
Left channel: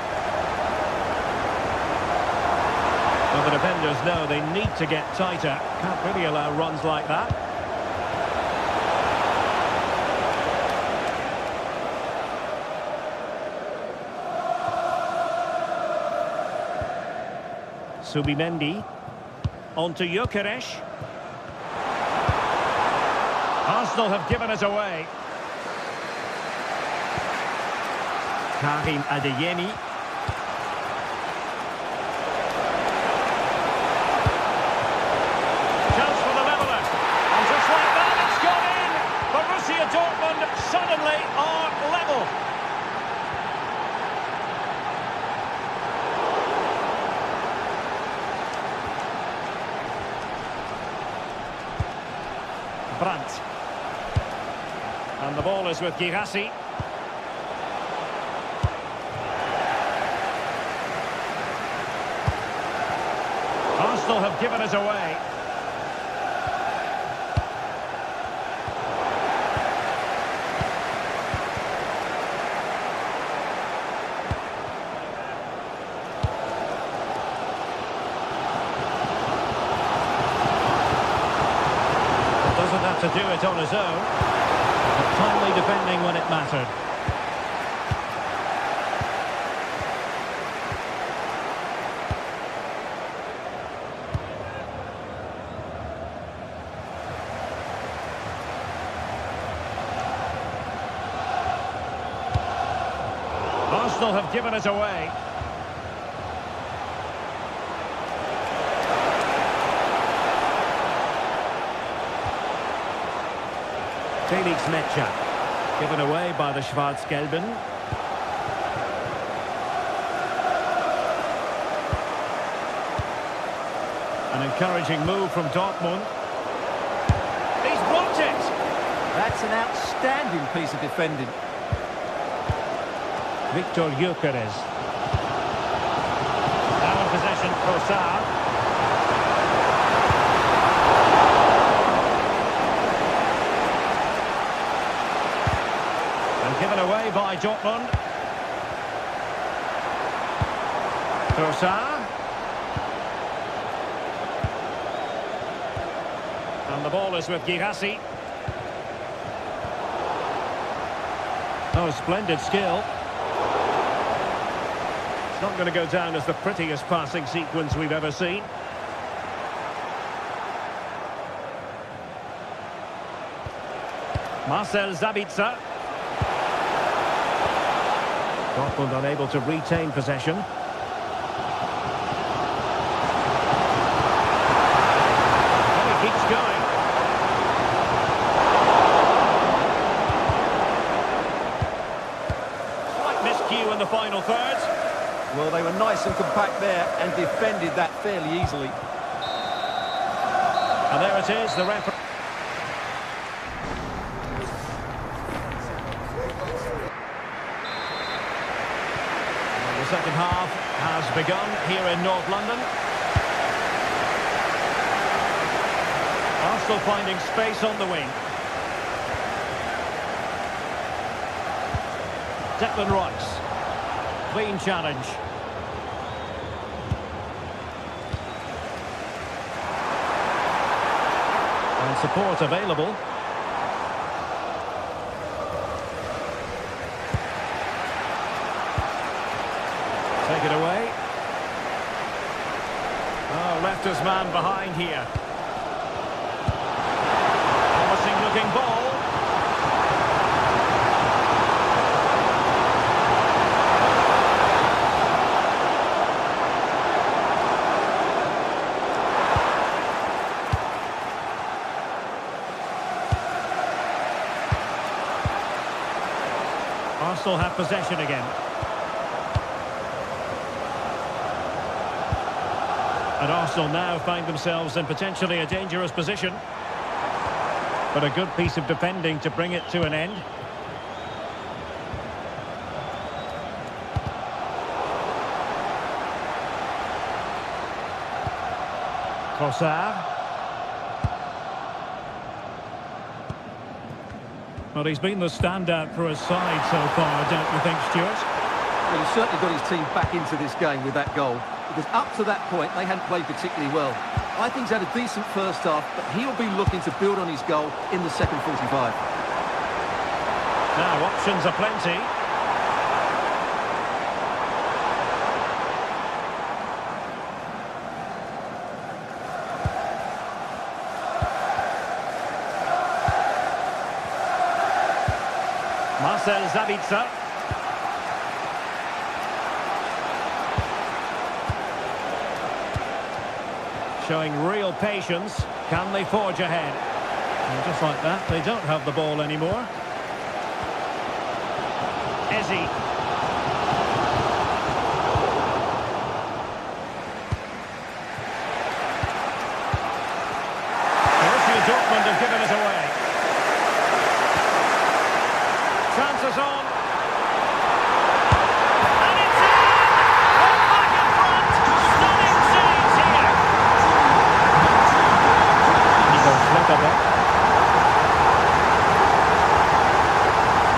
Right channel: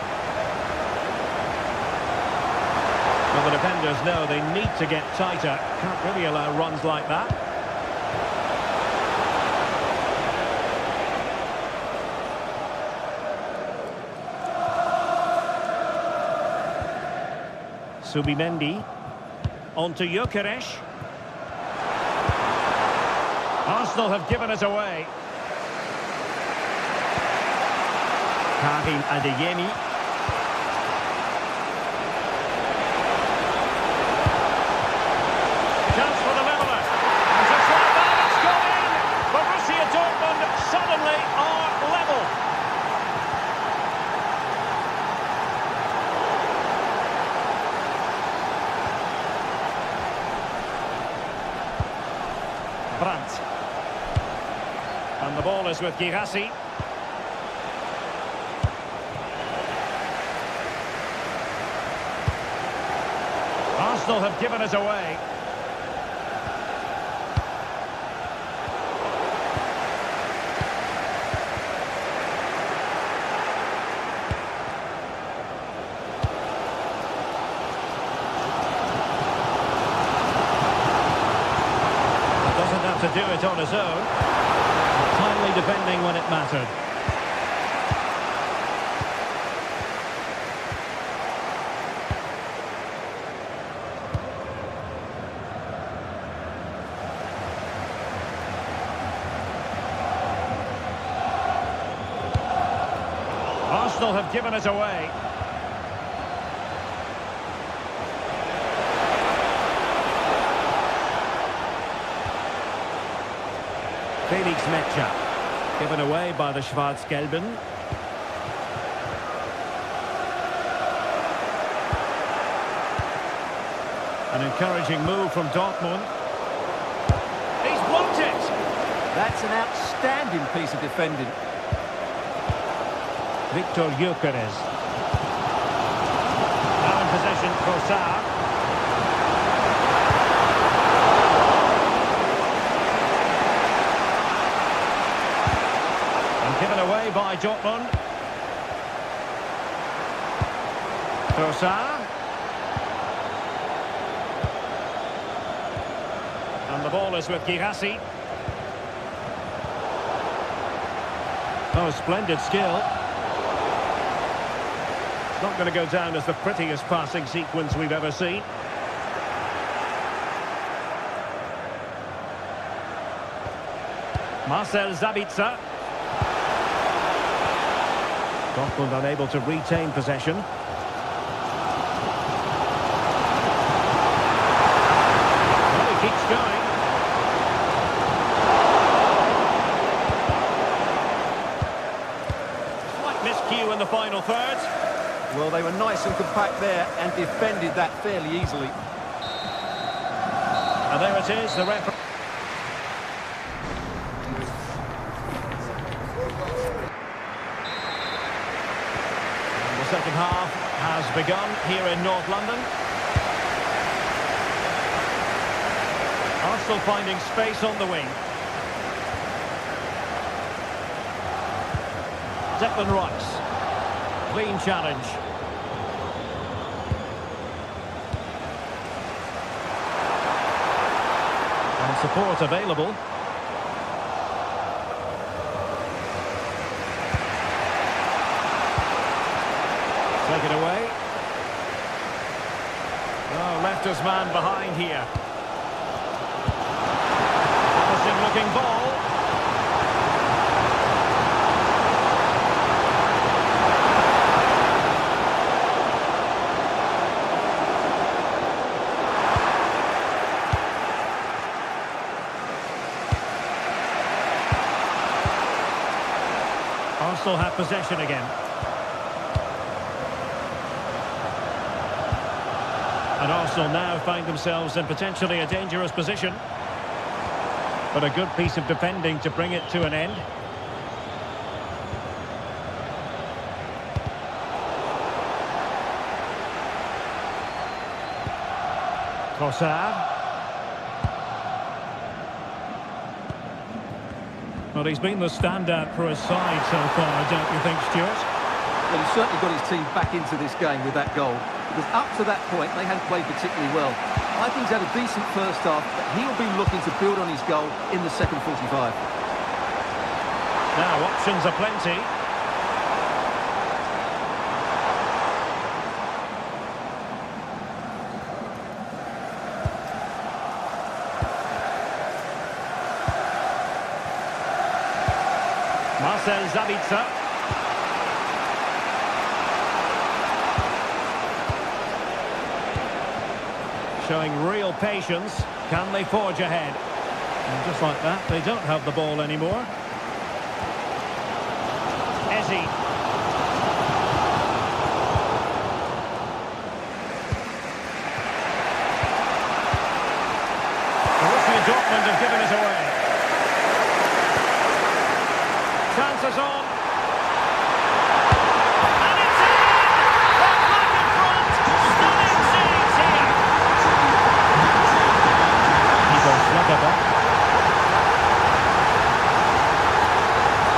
Well, the defenders know they need to get tighter. Can't really allow runs like that. Subimendi. On to Gyökeres. Arsenal have given it away. Karim Adeyemi. Chance for the leveller. And just like that, it's gone in. Borussia Dortmund suddenly are level. Brandt. And the ball is with Girassi. Arsenal have given it away. Doesn't have to do it on his own, but timely defending when it mattered. Arsenal have given it away. Felix Metscher, given away by the Schwarz-Gelben. An encouraging move from Dortmund. He's blocked it! That's an outstanding piece of defending. Victor Gyökeres. Now in possession, Trossard. And given away by Dortmund. Trossard. And the ball is with Girassi. Oh, splendid skill. It's not going to go down as the prettiest passing sequence we've ever seen. Marcel Sabitzer. Dortmund unable to retain possession. Well, he keeps going. Slight miscue in the final third. Well, they were nice and compact there and defended that fairly easily. And there it is, the referee. And the second half has begun here in North London. Arsenal finding space on the wing. Declan Rice. Clean challenge. And support available. Take it away. Oh, left his man behind here. Promising looking ball. Arsenal have possession again. And Arsenal now find themselves in potentially a dangerous position. But a good piece of defending to bring it to an end. Trossard. Well, he's been the standout for his side so far, don't you think, Stuart? Well, he's certainly got his team back into this game with that goal. Because up to that point, they hadn't played particularly well. I think he's had a decent first half, but he'll be looking to build on his goal in the second 45. Now, options are plenty. Marcel Sabitzer. Showing real patience. Can they forge ahead? And just like that, they don't have the ball anymore. Eze. Borussia Dortmund have given it away. Chances on. And it's in! Well, back in front. Stunning scenes here. Nico Schlotterbeck.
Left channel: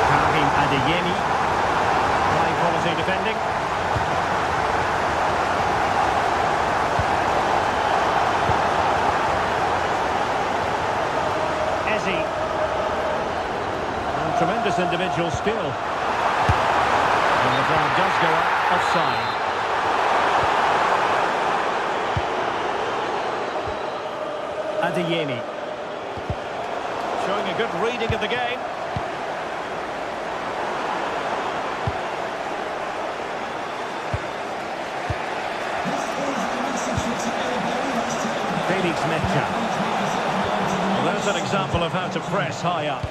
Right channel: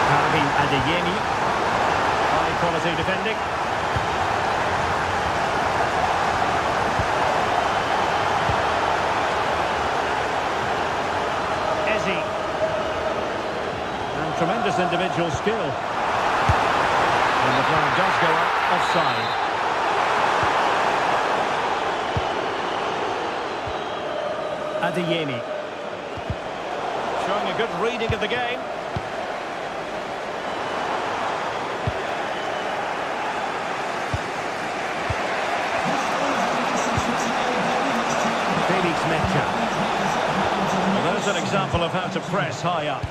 Karim Adeyemi. High quality defending. Eze. And tremendous individual skill. And the flag does go up offside. Adeyemi. Showing a good reading of the game. Felix Mecha. Well, there's an example of how to press high up.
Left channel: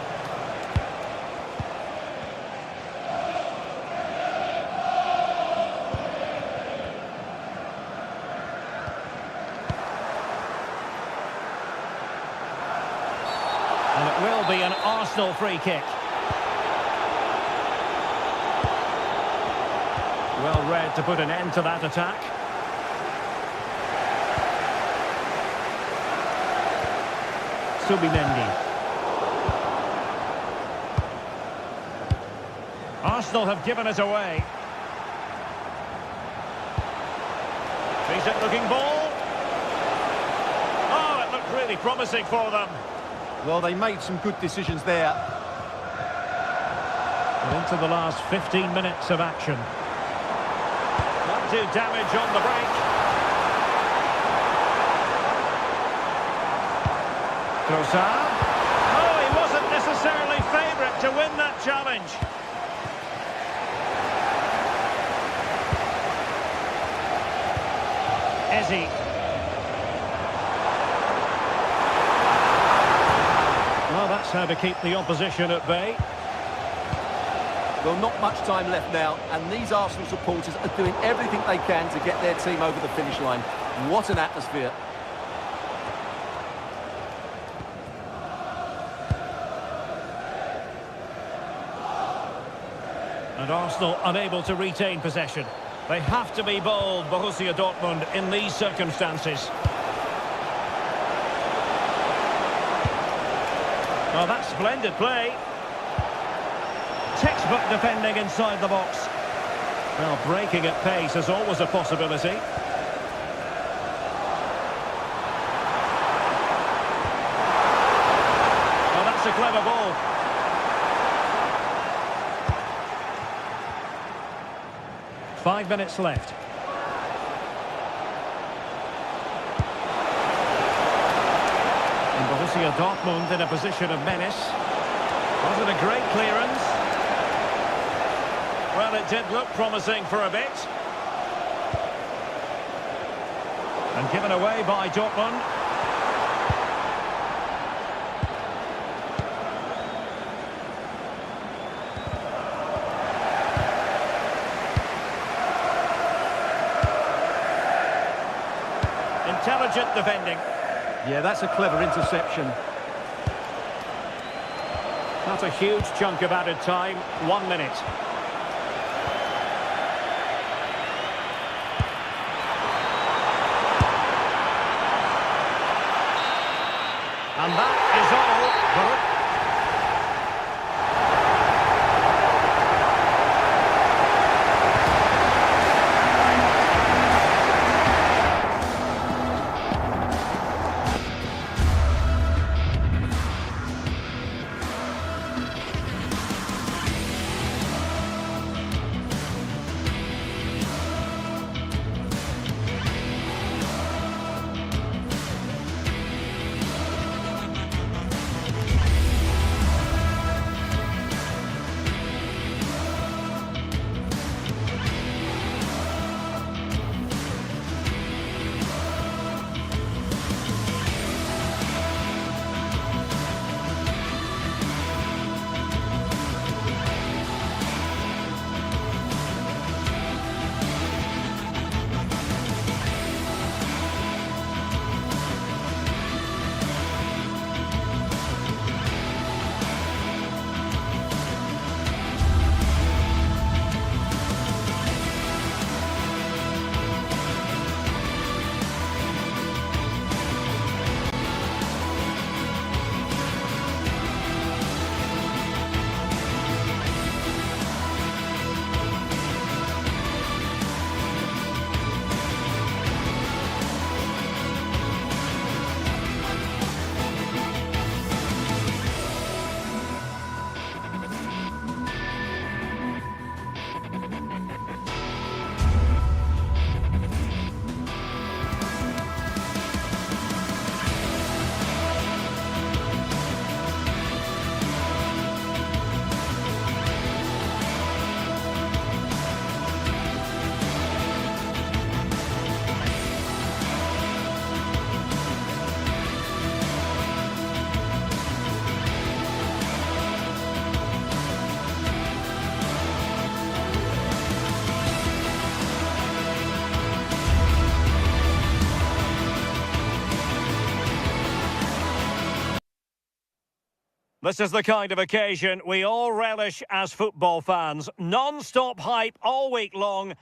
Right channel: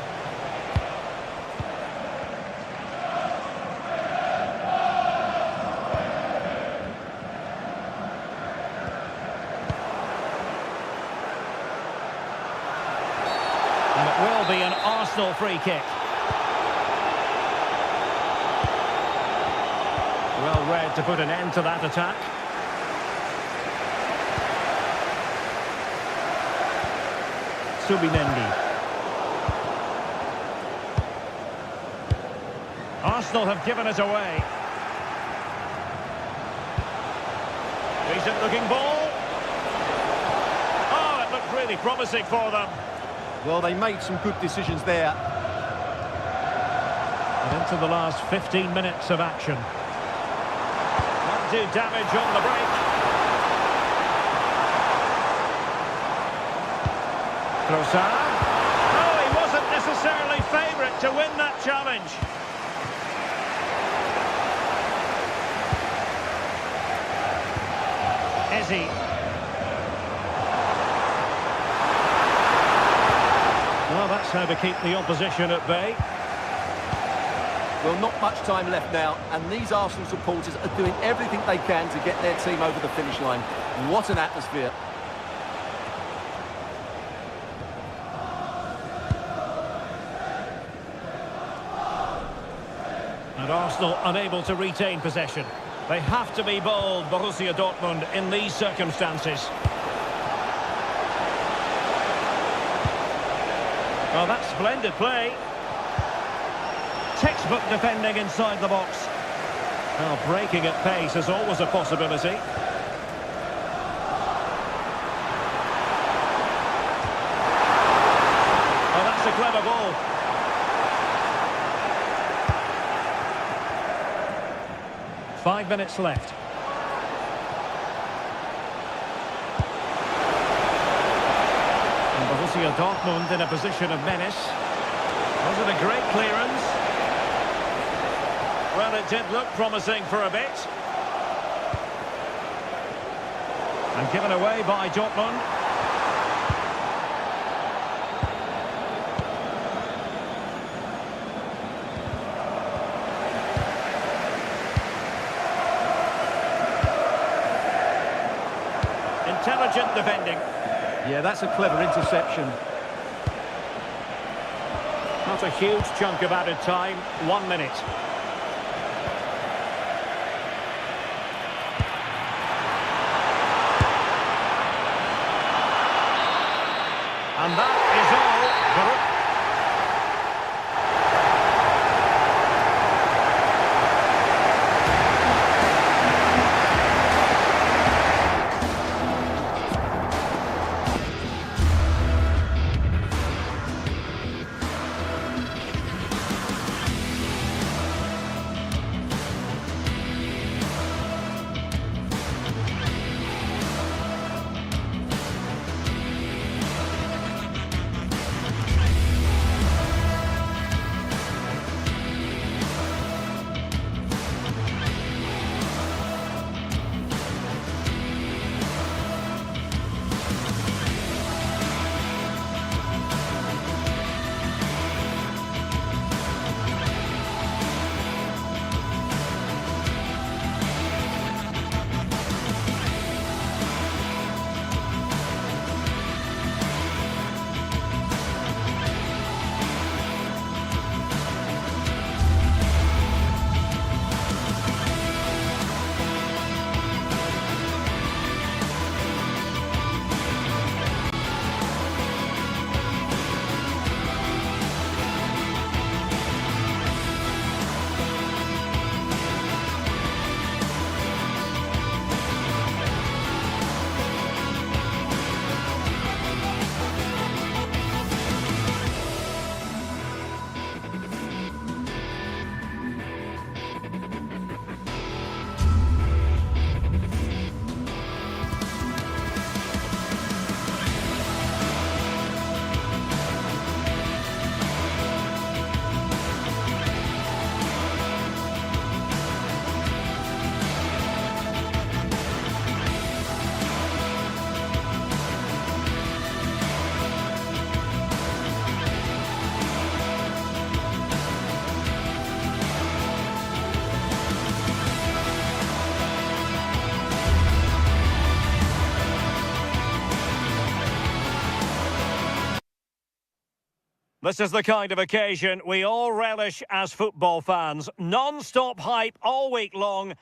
And it will be an Arsenal free kick. Well read to put an end to that attack. Subimendi. Arsenal have given it away. Decent looking ball. Oh, it looked really promising for them. Well, they made some good decisions there. And into the last 15 minutes of action. Might do damage on the break. Trossard. Oh, he wasn't necessarily favourite to win that challenge. Eze. Well, that's how to keep the opposition at bay. Well, not much time left now, and these Arsenal supporters are doing everything they can to get their team over the finish line. What an atmosphere. And Arsenal unable to retain possession. They have to be bold, Borussia Dortmund, in these circumstances. Well, that's splendid play. Textbook defending inside the box. Well, breaking at pace is always a possibility. Oh, that's a clever ball. Five minutes left. And Borussia Dortmund in a position of menace. Was it a great clearance? Well, it did look promising for a bit. And given away by Dortmund. Intelligent defending. Yeah, that's a clever interception. Not a huge chunk of added time. 1 minute. And that is all. This is the kind of occasion we all relish as football fans. Non-stop hype all week long.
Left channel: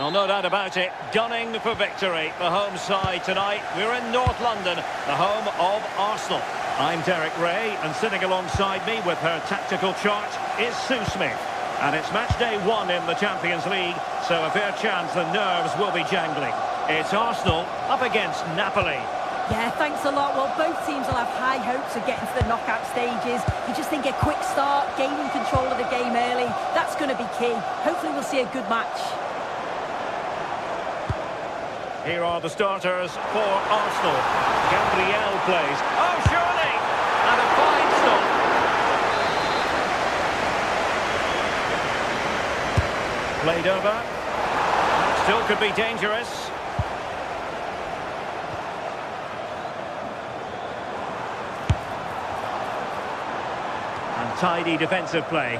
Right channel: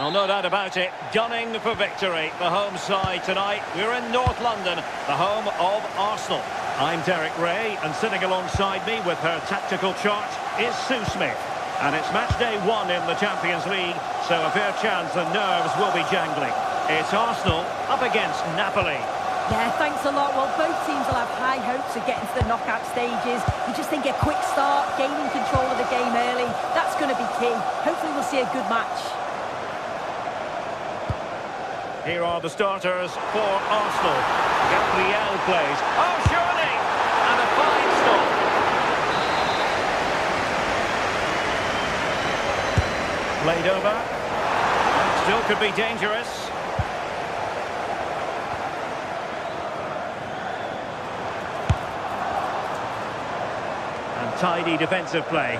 Well, no doubt about it, gunning for victory. The home side tonight, we're in North London, the home of Arsenal. I'm Derek Ray, and sitting alongside me with her tactical chart is Sue Smith. And it's match day 1 in the Champions League, so a fair chance the nerves will be jangling. It's Arsenal up against Napoli. Yeah, thanks a lot. Well, both teams will have high hopes of getting to the knockout stages. You just think a quick start, gaining control of the game early, that's going to be key. Hopefully we'll see a good match. Here are the starters for Arsenal. Gabriel plays. Oh, surely! And a fine stop. Played over. That still could be dangerous. Tidy defensive play.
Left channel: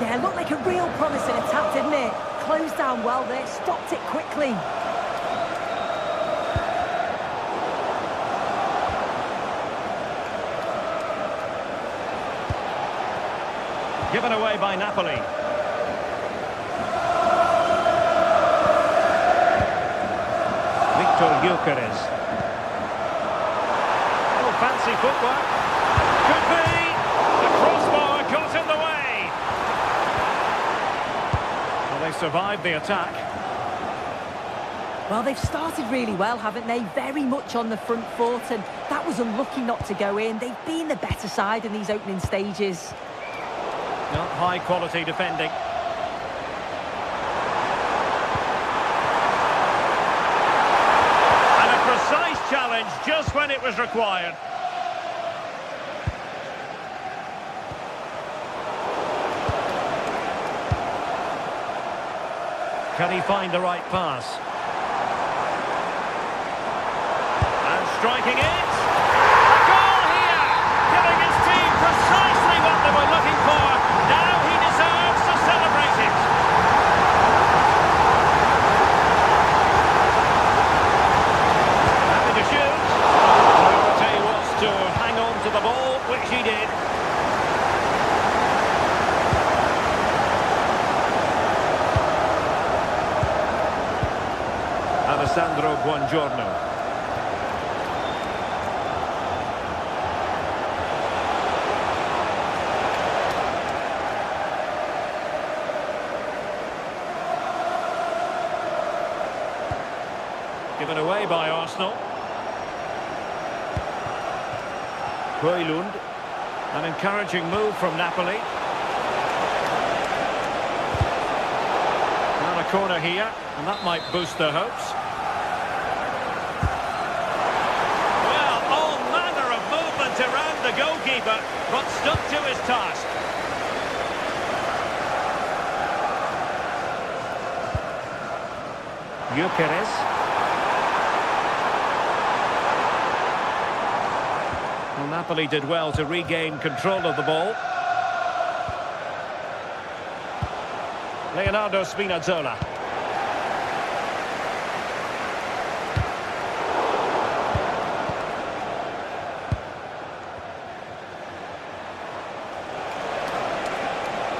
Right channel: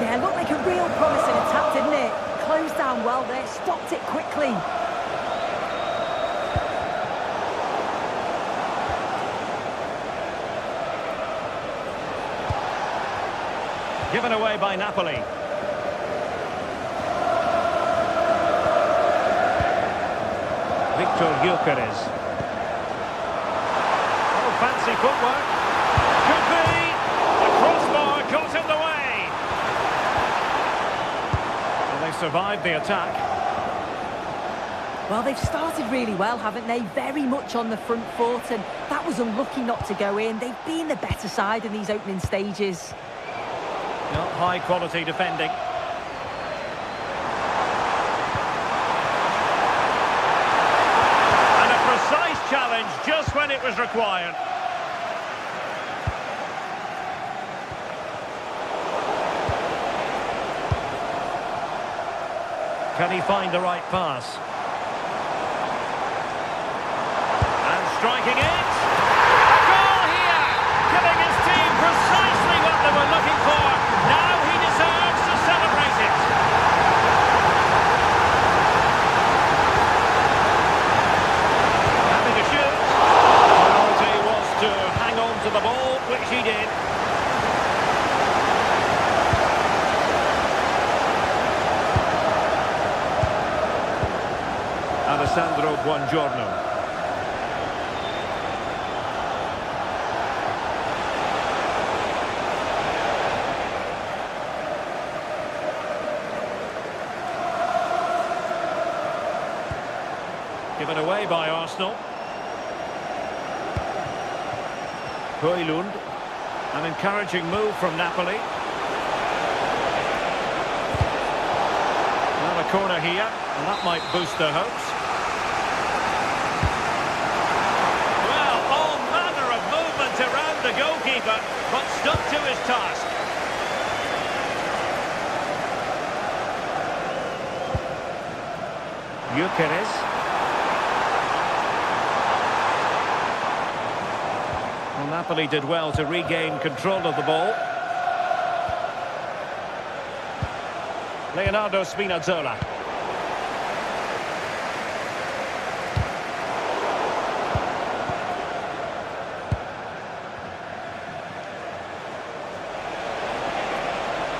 Yeah, looked like a real promising attack, didn't it? Closed down well there, stopped it quickly. Given away by Napoli. Victor Gyökeres. Oh, fancy footwork. Could be. The crossbar got in the way. they survived the attack. Well, they've started really well, haven't they? Very much on the front foot, and that was unlucky not to go in. They've been the better side in these opening stages. Not high-quality defending. And a precise challenge just when it was required. Can he find the right pass? And striking it. A goal here! Giving his team precisely what they were looking for. Now he deserves to celebrate it. Having to shoot. Priority was to hang on to the ball, which he did. Alessandro Buongiorno. Given away by Arsenal. Højlund. An encouraging move from Napoli. Now a corner here, and that might boost their hopes. Well, all manner of movement around the goalkeeper, but stuck to his task. Gyökeres. Well, Napoli did well to regain control of the ball. Leonardo Spinazzola.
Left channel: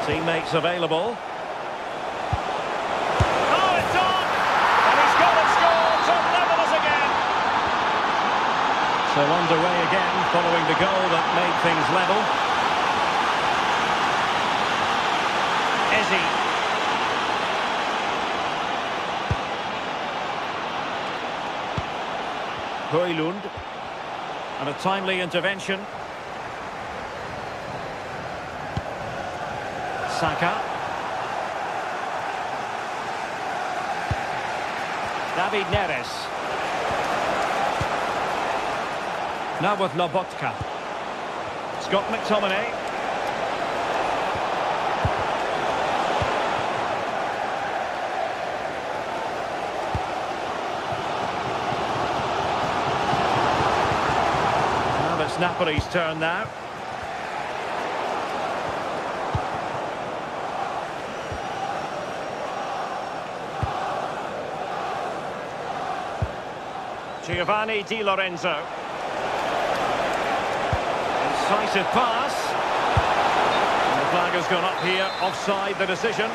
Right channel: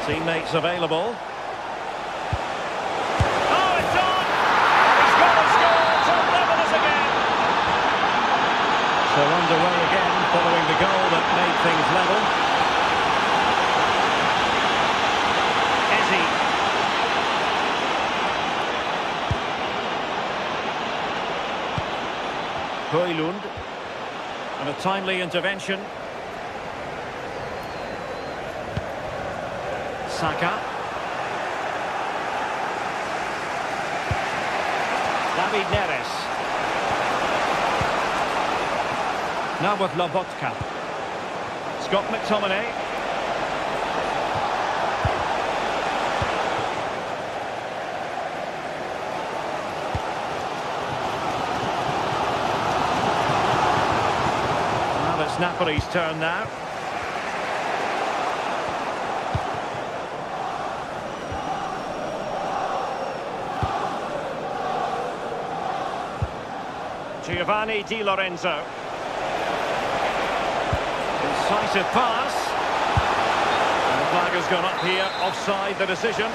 Teammates available. Oh, it's on! And he's got a score to level us again. So underway again, following the goal that made things level. Eze. Højlund. And a timely intervention. Saka. David Neres. Now with Lobotka. Scott McTominay. Well, it's Napoli's turn now. Giovanni Di Lorenzo. Incisive pass. And the flag has gone up here, offside the decision.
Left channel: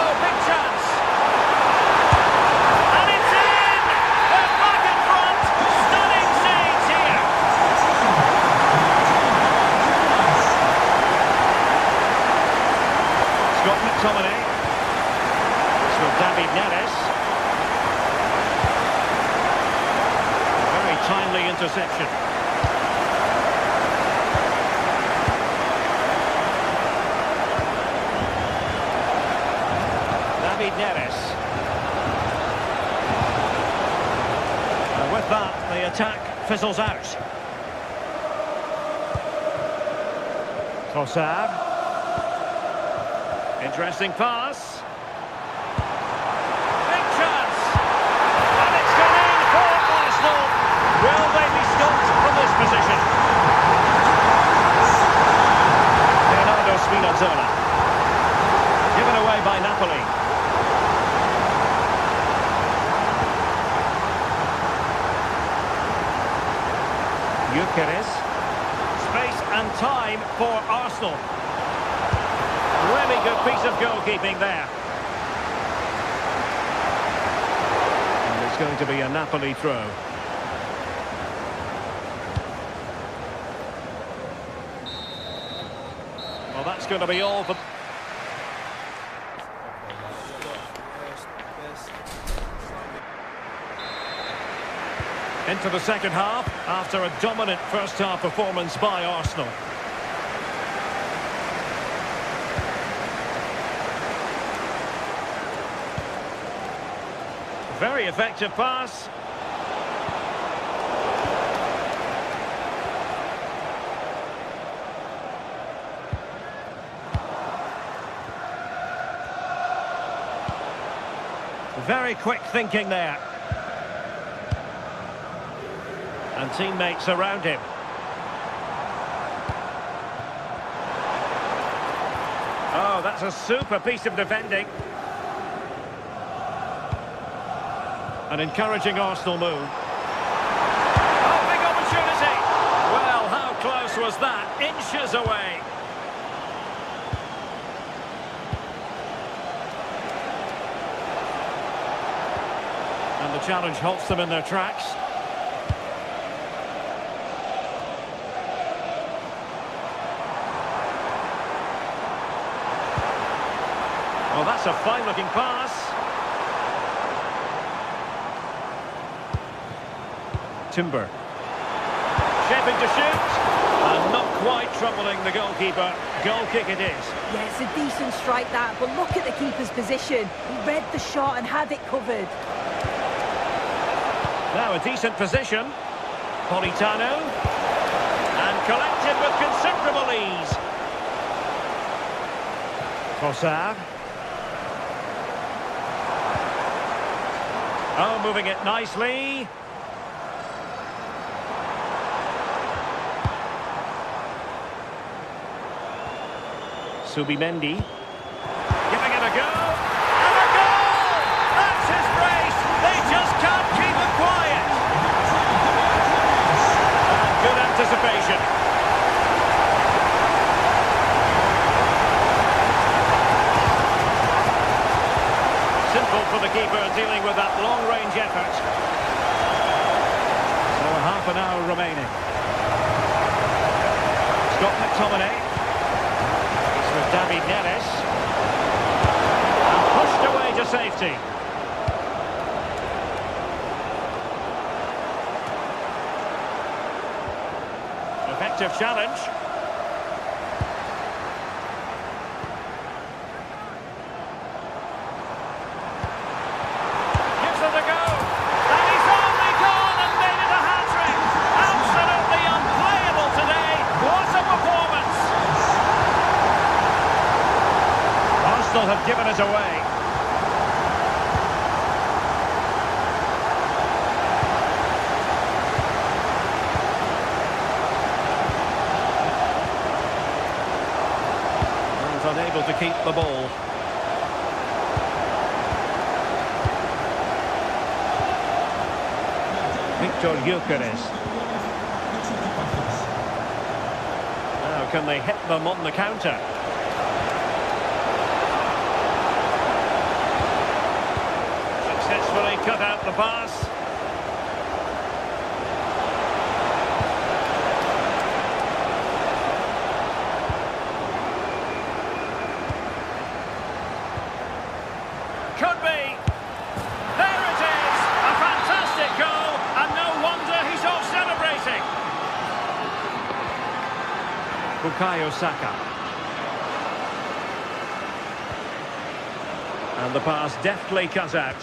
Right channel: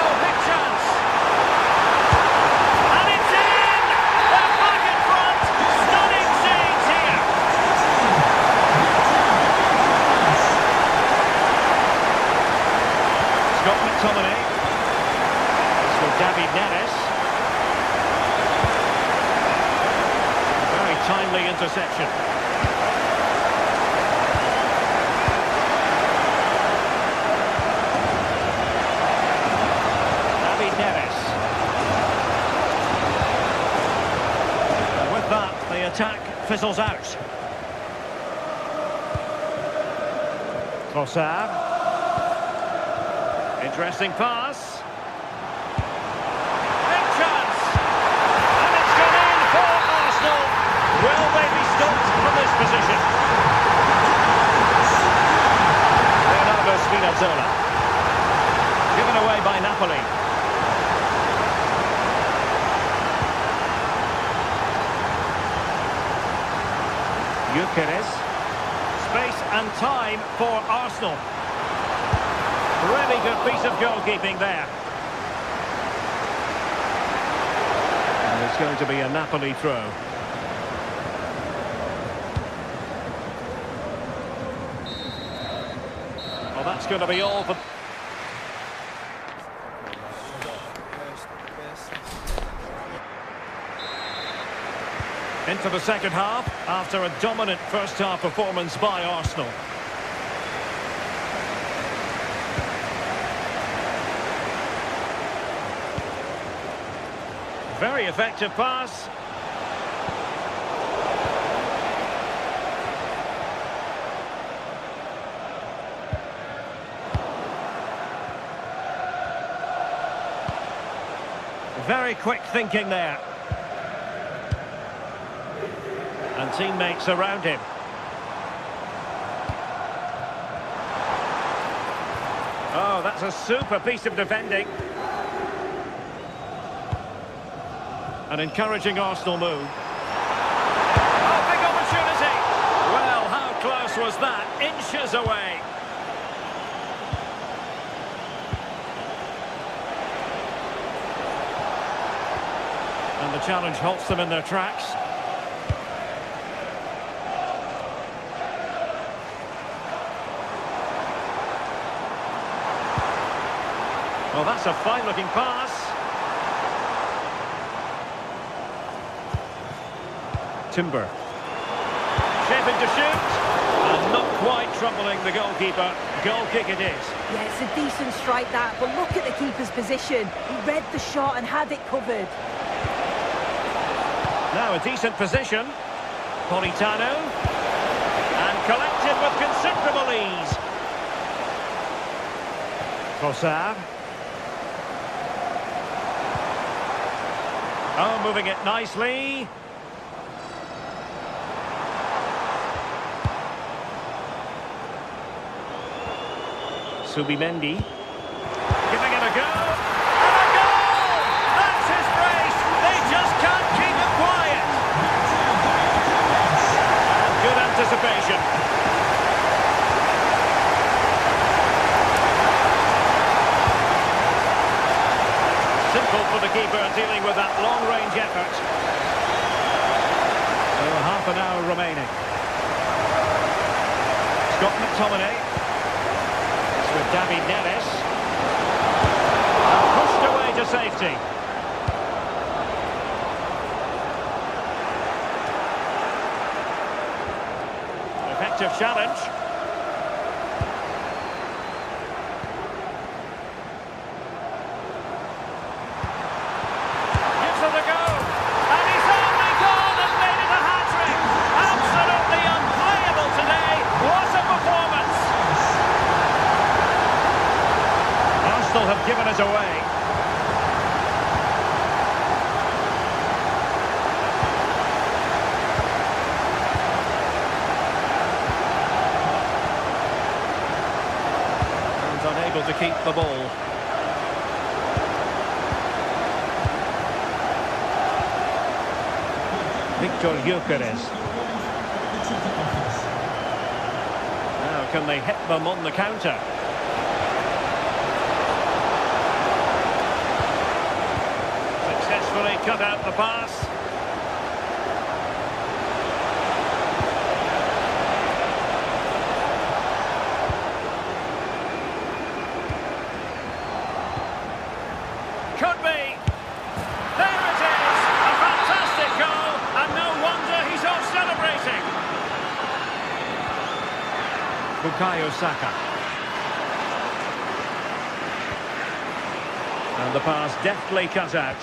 Oh, big chance. And it's in! They're back in front. Stunning scenes here. Scott McTominay. It's with David Neres. Timely interception. David Neres. And with that, the attack fizzles out. Trossard. Interesting pass. Big chance. And it's gone in for Arsenal. Will they be stopped from this position? Leonardo Spinazzola. Given away by Napoli. Gyökeres. Space and time for Arsenal. Really good piece of goalkeeping there. And it's going to be a Napoli throw. going to be all for... Into the second half, after a dominant first-half performance by Arsenal. Very effective pass. Very quick thinking there. And teammates around him. Oh, that's a super piece of defending. An encouraging Arsenal move. Oh, big opportunity! Well, how close was that? Inches away. And the challenge halts them in their tracks. Well, that's a fine-looking pass. Timber. Shaping to shoot. And not quite troubling the goalkeeper. Goal kick it is. Yeah, it's a decent strike that, but look at the keeper's position. He read the shot and had it covered. Now a decent position. Politano. And collected with considerable ease. Trossard. Oh, moving it nicely. Subimendi. Giving it a go. And a goal! That's his brace. They just can't keep it quiet. And good anticipation. Simple for the keeper dealing with that long-range effort. So half an hour remaining. Scott McTominay. It's with David Neres. And pushed away to safety. Effective challenge. Arsenal have given it away. And unable to keep the ball. Victor Gyökeres. Now can they hit them on the counter? Successfully cut out the pass. Could be. There it is. A fantastic goal, and no wonder he's off celebrating. Bukayo Saka. And the pass deftly cut out.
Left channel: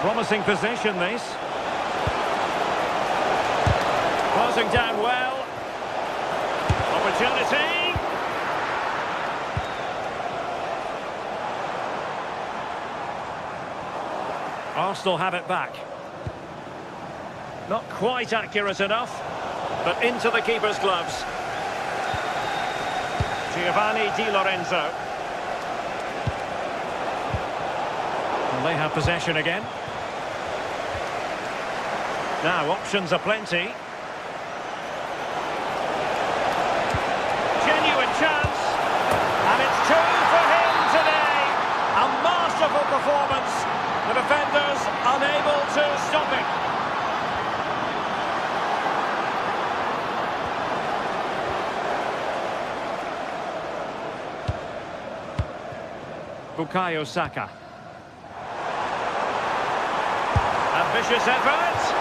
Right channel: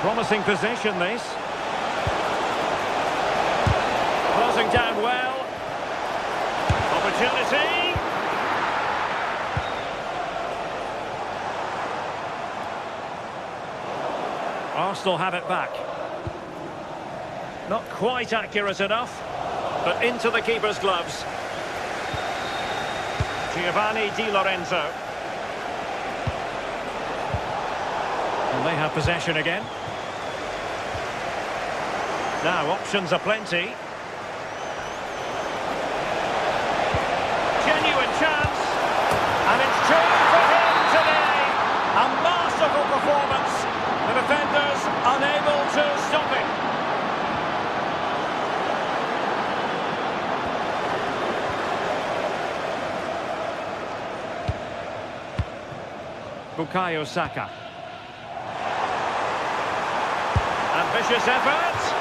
Promising position, this. Closing down well. Opportunity. Arsenal have it back. Not quite accurate enough, but into the keeper's gloves. Giovanni Di Lorenzo. And they have possession again. Now, options are plenty. Genuine chance. And it's two for him today. A masterful performance. The defenders unable to stop him. Bukayo Saka. Ambitious effort.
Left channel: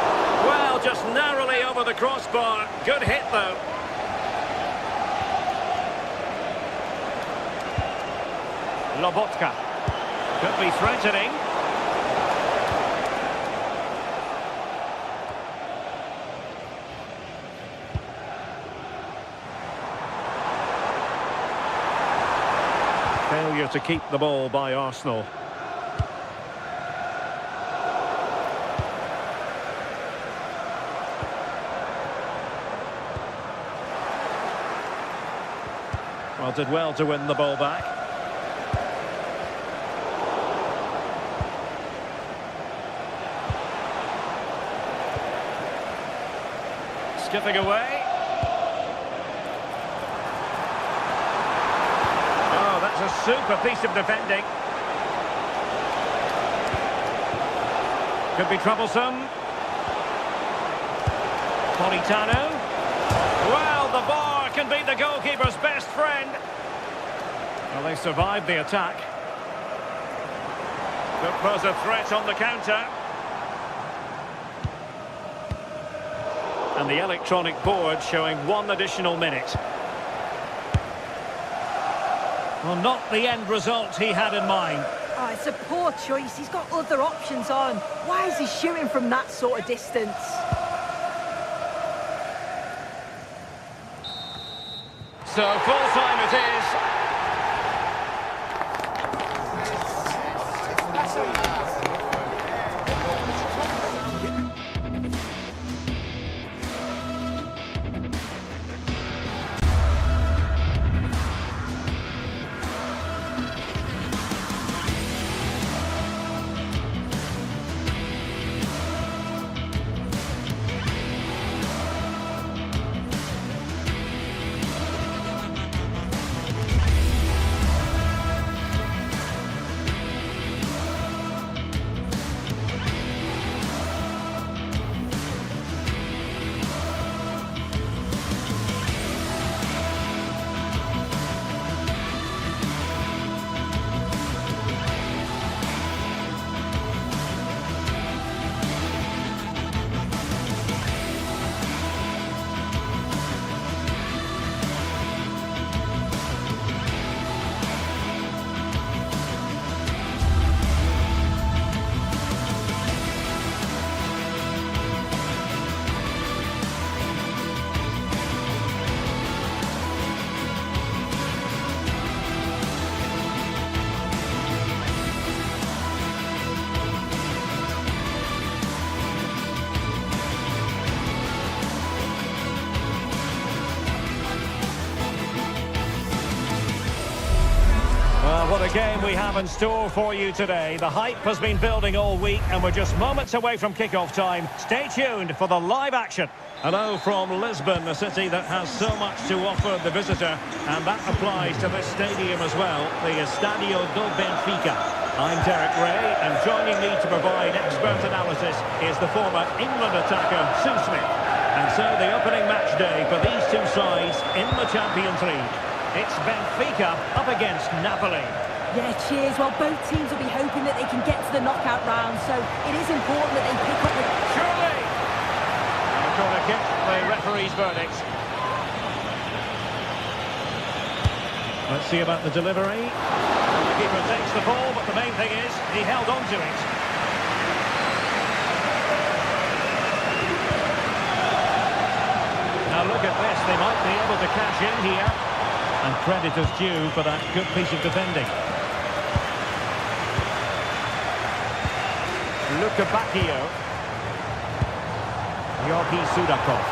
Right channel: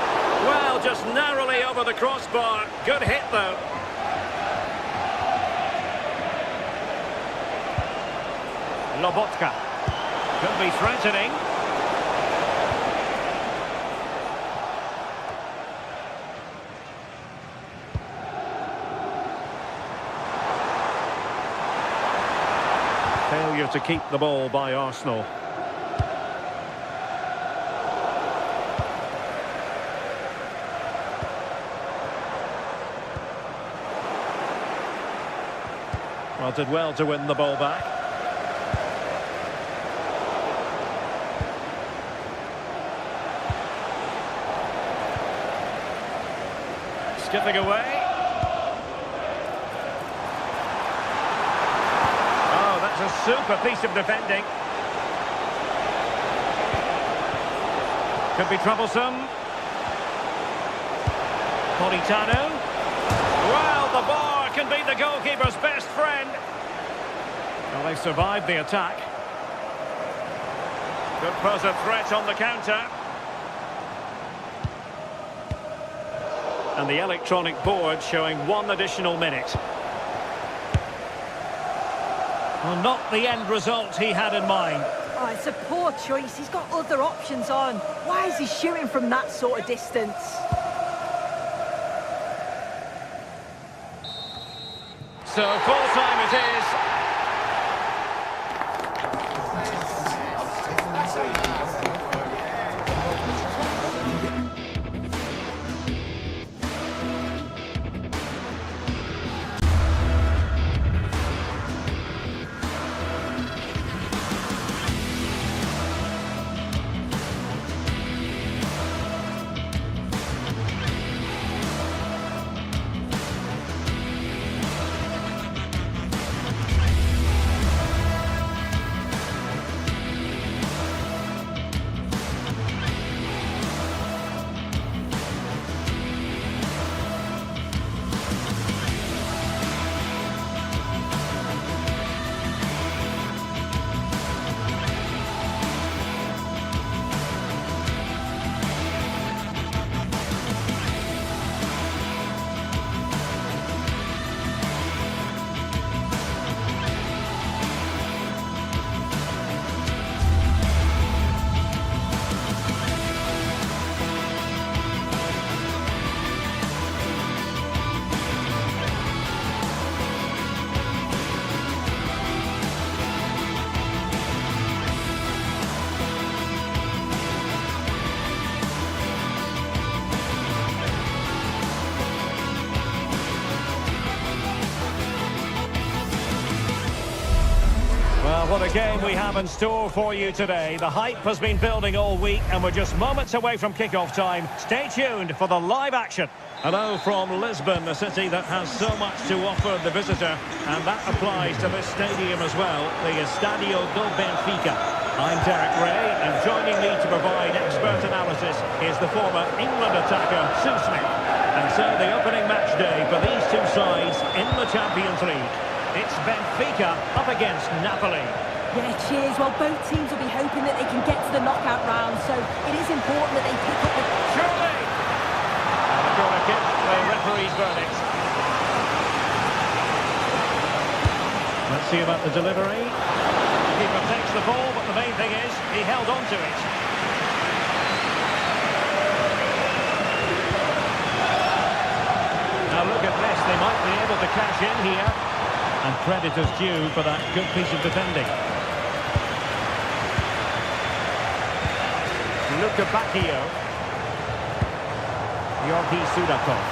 Well, just narrowly over the crossbar. Good hit, though. Lobotka. Could be threatening. Failure to keep the ball by Arsenal. Well, did well to win the ball back. Skipping away. Oh, that's a super piece of defending. Could be troublesome. Politano. Well, the bar can be the goalkeeper's best friend. Well, they survived the attack. Could pose a threat on the counter. And the electronic board showing 1 additional minute. Well, not the end result he had in mind. Oh, it's a poor choice. He's got other options on. Why is he shooting from that sort of distance? So full time it is. Well, what a game we have in store for you today. The hype has been building all week and we're just moments away from kickoff time. Stay tuned for the live action. Hello from Lisbon, a city that has so much to offer the visitor, and that applies to this stadium as well, the Estadio do Benfica. I'm Derek Ray, and joining me to provide expert analysis is the former England attacker, Sue Smith. And so the opening match day for these two sides in the Champions League. It's Benfica up against Napoli. Yeah, cheers. Well, both teams will be hoping that they can get to the knockout round, so it is important that they pick up the... Surely! And a corner kick, the referee's verdict. Let's see about the delivery. And the keeper takes the ball, but the main thing is he held on to it. Now look at this, they might be able to cash in here. And credit is due for that good piece of defending. Luka Bacchio. Yorki Sudakov.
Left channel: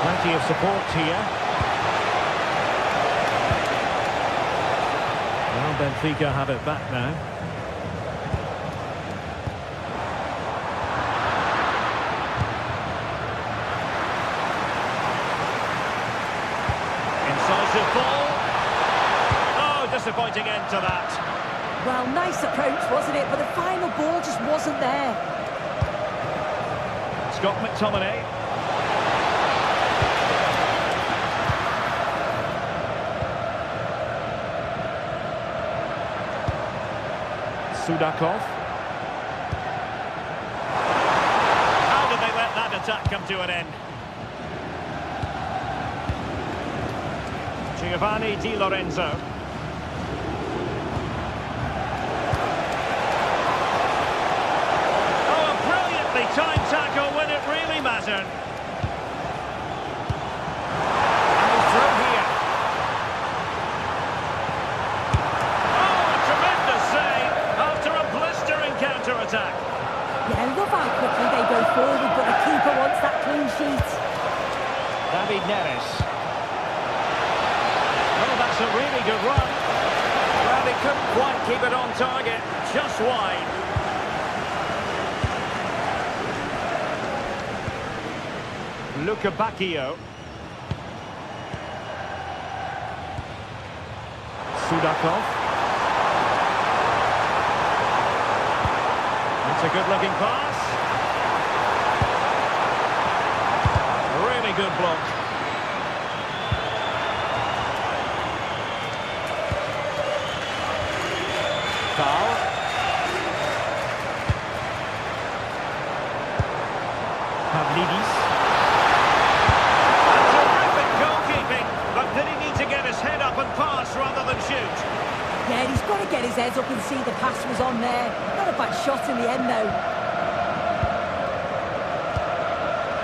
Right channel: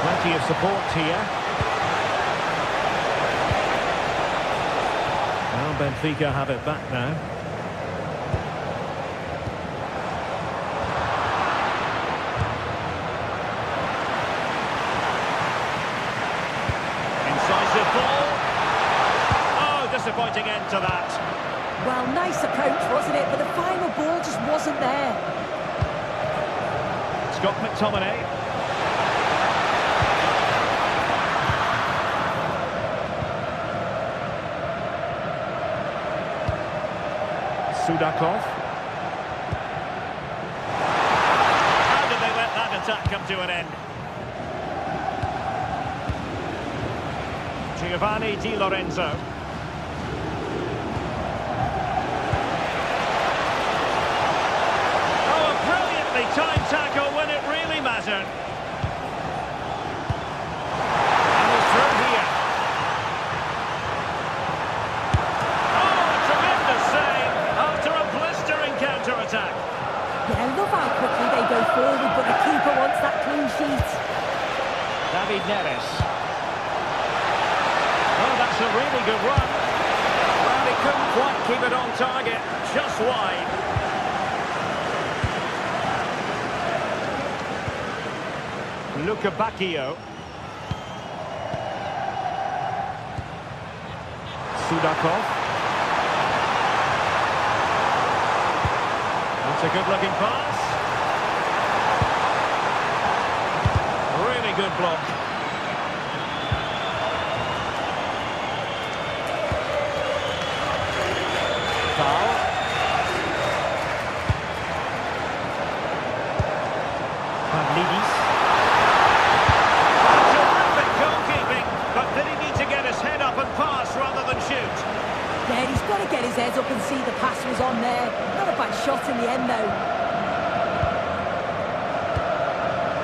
Plenty of support here. Well, Benfica have it back now. Incisive ball. Oh, disappointing end to that. Well, nice approach, wasn't it? But the final ball just wasn't there. Scott McTominay. Sudakov. How did they let that attack come to an end? Giovanni Di Lorenzo. Oh, a brilliantly timed tackle when it really mattered. And he's through here. Oh, a tremendous save after a blistering counter-attack. Yeah, I love how quickly they go forward, but the keeper wants that clean sheet. David Neres. Oh, that's a really good run. Well, he couldn't quite keep it on target, just wide. Luca Bacchio. Sudakov. That's a good-looking pass. Really good block. Foul. Pavlidis. A terrific goalkeeping, but did he need to get his head up and pass rather than shoot? Yeah, he's got to get his head up and see the pass was on there. Not a bad shot in the end, though.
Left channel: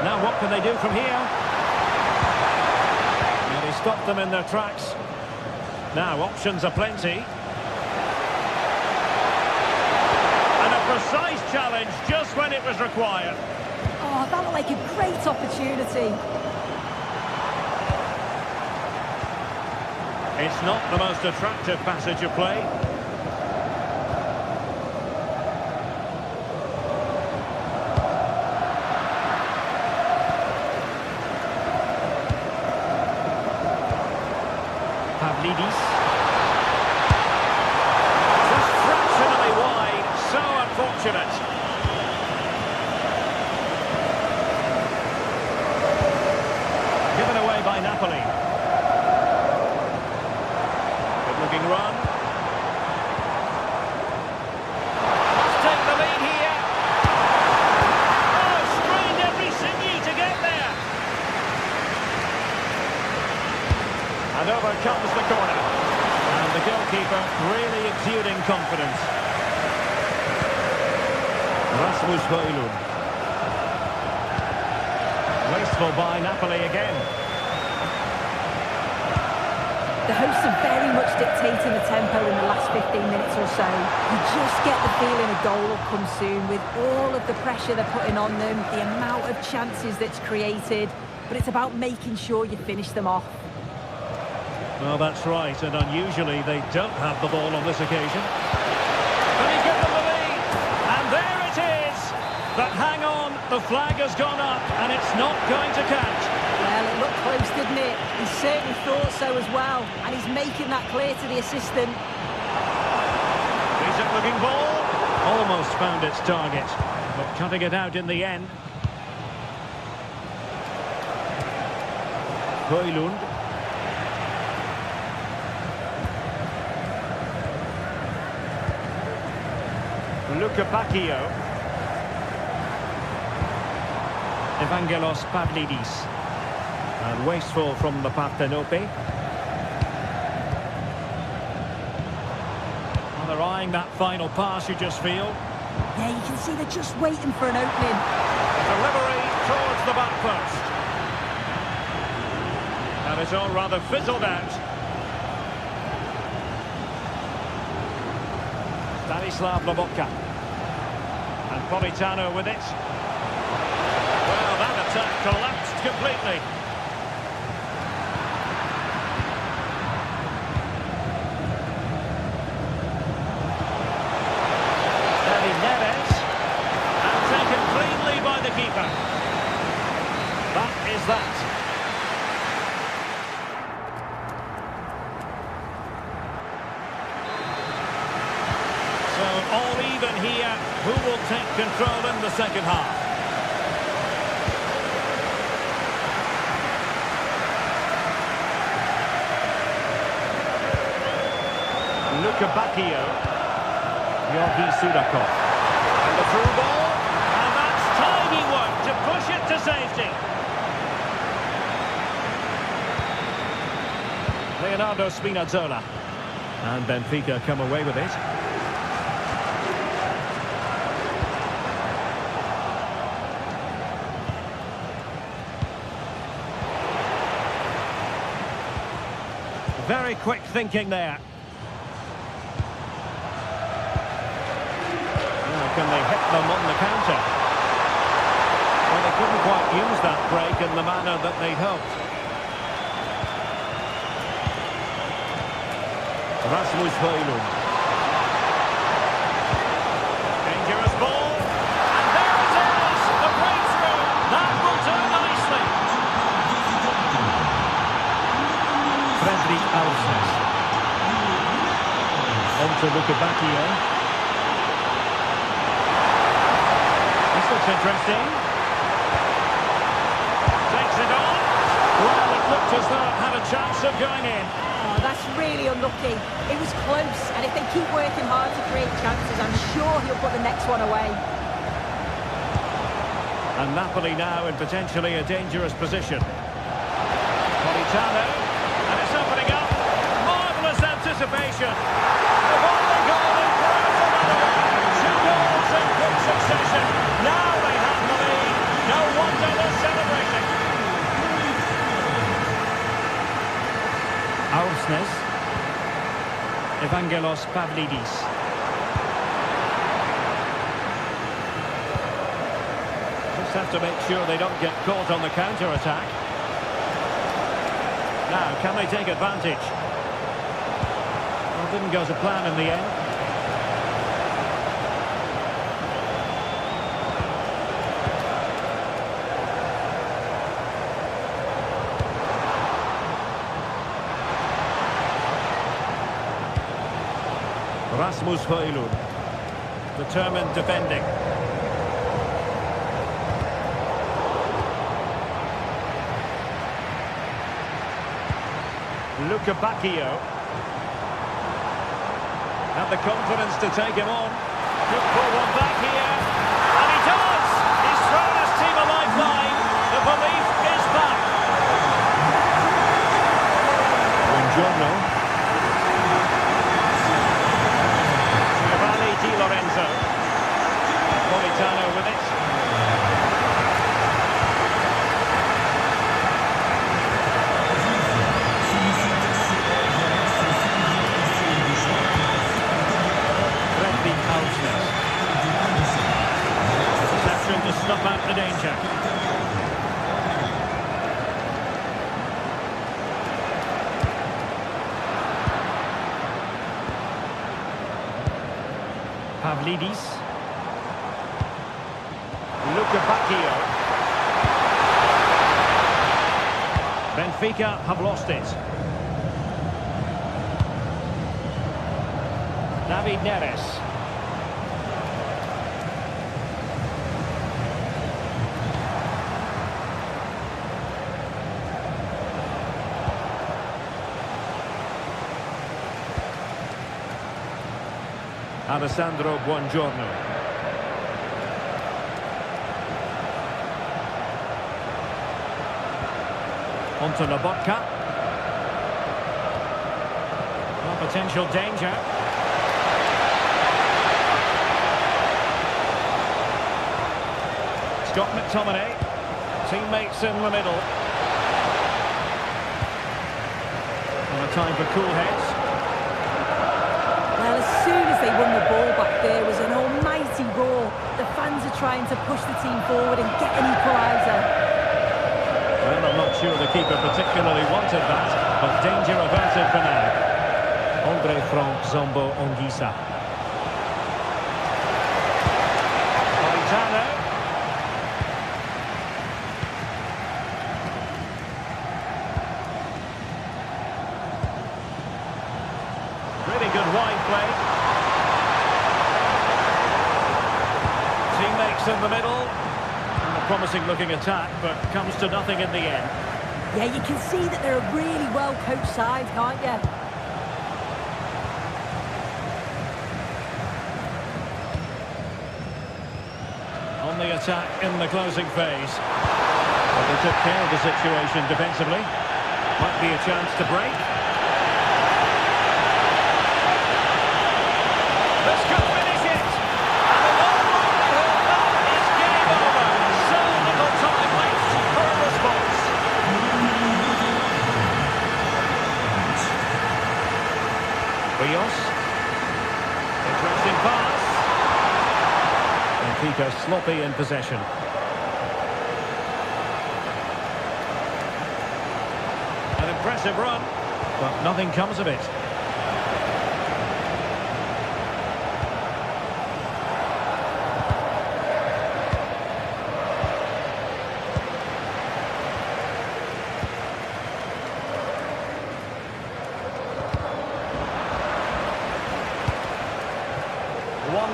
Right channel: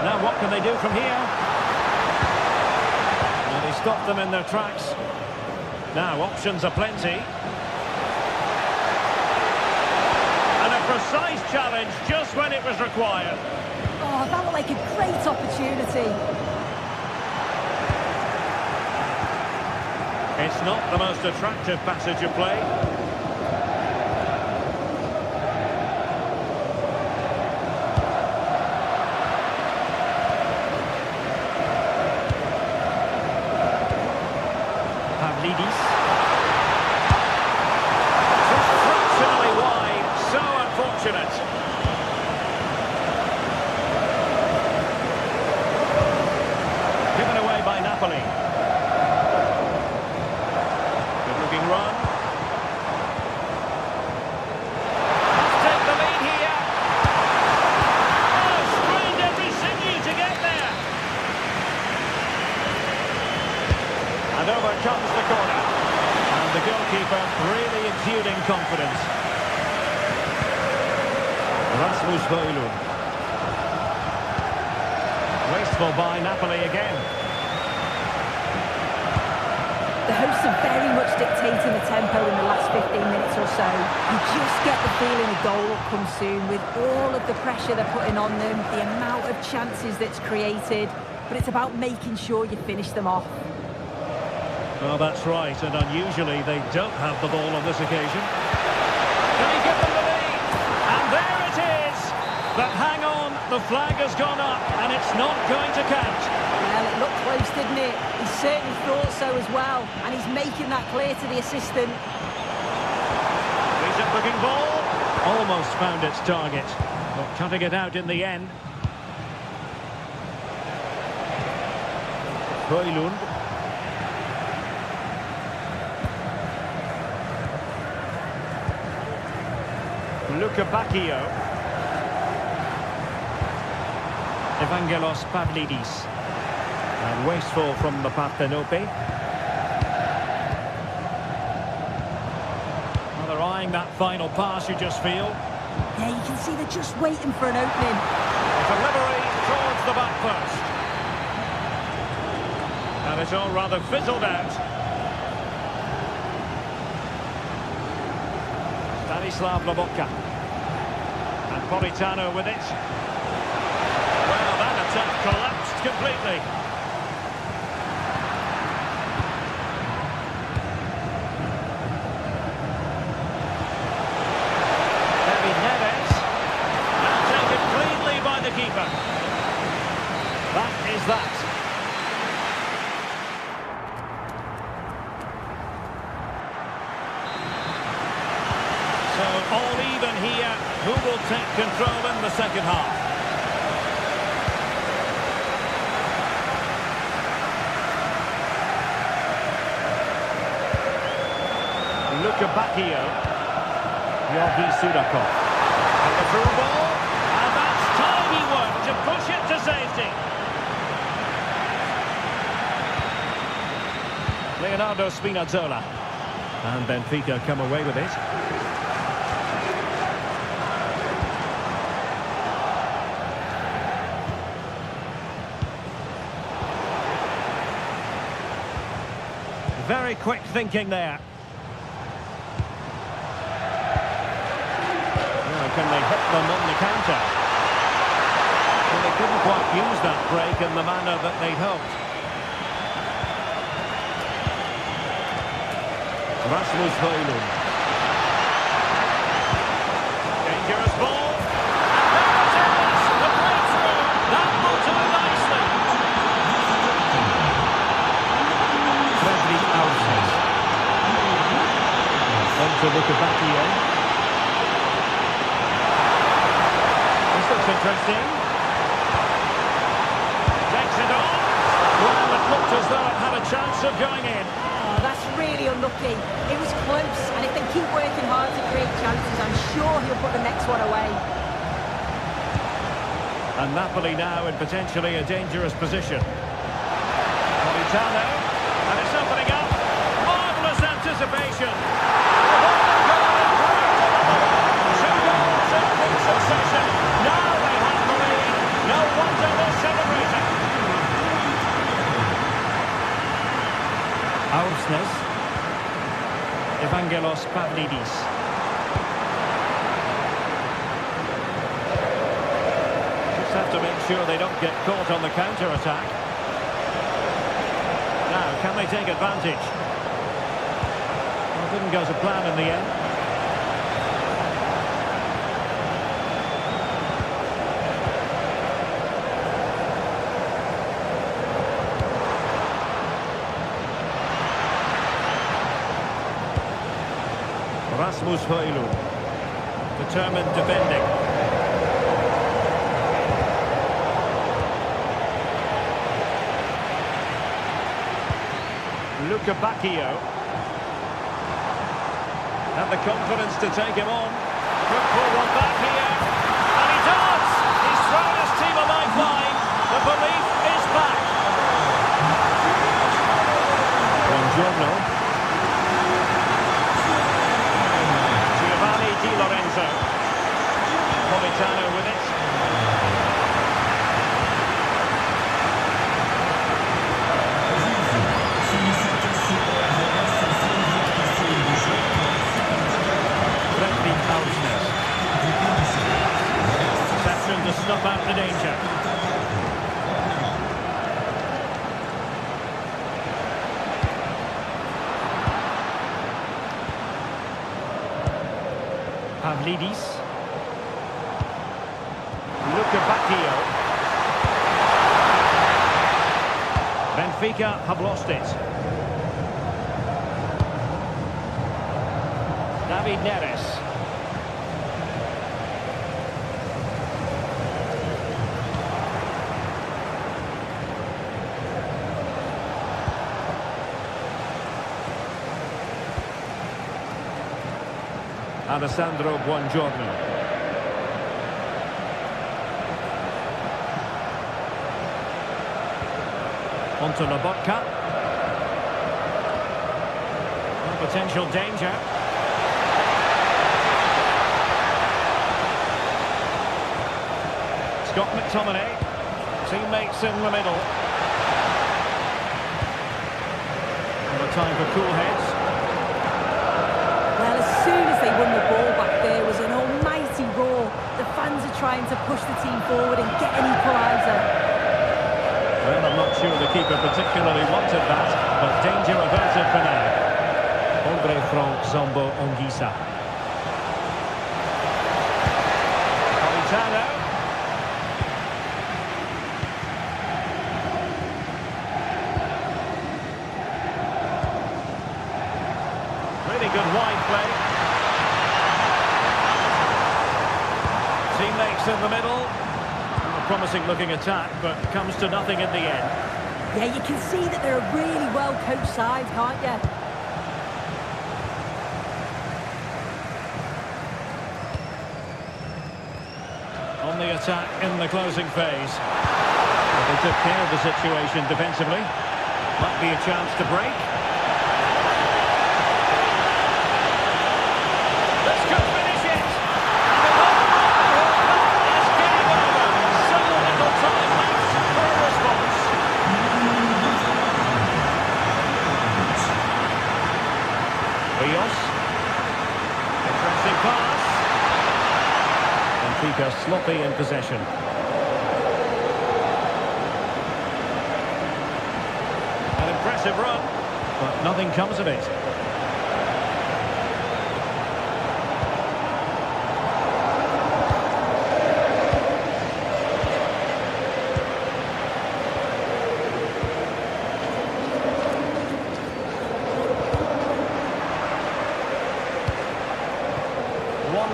Now what can they do from here? Well, he stopped them in their tracks. Now options are plenty. And a precise challenge just when it was required. Oh, that looked like a great opportunity. It's not the most attractive passage of play. Pavlidis. Just fractionally wide. So unfortunate. Given away by Napoli. Good looking run. Must take the lead here. Oh, strained every sinew to get there. And over comes the corner. And the goalkeeper really exuding confidence. Rasmus Højlund. Wasteful by Napoli again. The hosts are very much dictating the tempo in the last 15 minutes or so. You just get the feeling a goal will come soon with all of the pressure they're putting on them, the amount of chances that's created, but it's about making sure you finish them off. Well, that's right, and unusually they don't have the ball on this occasion. Can he give them the lead? And there it is! But hang on, the flag has gone up and it's not going to count. Well, it looked close, didn't it? He certainly thought so as well, and he's making that clear to the assistant. Decent looking ball. Almost found its target, but cutting it out in the end. Højlund. Luca Bacchio. Evangelos Pavlidis. And wasteful from the Parthenope. Well, they're eyeing that final pass, you just feel. Yeah, you can see they're just waiting for an opening. A delivery towards the back post. And it's all rather fizzled out. Stanislav Lobotka. And Politano with it. Well, that attack collapsed completely. David Neres. And taken cleanly by the keeper. That is that. So all even here. Who will take control in the second half? Luca Bacchio. Georgi Sudakov. And the through ball. And that's tidy work to push it to safety. Leonardo Spinazzola. And Benfica come away with it. Very quick thinking there. Now, can they hit them on the counter? Well, they couldn't quite use that break in the manner that they'd hoped. Rasmus Højlund. Dangerous ball. And there it is! The breakthrough! That will do nicely. Fredrik Aursnes. On to Lukebakio. This looks interesting. Takes it on. Well, it looked as though it had a chance of going in. Oh, that's really unlucky. It was close, and if they keep working hard to create chances, I'm sure he'll put the next one away. And Napoli now in potentially a dangerous position. Politano, and it's opening up. Marvellous anticipation. They've only gone in front of another one. 2 goals in quick succession. Now they have the lead. No wonder they're celebrating. Aursnes. Evangelos Pavlidis. Just have to make sure they don't get caught on the counter-attack. Now, can they take advantage? Well, didn't go to plan in the end. Rasmus Højlund, determined defending. Lukebakio. Had the confidence to take him on. Could pull one back here. And he does! He's thrown his team a lifeline. The belief is back. Buongiorno. Giovanni Di Lorenzo. Politano with it. Fredrik Aursnes. Interception to stop out the danger. Pavlidis. Lukebakio. Benfica have lost it. David Neres. Alessandro Buongiorno. Onto Lobotka. Well, potential danger. Scott McTominay. Teammates in the middle. And a time for cool heads. Well, as soon as they won the ball back, there was an almighty roar. The fans are trying to push the team forward and get an equaliser. Well, I'm not sure the keeper particularly wanted that, but danger averted for now. Andre Frank Zombo Ongisa. Politano. Really good wide play. Teammates in the middle. And a promising looking attack, but comes to nothing in the end. Yeah, you can see that they're a really well-coached side, can't you? On the attack in the closing phase. But they took care of the situation defensively. Might be a chance to break. This could finish it. And in all likelihood, that is game over. So little time left for a response. Rios. Interesting pass. Benfica sloppy in possession. An impressive run. But nothing comes of it.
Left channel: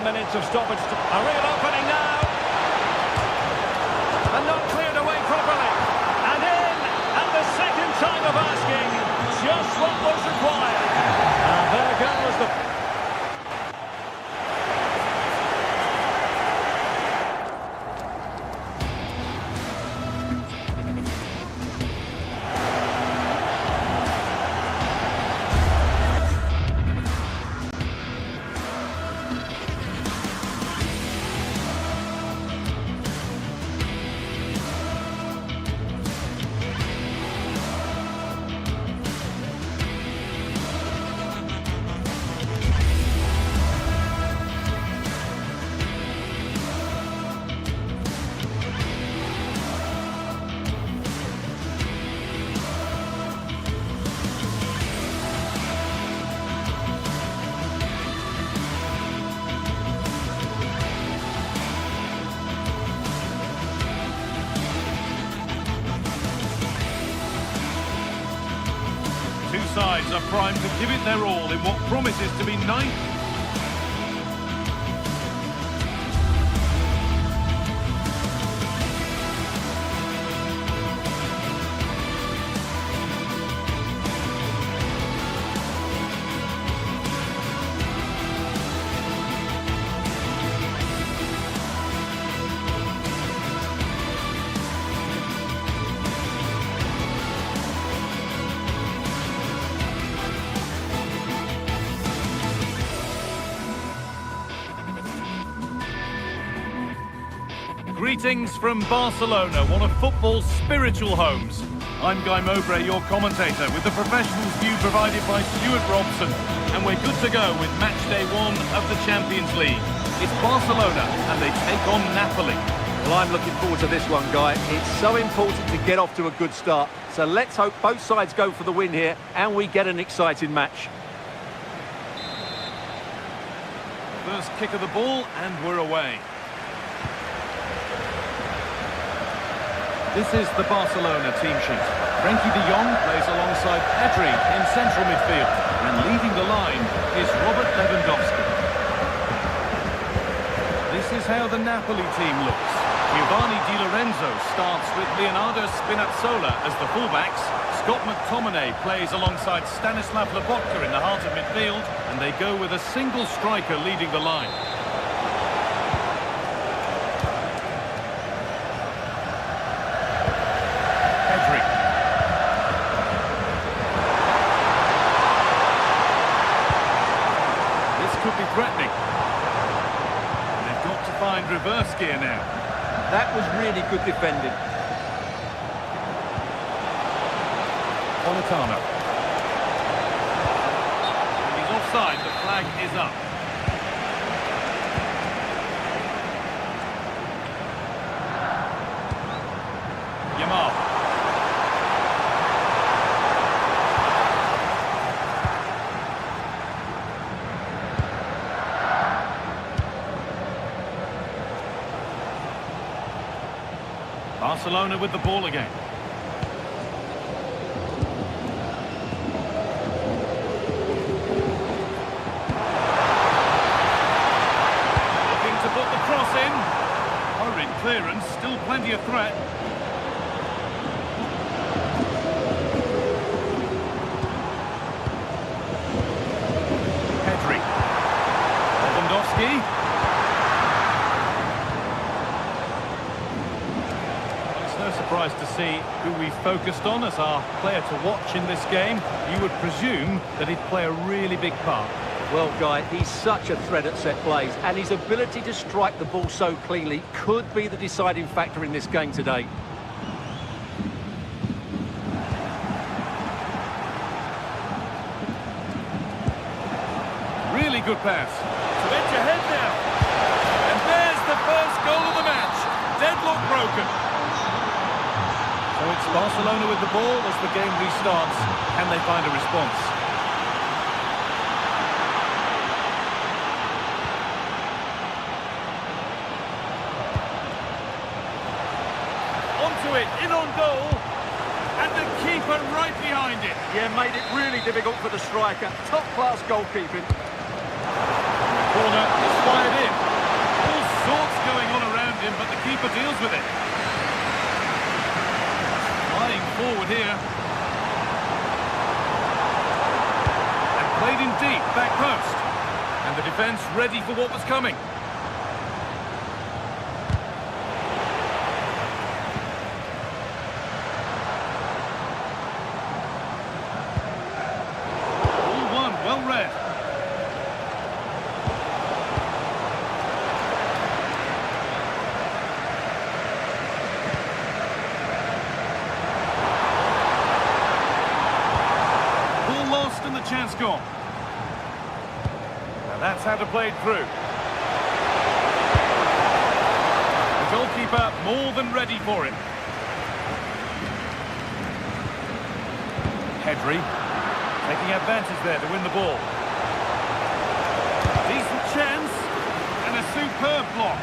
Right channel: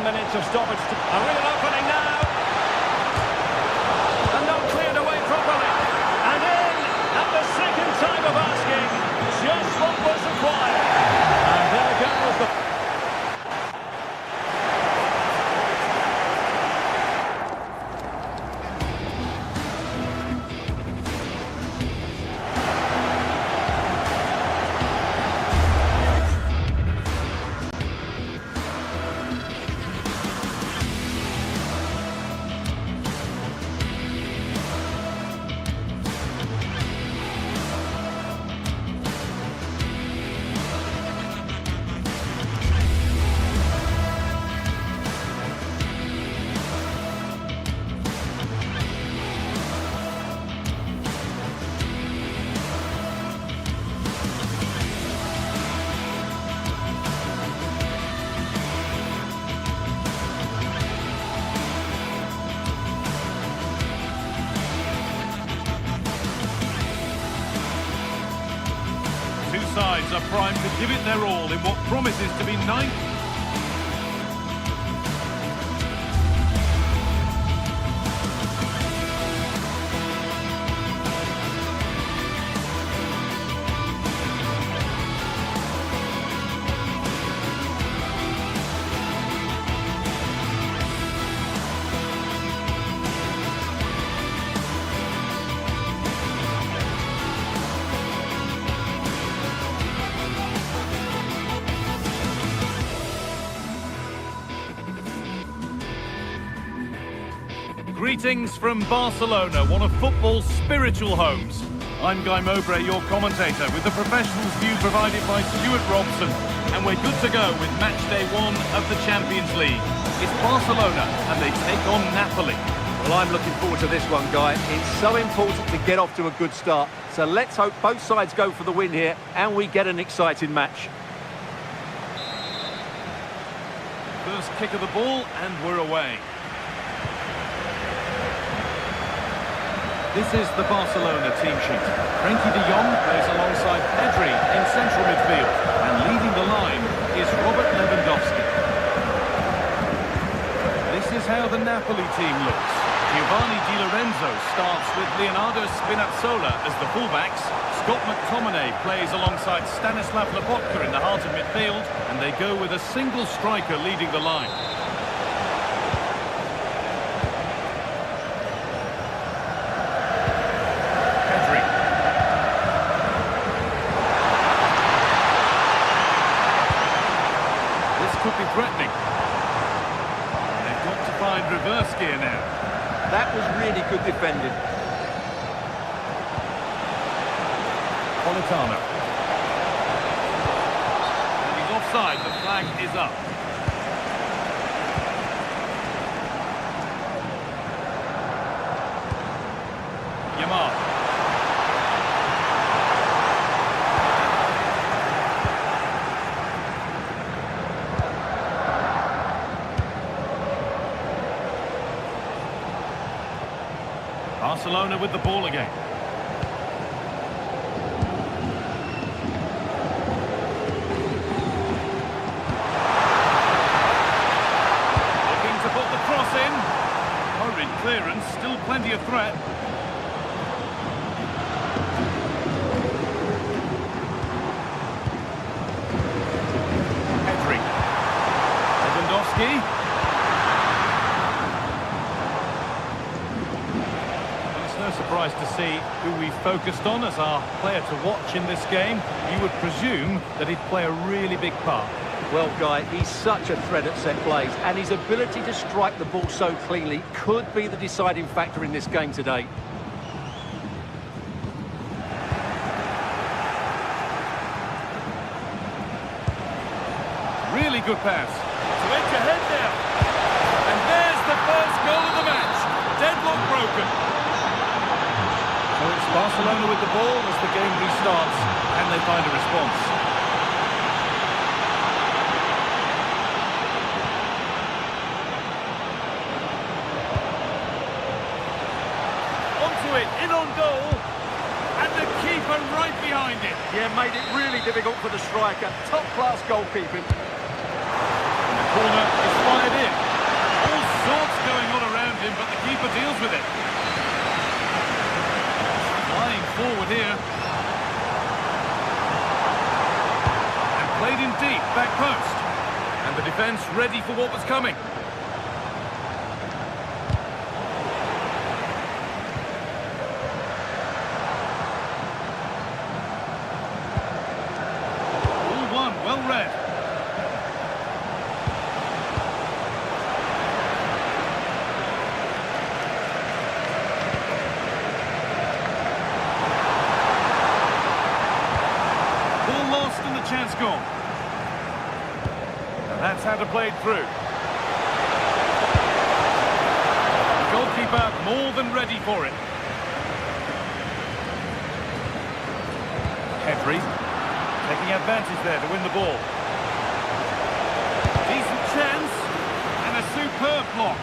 Minutes of stoppage. A real opening now. And not cleared away properly. And in at the second time of asking. Just what was required. And there goes the... Two sides are primed to give it their all in what promises to be ninth. Greetings from Barcelona, one of football's spiritual homes. I'm Guy Mowbray, your commentator, with the professionals' view provided by Stuart Robson. And we're good to go with match day 1 of the Champions League. It's Barcelona, and they take on Napoli. Well, I'm looking forward to this one, Guy. It's so important to get off to a good start. So let's hope both sides go for the win here, and we get an exciting match. First kick of the ball, and we're away. This is the Barcelona team sheet. Frenkie de Jong plays alongside Pedri in central midfield. And leading the line is Robert Lewandowski. This is how the Napoli team looks. Giovanni Di Lorenzo starts with Leonardo Spinazzola as the fullbacks. Scott McTominay plays alongside Stanislav Lobotka in the heart of midfield. And they go with a single striker leading the line. Could be threatening. And they've got to find reverse gear now. That was really good defending. Politano. And he's offside. The flag is up. Yamal. Barcelona with the ball again. Looking to put the cross in. Hurried clearance, still plenty of threat. Pedri. Lewandowski. surprised to see who we focused on as our player to watch in this game. You would presume that he'd play a really big part. Well, Guy, he's such a threat at set plays, and his ability to strike the ball so cleanly could be the deciding factor in this game today. Really good pass. To edge ahead now. And there's the first goal of the match. Deadlock broken. So it's Barcelona with the ball as the game restarts. Can they find a response? Onto it, in on goal. And the keeper right behind it. Yeah, made it really difficult for the striker. Top-class goalkeeping. And the corner is fired in. All sorts going on around him, but the keeper deals with it. Flying forward here. And played in deep, back post. And the defence ready for what was coming. All one, well read. Ball lost and the chance gone. Now that's how to play it through. The goalkeeper more than ready for it. Pedri taking advantage there to win the ball. Decent chance and a superb block.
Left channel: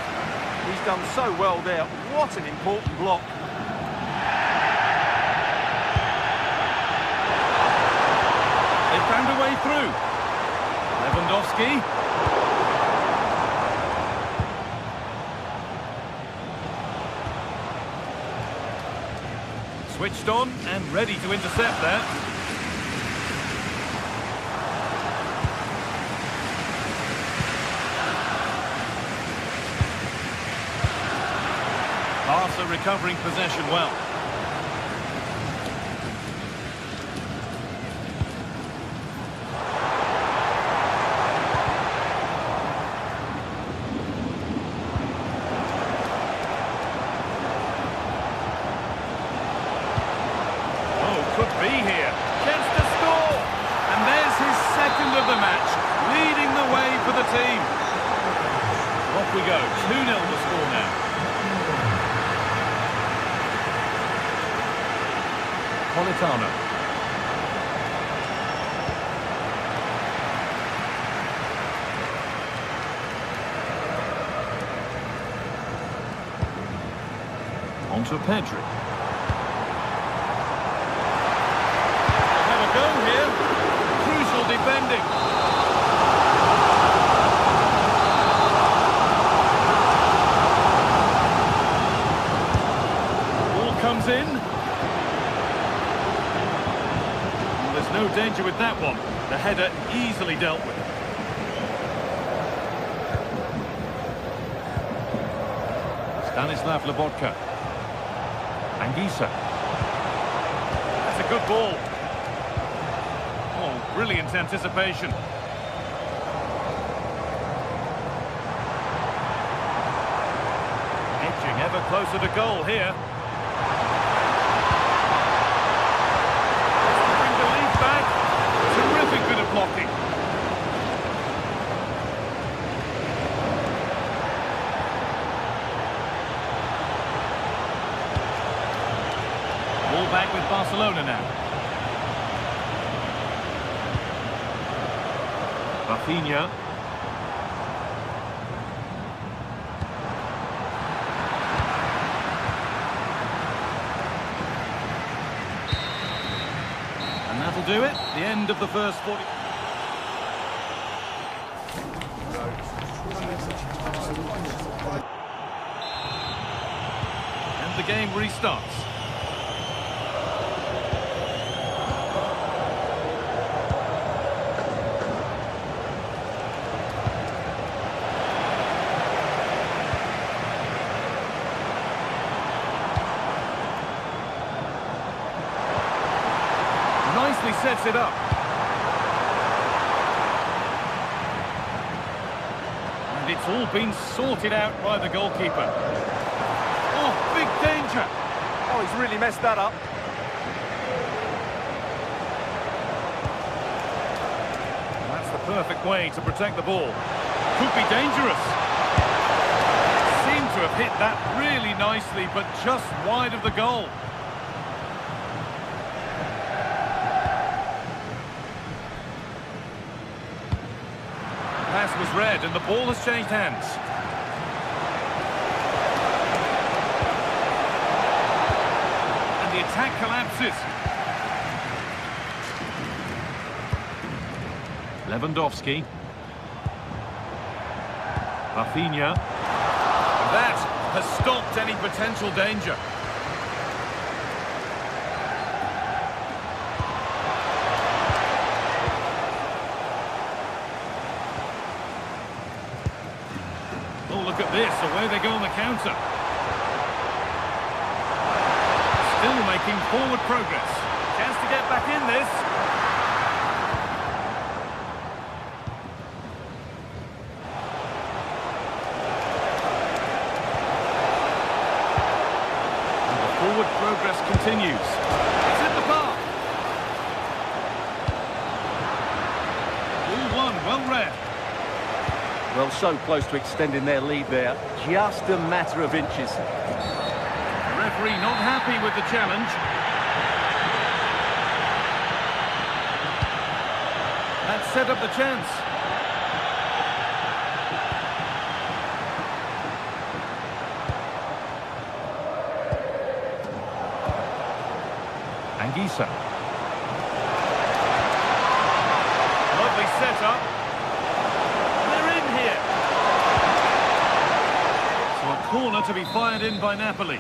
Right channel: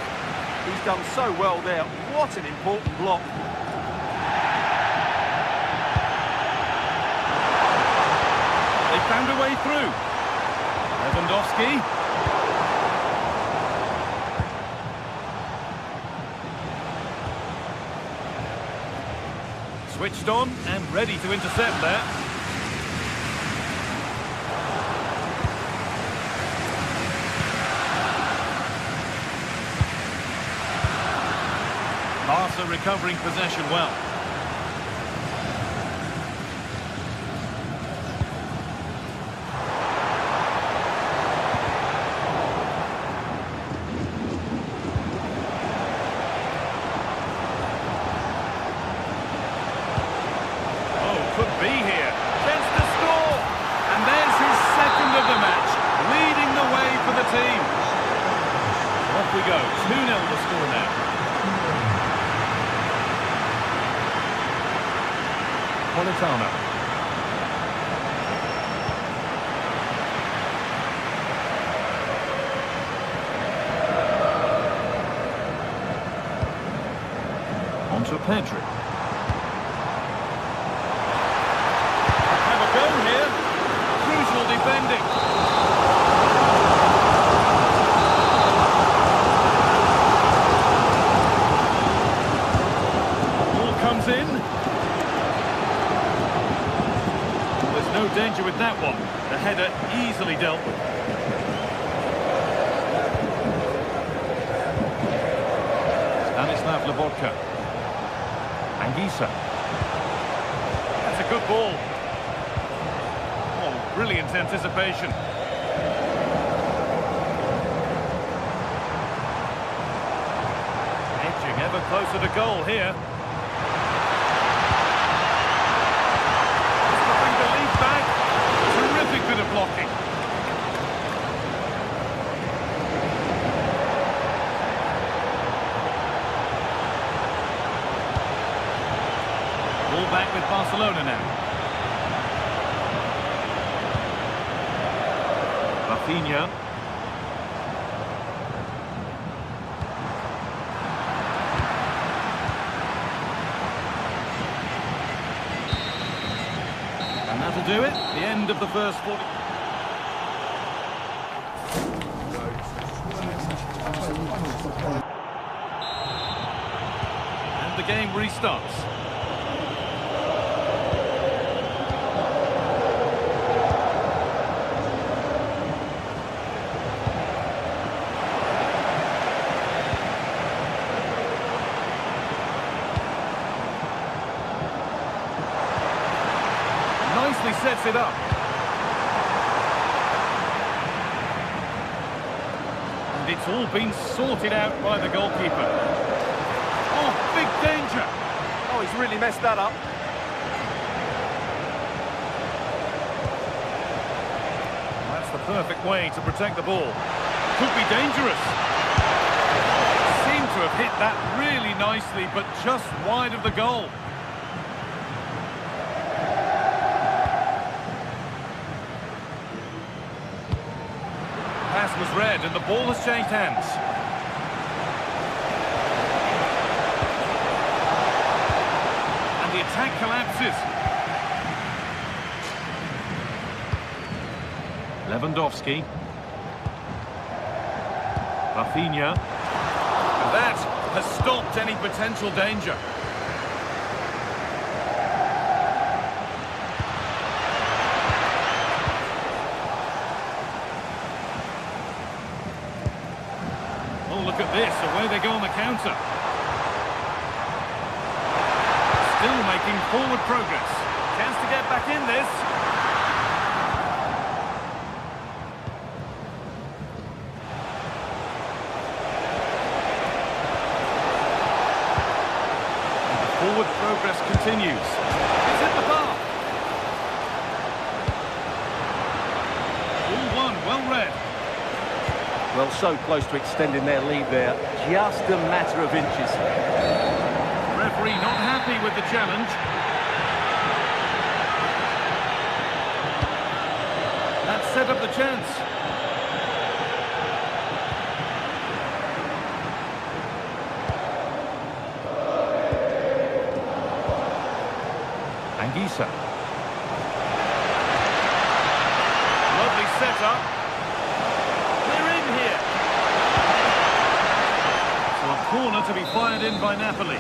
He's done so well there. What an important block. They found a way through. Lewandowski. Switched on and ready to intercept there. Barca recovering possession well. Could be here. Chance to score. And there's his second of the match, leading the way for the team. So off we go. 2-0 the score now. Politano. On to Pedri. Go here. Crucial defending. Ball comes in. Well, there's no danger with that one. The header easily dealt with. Stanislav Lobotka. Anguissa. That's a good ball. Oh, brilliant anticipation. Edging ever closer to goal here. Wants to bring the lead back. Terrific bit of blocking. Ball back with Barcelona now. Rafinha. And that'll do it. The end of the first 40. And the game restarts. nicely sets it up. And it's all been sorted out by the goalkeeper. Oh, big danger. Oh, he's really messed that up. That's the perfect way to protect the ball. Could be dangerous. Seemed to have hit that really nicely, but just wide of the goal. Pass was read and the ball has changed hands. And the attack collapses. Lewandowski. Rafinha. And that has stopped any potential danger. Oh, look at this. Away they go on the counter. Still making forward progress. Chance to get back in this. Forward progress continues. It's hit the bar. All one, well read. Well, so close to extending their lead there. Just a matter of inches. The referee not happy with the challenge. That set up the chance. Anguissa. Lovely setup. They're in here. So a corner to be fired in by Napoli.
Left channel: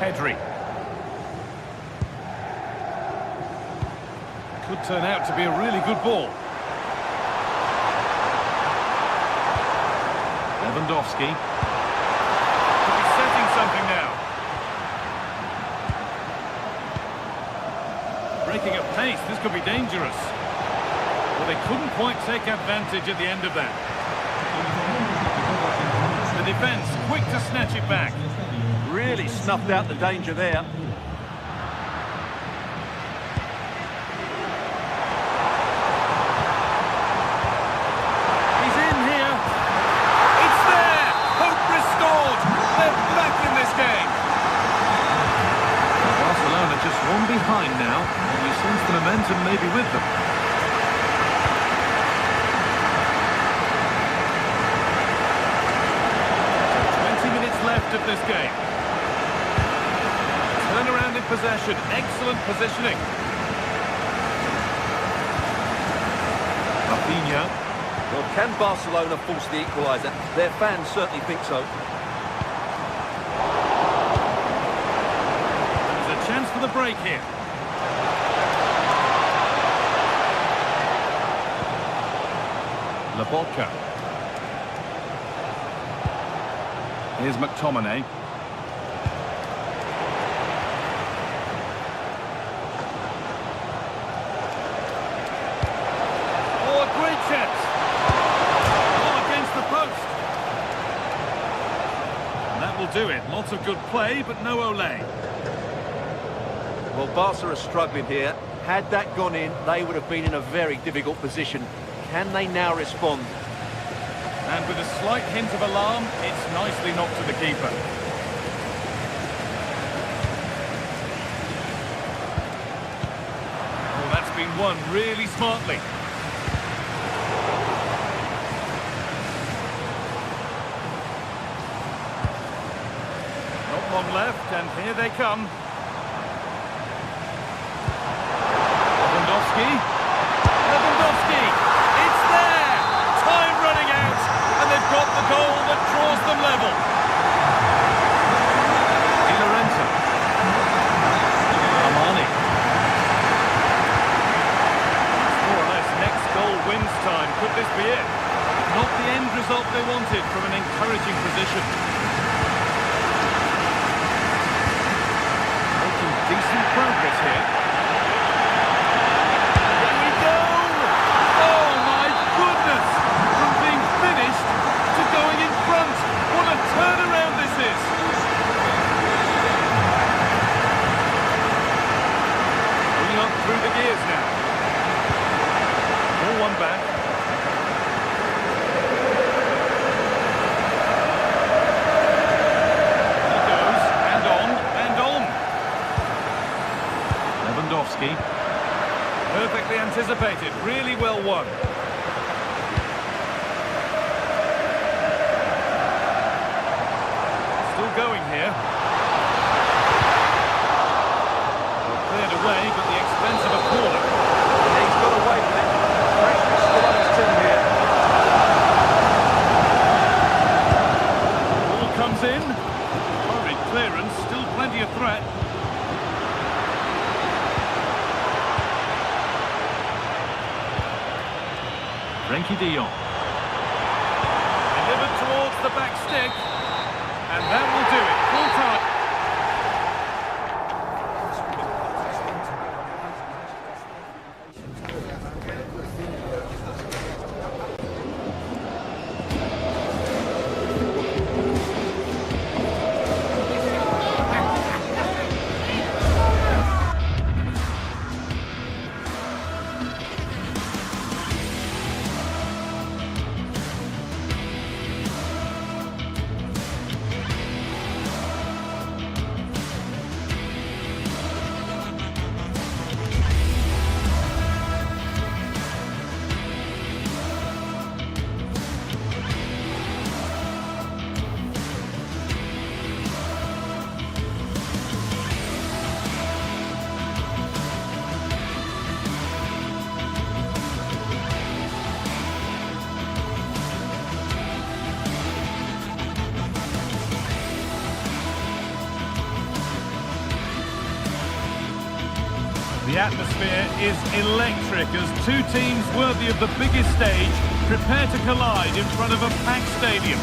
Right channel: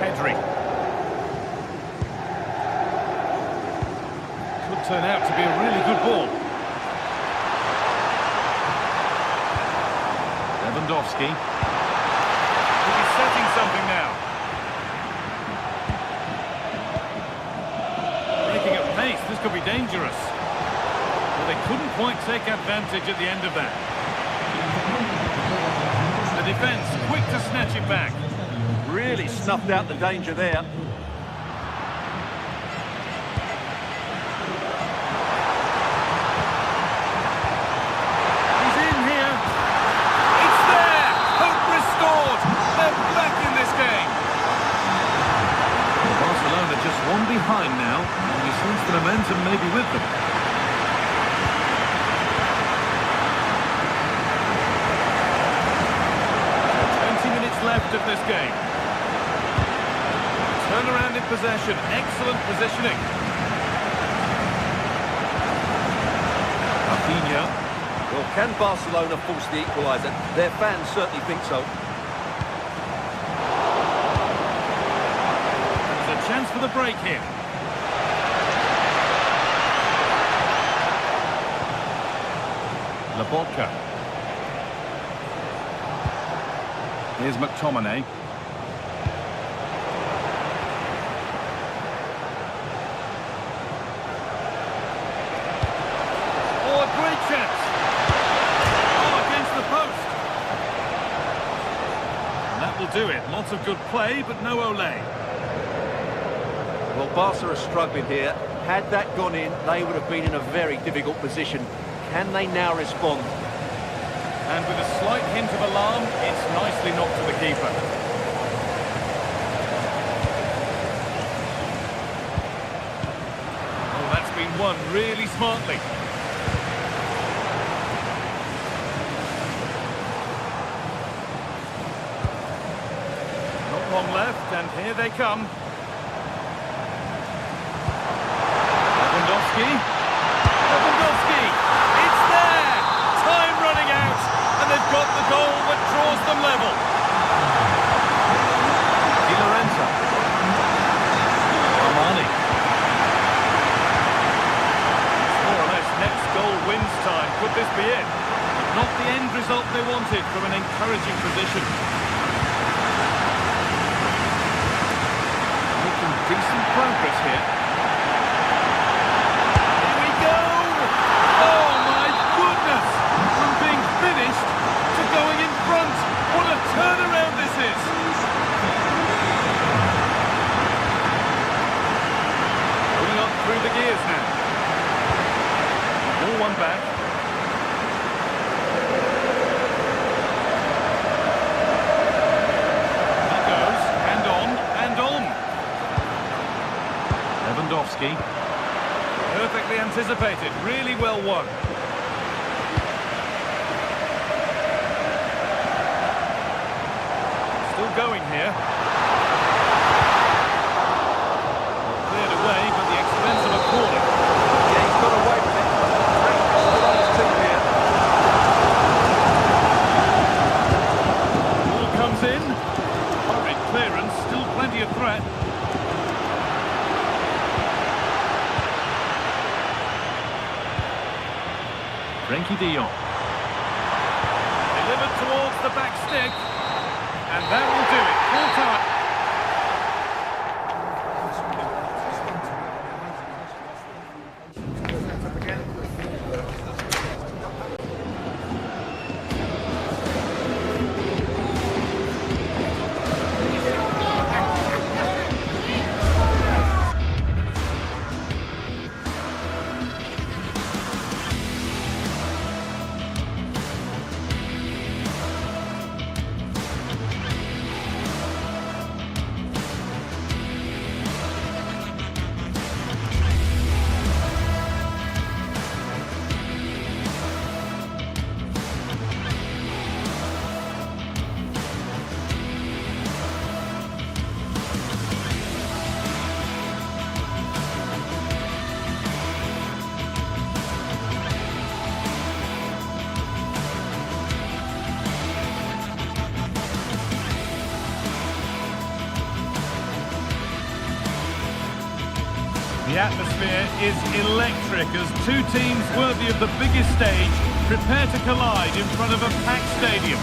Pedri. Could turn out to be a really good ball. Lewandowski. Could be setting something now. Breaking at pace, this could be dangerous. Well, they couldn't quite take advantage at the end of that. The defence quick to snatch it back. Really snuffed out the danger there. They're back in this game. Well, Barcelona just one behind now, and you sense the momentum maybe with them. So 20 minutes left of this game. Turnaround in possession, excellent positioning. Rafinha. Well, can Barcelona force the equaliser? Their fans certainly think so. There's a chance for the break here. Laporta. Here's McTominay. Oh, a great chance. Oh, against the post. And that will do it. Lots of good play, but no Olé. Well, Barca are struggling here. Had that gone in, they would have been in a very difficult position. Can they now respond? And with a slight hint of alarm, it's nicely knocked to the keeper. Oh, that's been won really smartly. Not long left, and here they come. Lewandowski, it's there! Time running out, and they've got the goal that draws them level. Di Lorenzo. Armani. It's more or less next goal wins time. Could this be it? It Not the end result they wanted from an encouraging position. Making decent progress here. Here we go! Oh my goodness! From being finished to going in front. What a turnaround this is! Going up through the gears now. Ball one back. He goes, and on, and on. Lewandowski. Perfectly anticipated, really well won. Still going here. Well, cleared away, but the expense of a corner. Yeah, he's got away with it. Pressure is still on his team here. Ball comes in. Hurried clearance, still plenty of threat. Frenkie de Jong. Delivered towards the back stick. And that will do it. Full time. The atmosphere is electric as two teams worthy of the biggest stage prepare to collide in front of a packed stadium.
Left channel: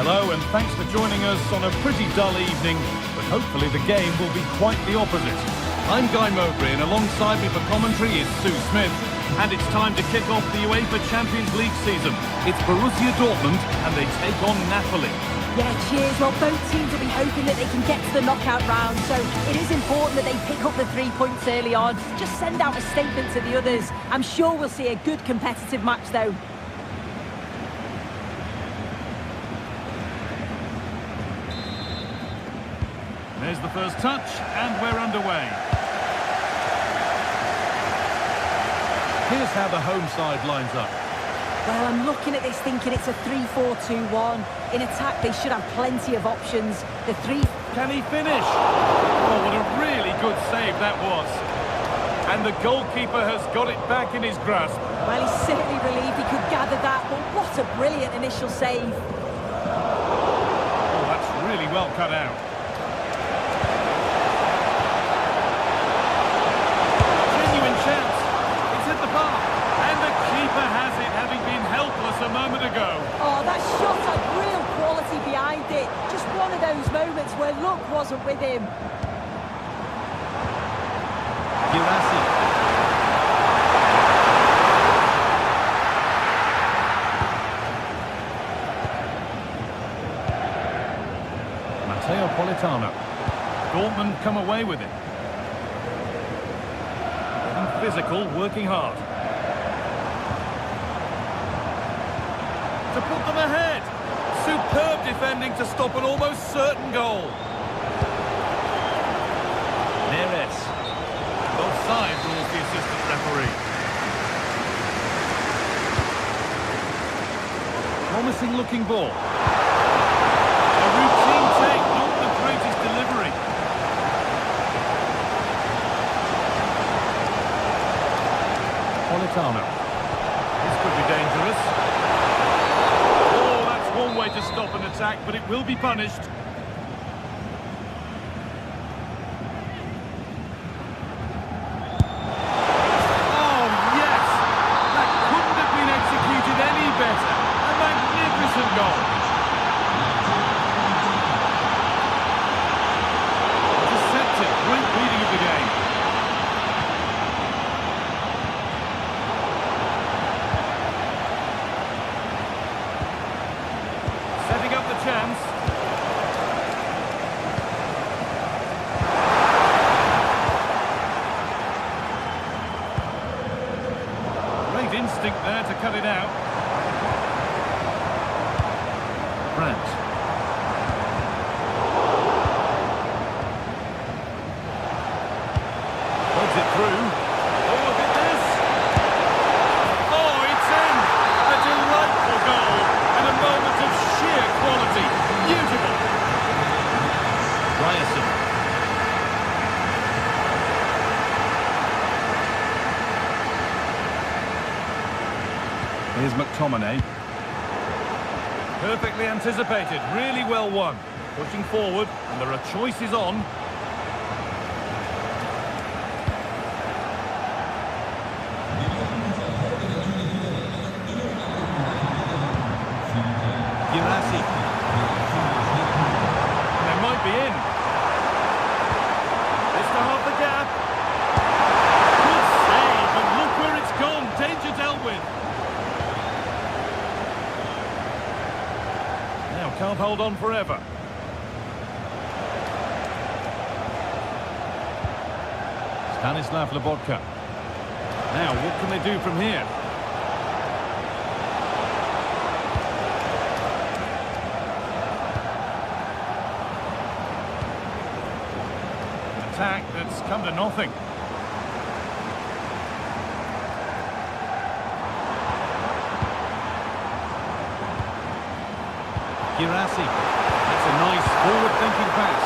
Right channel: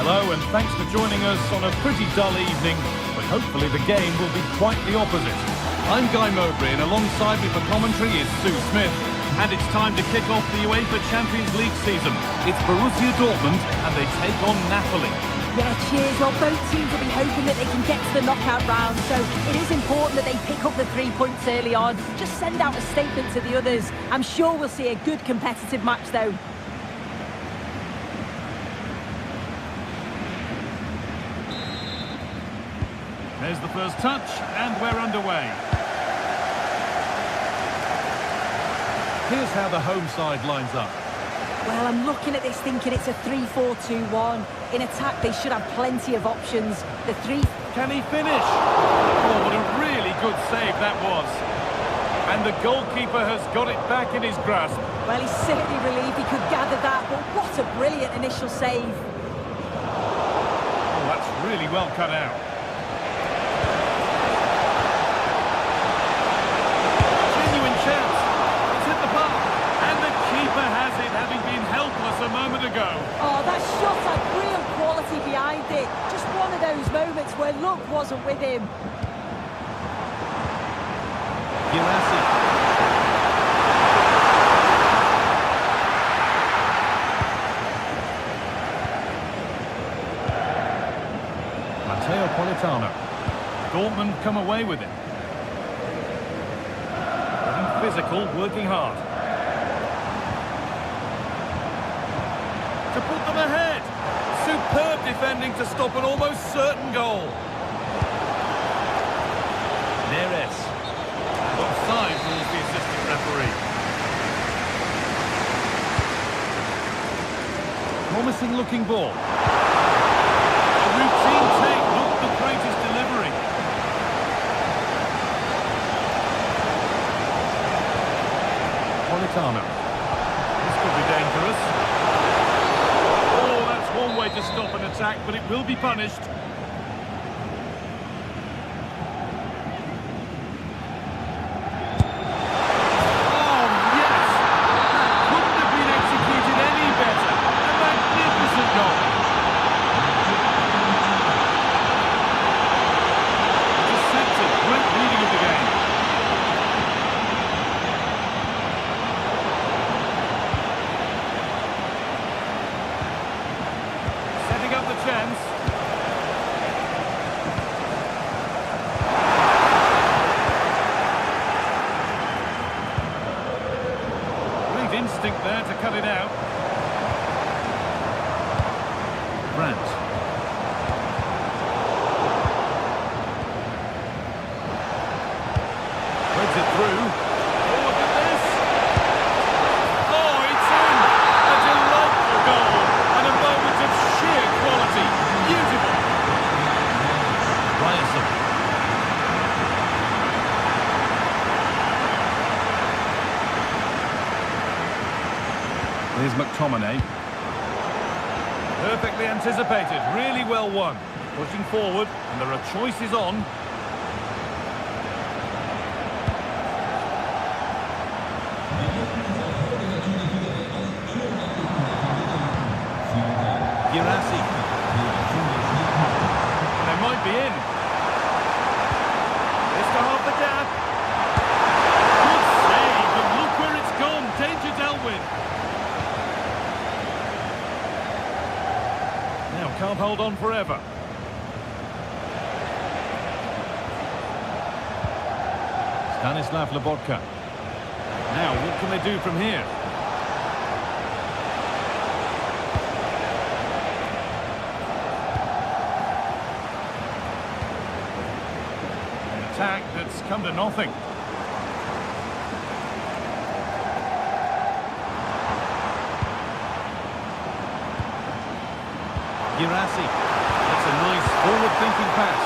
Hello and thanks for joining us on a pretty dull evening, but hopefully the game will be quite the opposite. I'm Guy Mowbray and alongside me for commentary is Sue Smith. And it's time to kick off the UEFA Champions League season. It's Borussia Dortmund and they take on Napoli. Yeah, cheers. Well, both teams will be hoping that they can get to the knockout round, so it is important that they pick up the 3 points early on. Just send out a statement to the others. I'm sure we'll see a good competitive match, though. There's the first touch, and we're underway. Here's how the home side lines up. Well, I'm looking at this thinking it's a 3-4-2-1. In attack, they should have plenty of options. The three... Can he finish? Oh, what a really good save that was. And the goalkeeper has got it back in his grasp. Well, he's certainly relieved he could gather that, but what a brilliant initial save. Oh, that's really well cut out. Genuine chance. It's hit the bar. And the keeper has it, having been helpless a moment ago. Oh, that shot had real quality behind it. Just one of those moments where luck wasn't with him. Girassi. Matteo Politano. Dortmund come away with it. Getting physical, working hard. To put them ahead. Superb defending to stop an almost certain goal. Neres. And offside rules the assistant referee. Promising looking ball. A routine take, not the greatest delivery. Politano. This could be dangerous. One way to stop an attack, but it will be punished. Oh, yes! That chance. Great instinct there to cut it out. Brandt. Threads it through. Oh, look at this! Oh, it's in! A delightful goal and a moment of sheer quality. Beautiful! Ryerson. Here's McTominay. Perfectly anticipated, really well won. Pushing forward, and there are choices on. Girassi. And they might be in. This to half the gap. Good save, and look where it's gone. Danger dealt with. Now can't hold on forever. Stanislav Lobotka. Now, what can they do from here? An attack that's come to nothing. Girassi. That's a nice forward-thinking pass.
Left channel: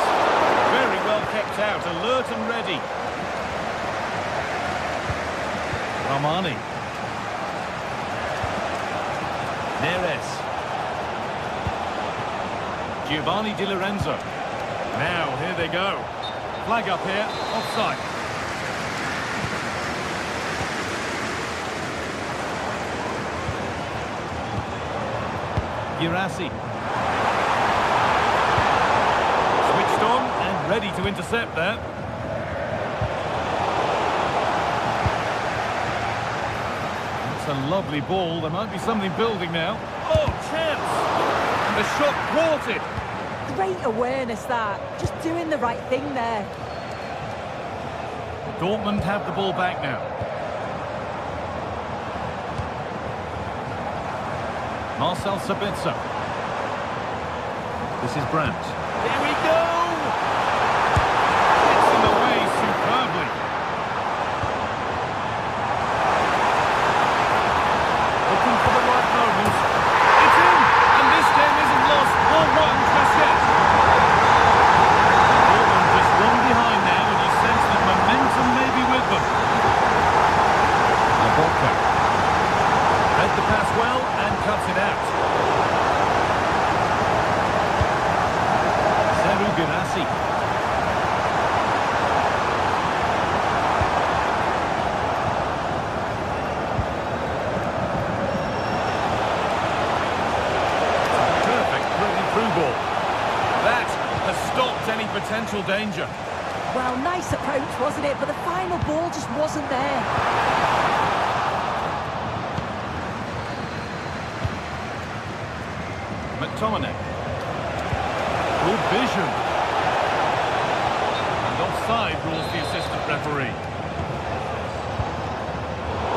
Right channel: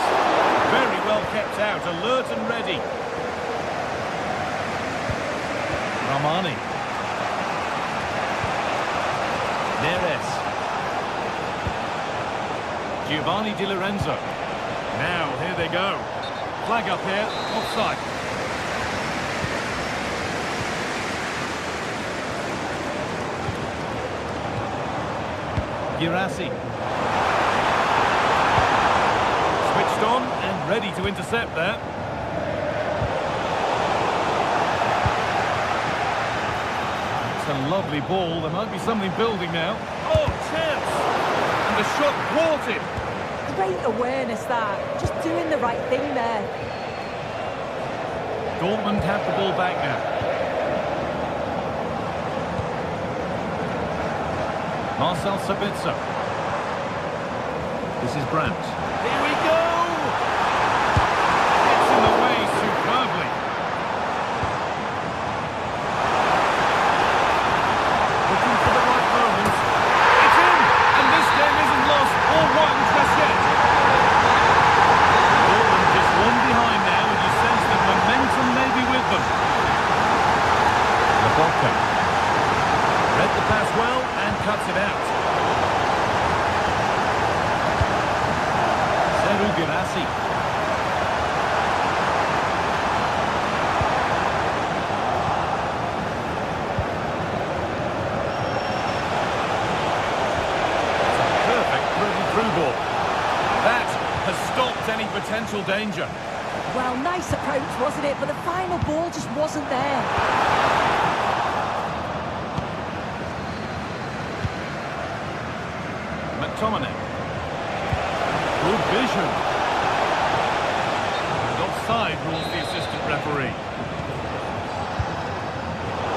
Very well kept out, alert and ready. Ramani. Neres. Giovanni Di Lorenzo. Now, here they go. Flag up here, offside. Girassi. Switched on and ready to intercept there. It's a lovely ball. There might be something building now. Oh, chance! And the shot thwarted. Great awareness that. Just doing the right thing there. Dortmund have the ball back now. Marcel Sabitzer. This is Brandt. Here we go! Gets in the way superbly. Looking for the right moment. It's in! And this game isn't lost or won just yet. Dortmund just one behind now, and you sense that momentum may be with them. Lobotka. Read the pass well and cuts it out. Seru Girassi. It's a perfect threaded-through ball. That has stopped any potential danger. Well, nice approach, wasn't it? But the final ball just wasn't there. McTominay. Good vision. And offside rules the assistant referee.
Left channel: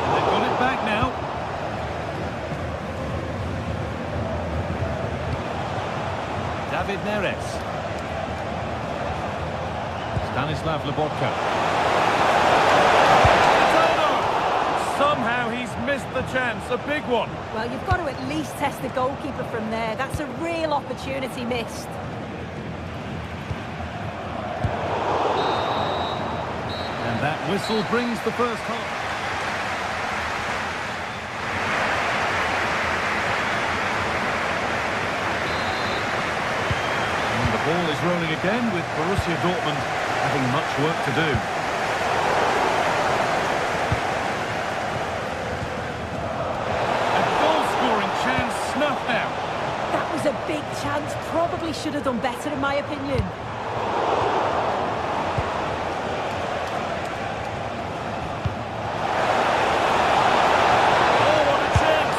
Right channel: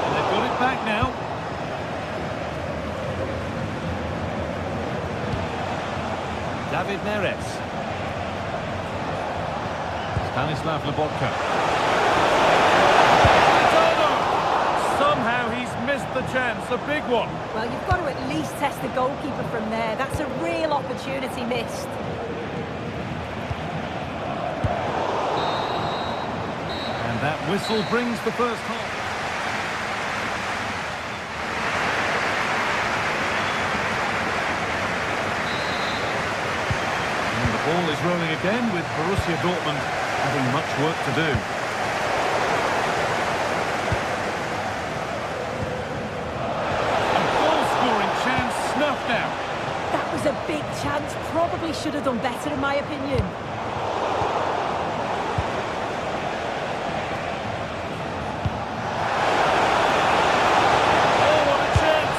And they've got it back now. David Neres. Stanislav Lobotka. Somehow he's missed the chance, a big one. Well, you've got to at least test the goalkeeper from there. That's a real opportunity missed. And that whistle brings the first half. And the ball is rolling again with Borussia Dortmund having much work to do. Chance snuffed out. That was a big chance. Probably should have done better, in my opinion. Oh, what a chance!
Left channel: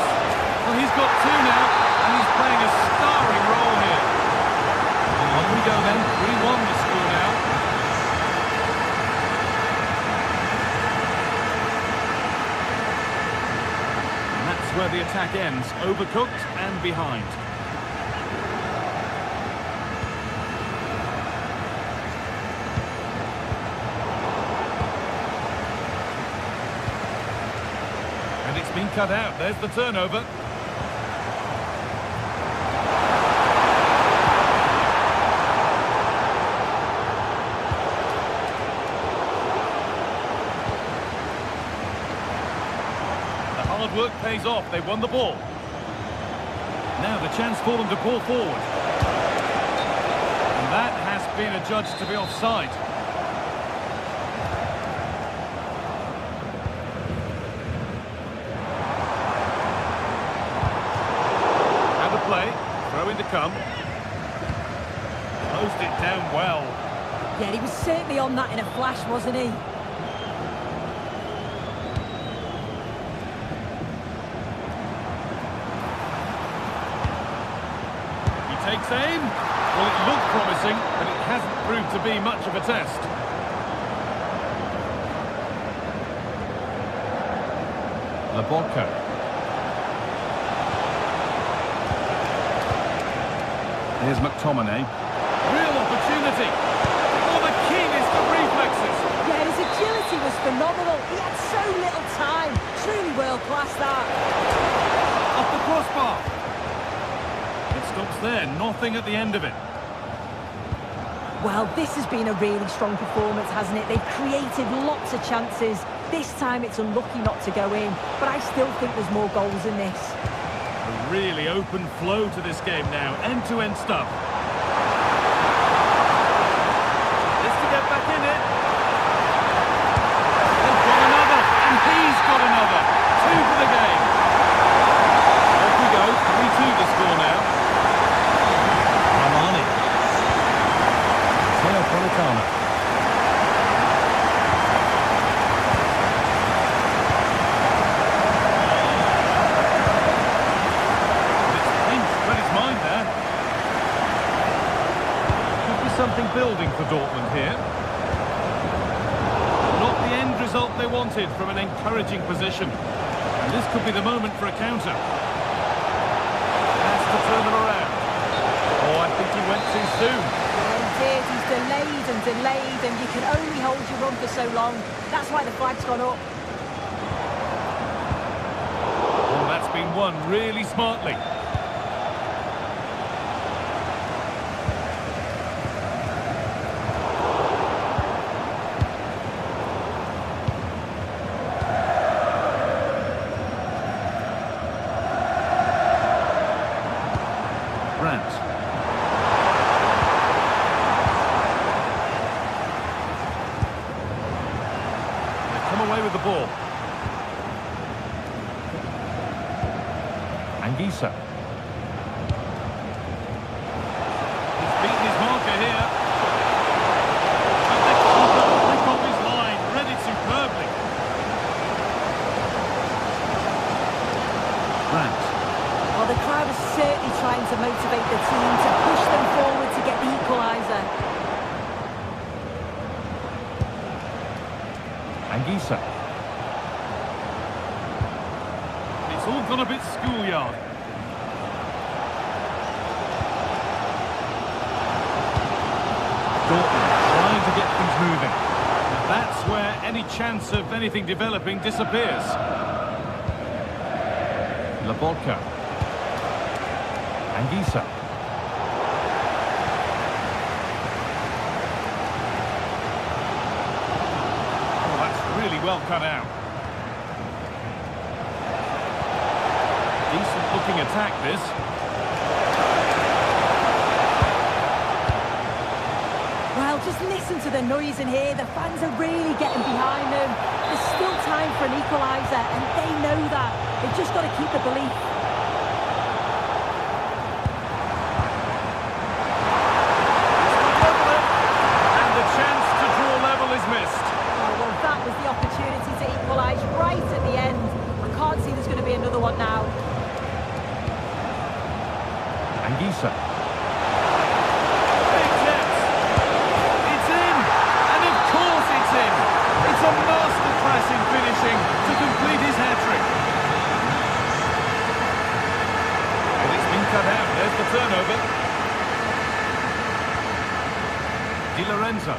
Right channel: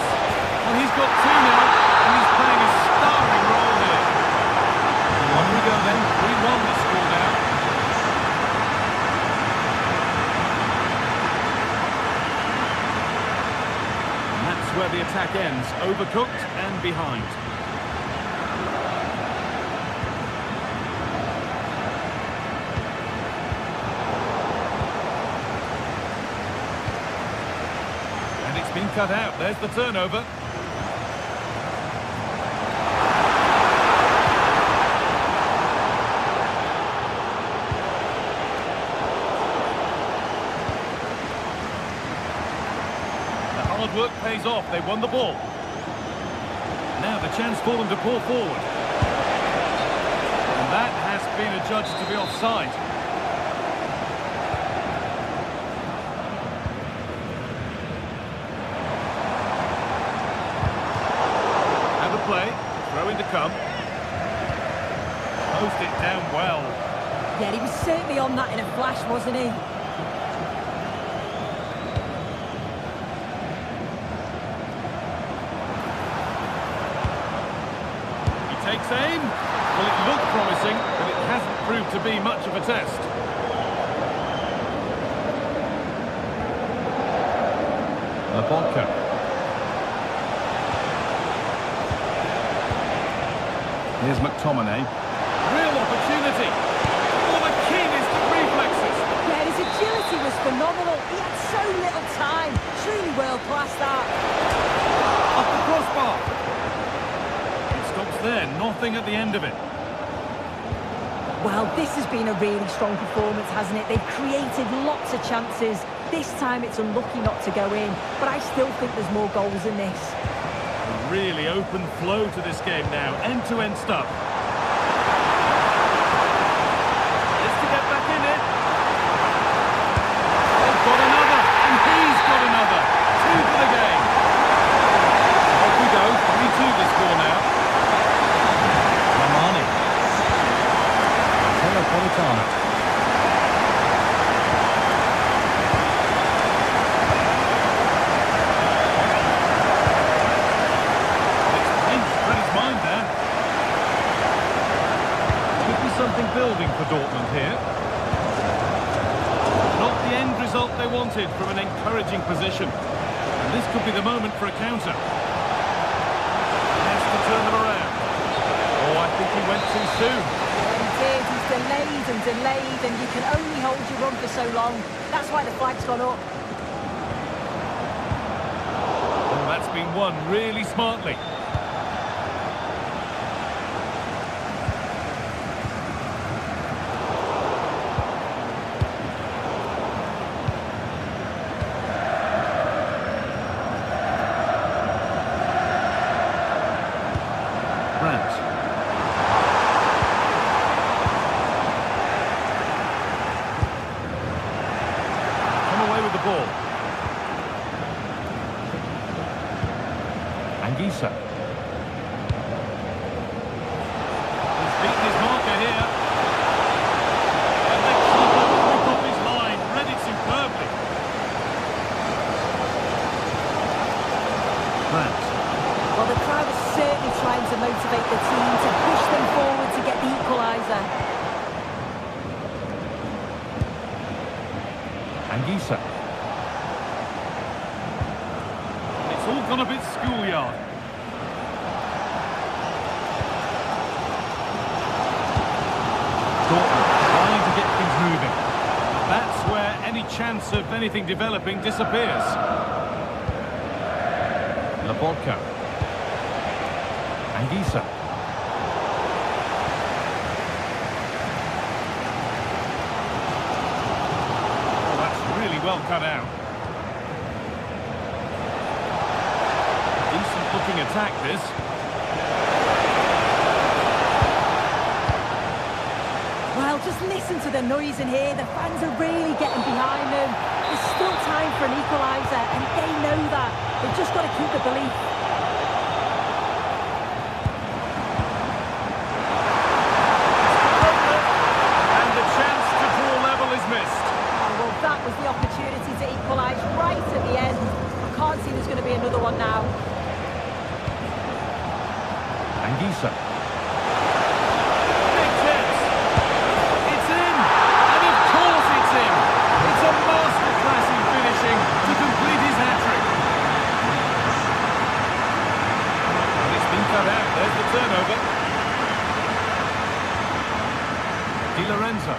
Well, he's got two now, and he's playing a starring role here. we go then. 3-1 the score now. And that's where the attack ends. Overcooked and behind. And it's been cut out. There's the turnover. Hard work pays off. They won the ball. Now the chance for them to pull forward. And that has been adjudged to be offside. Out of play. Throw in to come. Closed it down well. Yeah, he was certainly on that in a flash, wasn't he? Takes aim. Well, it looked promising, but it hasn't proved to be much of a test. Laborca. Here's McTominay. Real opportunity. For the keenest of reflexes. Yeah, his agility was phenomenal. He had so little time. Truly world-class, that. Off the crossbar. Stops there, nothing at the end of it. Well, this has been a really strong performance, hasn't it? They've created lots of chances. This time it's unlucky not to go in, but I still think there's more goals in this. A really open flow to this game now, end-to-end stuff. It's to get back in it. They've got another, and he's got another. 2 for the game. Off we go, 3-2 the score now. Napolitano. It's pinched, read his mind there. Could be something building for Dortmund here. But not the end result they wanted from an encouraging position. And this could be the moment for a counter. Has to turn them around. Oh, I think he went too soon. He's delayed and delayed, and you can only hold your run for so long. That's why the flag's gone up. Oh, that's been won really smartly. Brandt. Away with the ball. Anguissa. He's beaten his marker here. And the keeper flick off his line, read it superbly. Brandt. Well, the crowd is certainly trying to motivate the team to push them forward to get the equaliser. Anguissa. It's all gone a bit schoolyard. Dortmund trying to get things moving. But that's where any chance of anything developing disappears. Laborca. Anguissa. Really well cut out. Decent looking attack, this. Well, just listen to the noise in here. The fans are really getting behind them. There's still time for an equaliser, and they know that. They've just got to keep the belief. And the chance to draw level is missed. Well, that was the opportunity to equalise right at the end. I can't see there's going to be another one now. Anguissa. Big a masterclass in finishing to complete his hat-trick. And it's been cut out. There's the turnover. Di Lorenzo.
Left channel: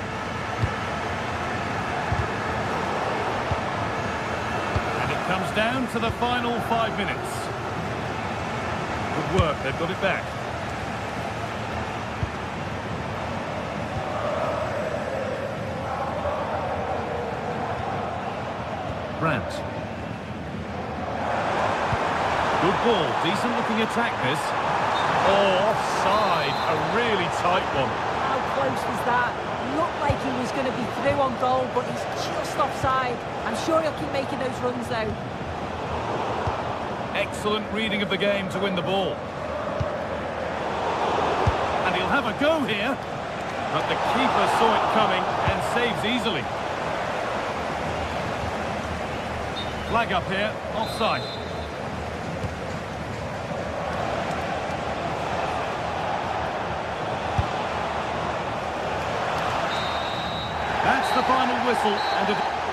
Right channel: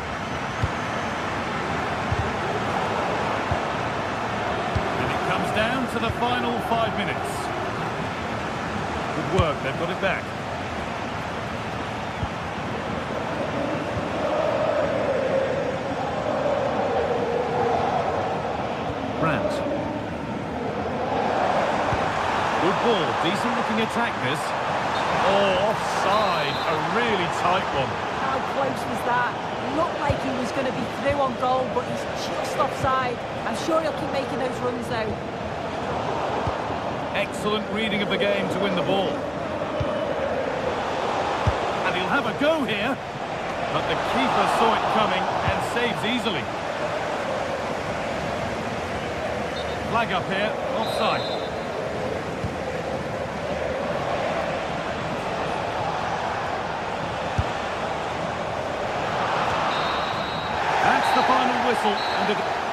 And it comes down to the final 5 minutes. Good work, they've got it back. Brandt. Good ball, decent looking attack this. Oh, offside, a really tight one. How close was that? Looked like he was going to be through on goal, but he's just offside. I'm sure he'll keep making those runs though. Excellent reading of the game to win the ball. And he'll have a go here. But the keeper saw it coming and saves easily. Flag up here, offside. That's the final whistle, and it...